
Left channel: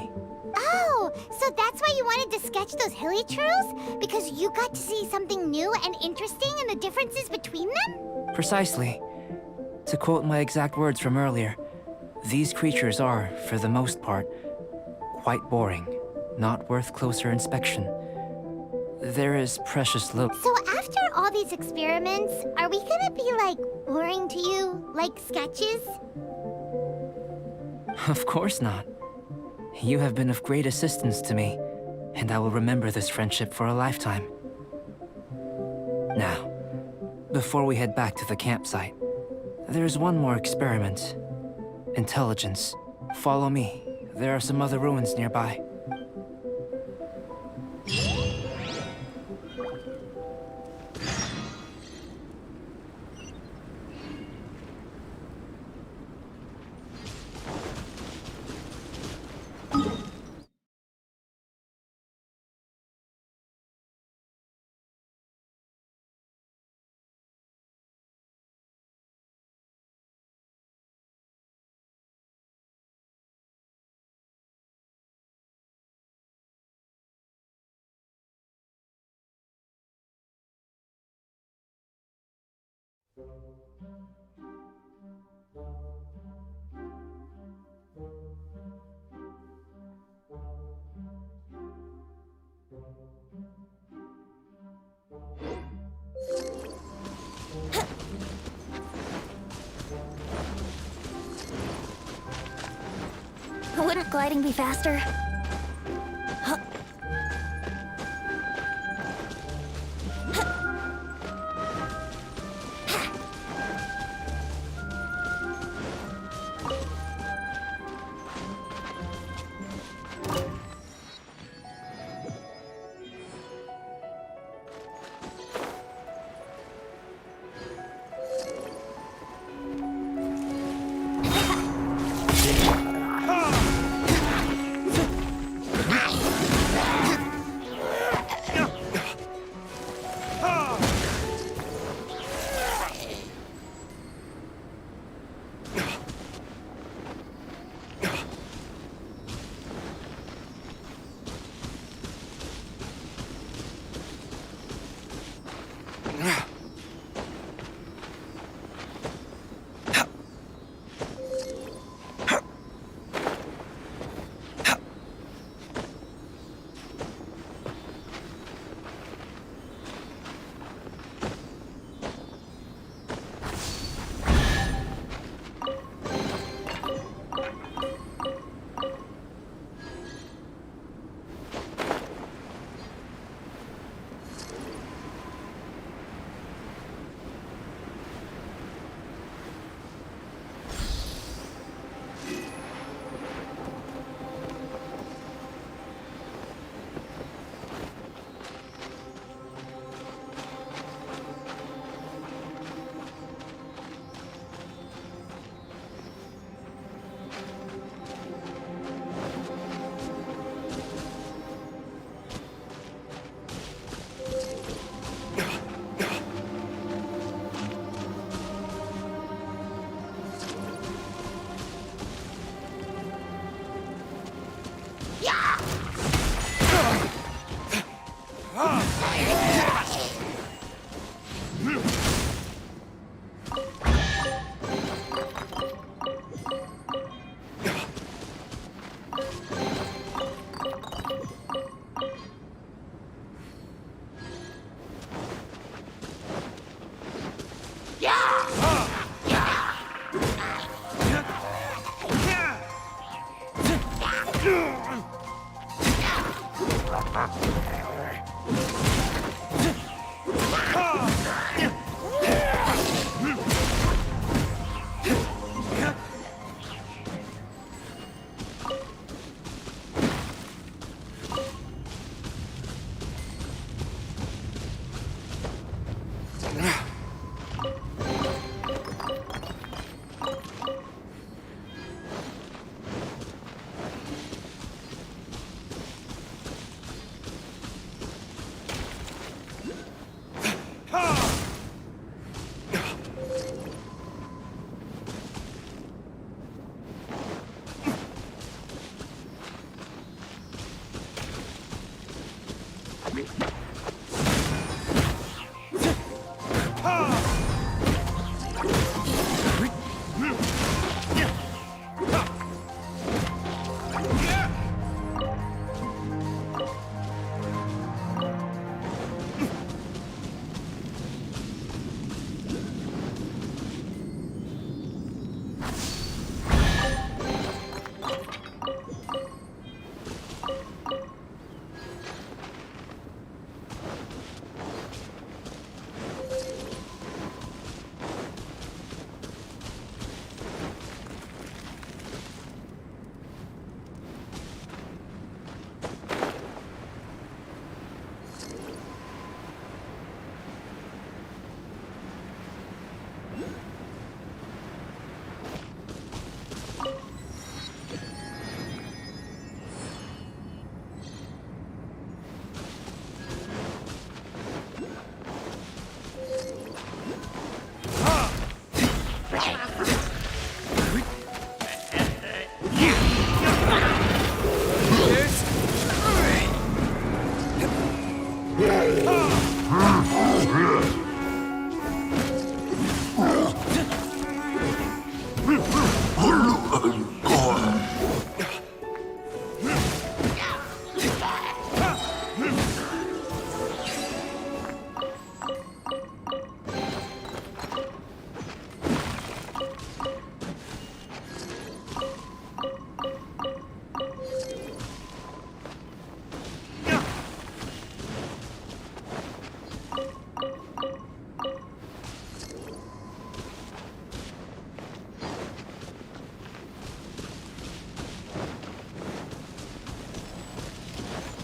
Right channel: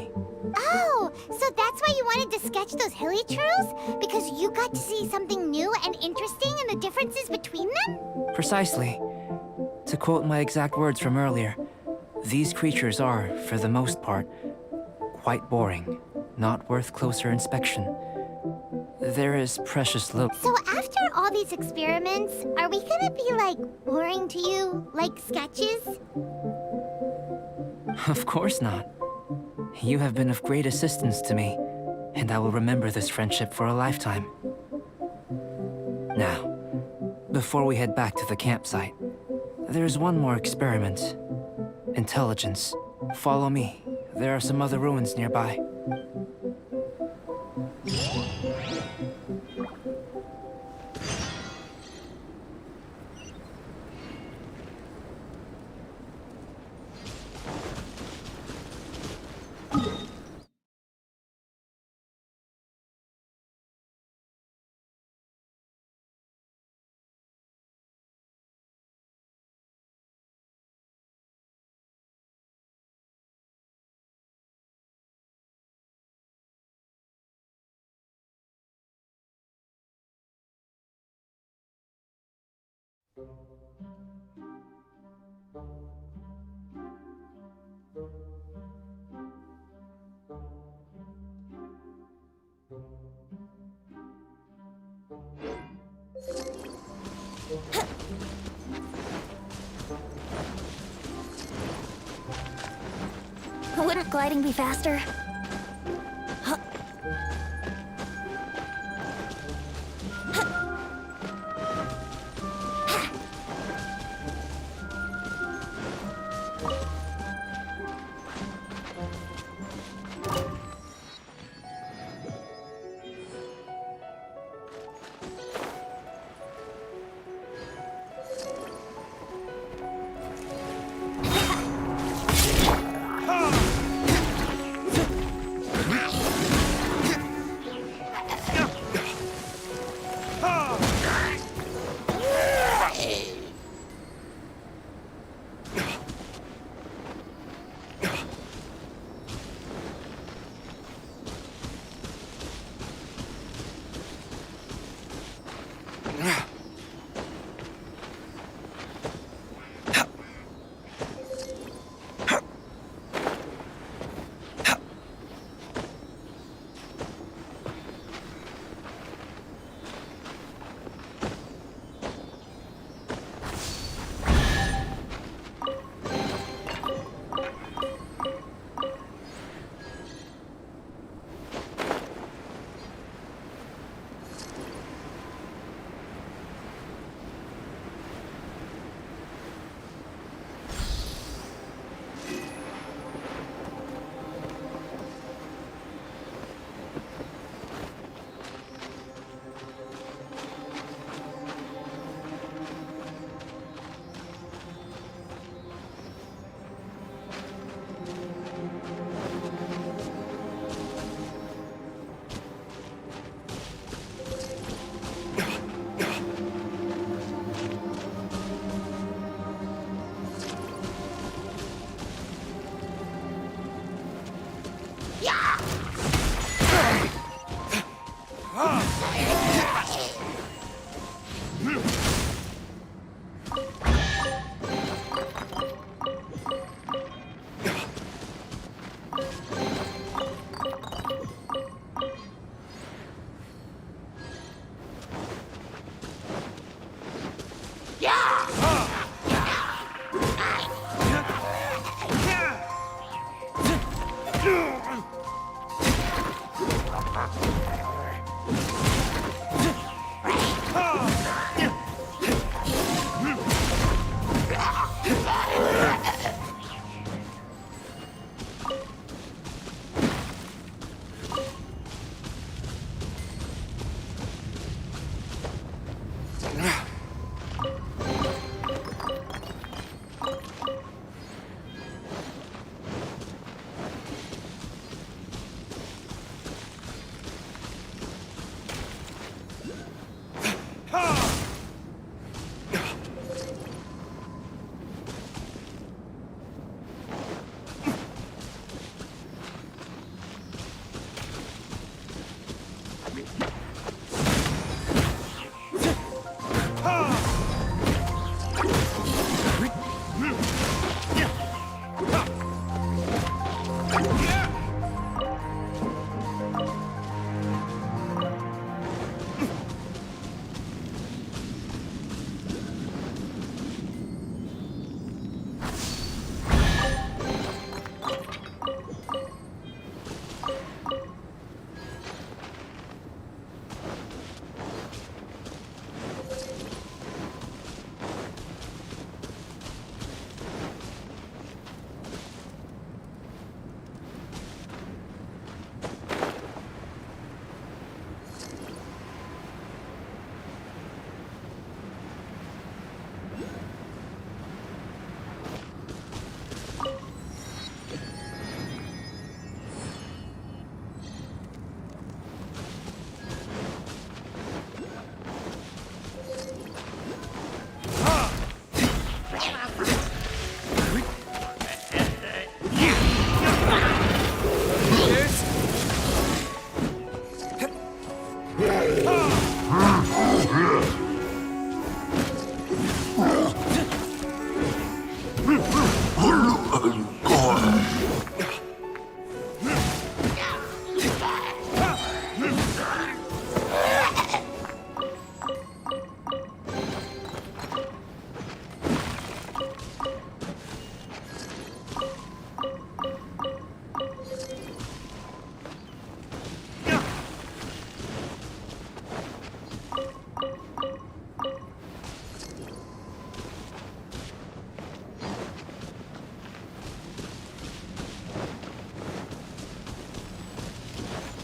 Oh, so that's why you wanted to sketch those hilichurls? Because you got to see something new and interesting in the differences between them? Precisely. To quote my exact words from earlier, these creatures are, for the most part, quite boring, not worth closer inspection. There is precious little... So after all these experiments, are we gonna be, like, boring to you? Like sketches? Of course not. You have been of great assistance to me, and I will remember this friendship for a lifetime. Now, before we head back to the campsite, there's one more experiment. Intelligence. Follow me. There are some other ruins nearby. Wouldn't gliding be faster?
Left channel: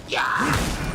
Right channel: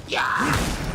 you